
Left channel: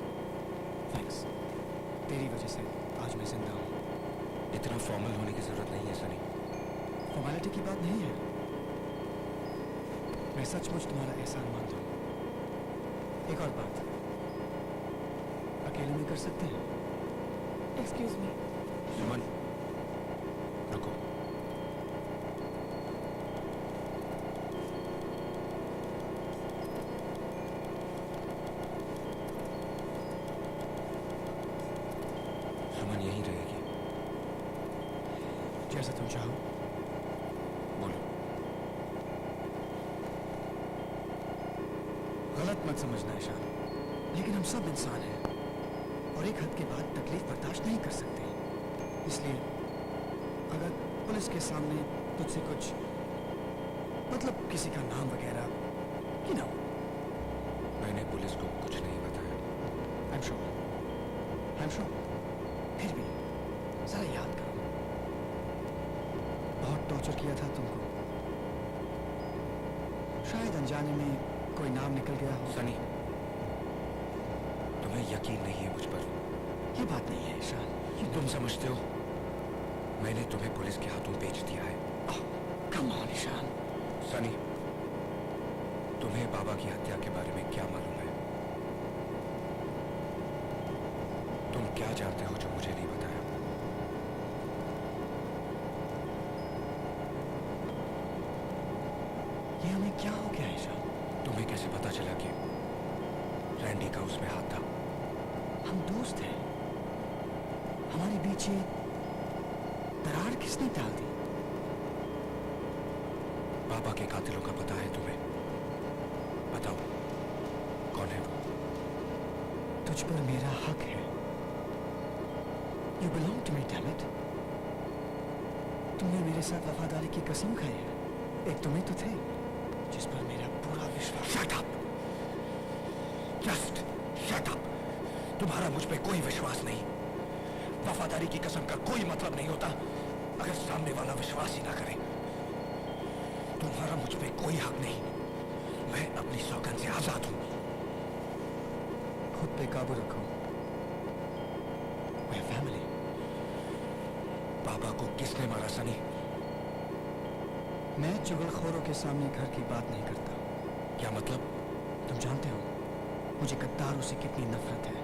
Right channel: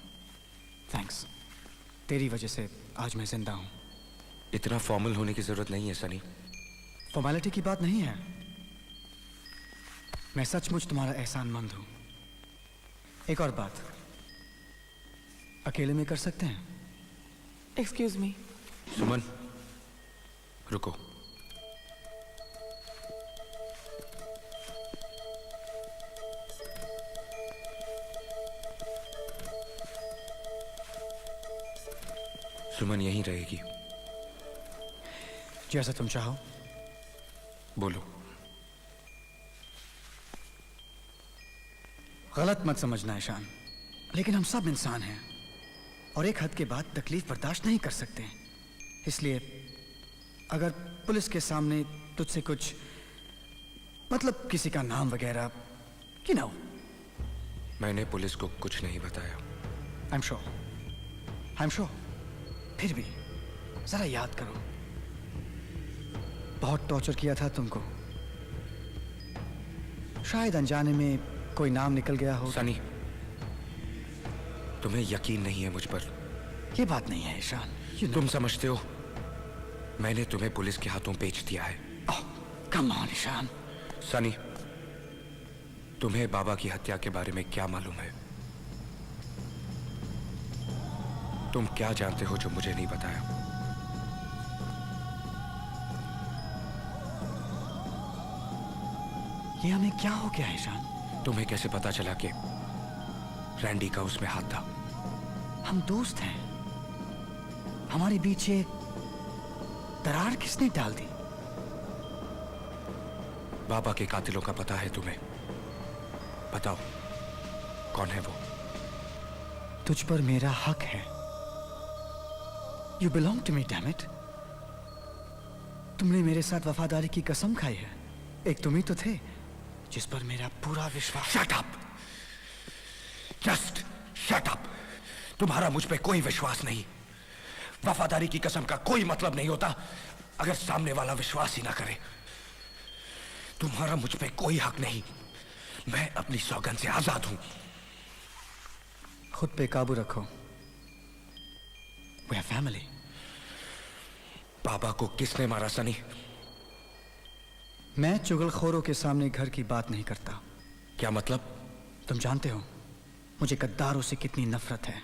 थैंक्स। तेरी वजह से आज मैं जिंदा हूँ। इतना फॉर्मल होने की जरूरत नहीं है सनी। फॉर्मेलिटी की बात नहीं है। मैं सचमुच तुम्हारा एहसानमंद हूँ। एक और बात, अकेले में कर सकते हैं? Excuse me. सुमन, रुको। सुमन यहीं रहेगी। जैसा तुम चाहो। बोलो। गलत मत समझना ईशान, लेकिन हम सब इंसान हैं और एक हद के बाद तकलीफ बर्दाश्त नहीं कर सकते। इसलिए अगर पुलिस के सामने तुझसे कुछ मतलब किसी का नाम वगैरह कि ना हो। मैंने पुलिस को कुछ नहीं बताया। I am sure. फिर भी जरा याद करो, बहुत टॉर्चर किया था तुमको। शायद अनजाने में कोई नाम निकल गया हो। सनी, तुम्हें यकीन नहीं है मुझ पर। ये बात नहीं है ईशान। तुम समझते हो मैंने तुम्हें पुलिस के हाथों बेच दिया है। Come on Ishan. सनी, तुम्हें बाबा की हत्या के बारे में क्या मालूम है? तुम क्या जानते हो जो मुझे नहीं बताया? ये हमें क्या हो गया ईशान? तुम्हें कैसे पता चला कि रैंडी का उसमें हाथ था? हम दोस्त हैं। हमारे बीच ये दरार किसने डाल दी? बाबा के कातिलों का पता है तुम्हें? बताओ कौन है वो? तुझ पर मेरा हक है। You belong to me, damn it. तुमने मेरे साथ वफादारी की कसम खाई है। एक तुम ही तो थे जिस पर मेरा पूरा विश्वास। Shut up! Just shut up! तुम्हारा मुझ पे कोई विश्वास नहीं। वफादारी की कसम का कोई मतलब नहीं होता अगर सामने वाला विश्वास ही ना करे। तुम्हारा मुझ पे कोई हक नहीं। मैं अपनी सौगंध से आजाद हूं। खुद पे काबू रखो। We are family. बाबा को किसने मारा सनी? मैं चुगलखोरों के सामने घर की बात नहीं करता। क्या मतलब? तुम जानते हो मुझे गद्दारों से कितनी नफरत है।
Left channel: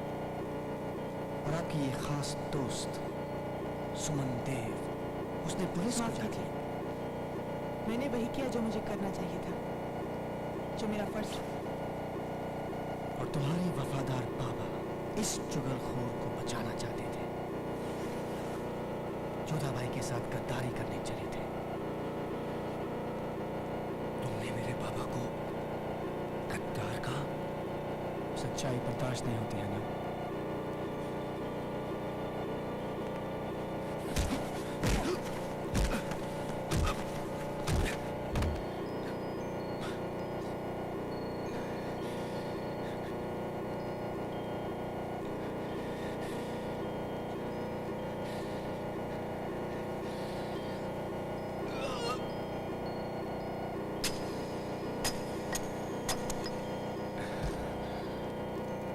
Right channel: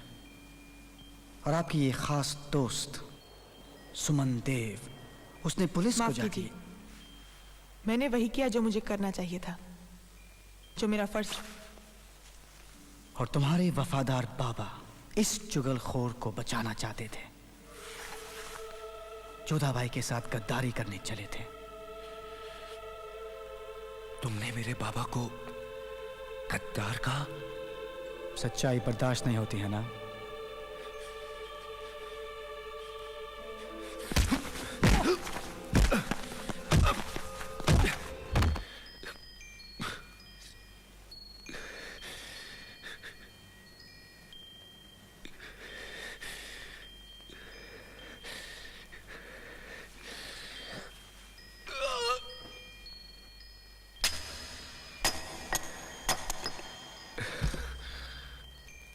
और आपकी ये खास दोस्त सुमन देव, उसने पुलिस को माफ कीजिए, मैंने वही किया जो मुझे करना चाहिए था, जो मेरा फर्ज। और तुम्हारे वफादार बाबा इस चुगलखोर को बचाना चाहते थे। जोधा भाई के साथ गद्दारी करने चले थे। तुमने मेरे बाबा को गद्दार कहा? सच्चाई बर्दाश्त नहीं होती है ना?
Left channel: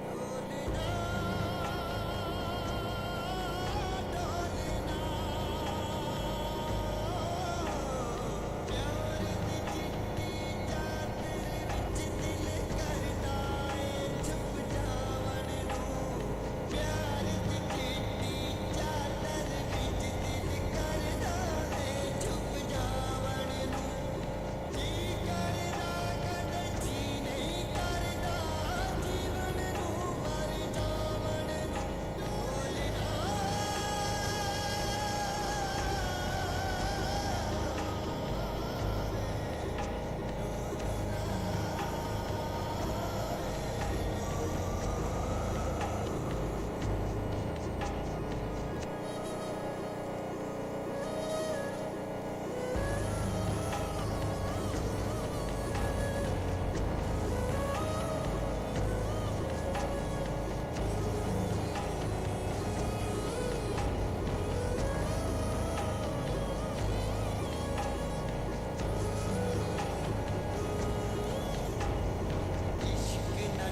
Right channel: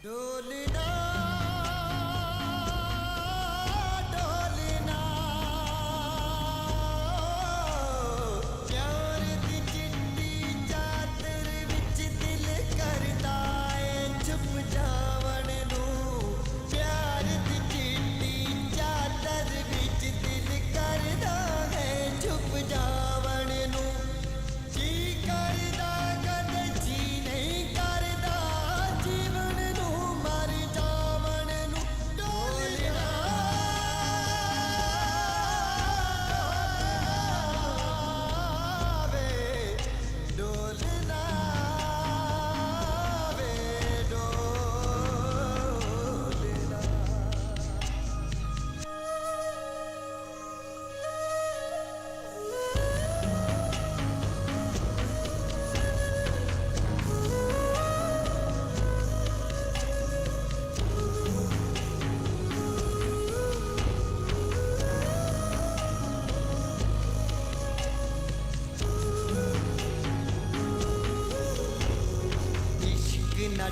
डोलना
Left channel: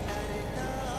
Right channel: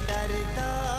डरदा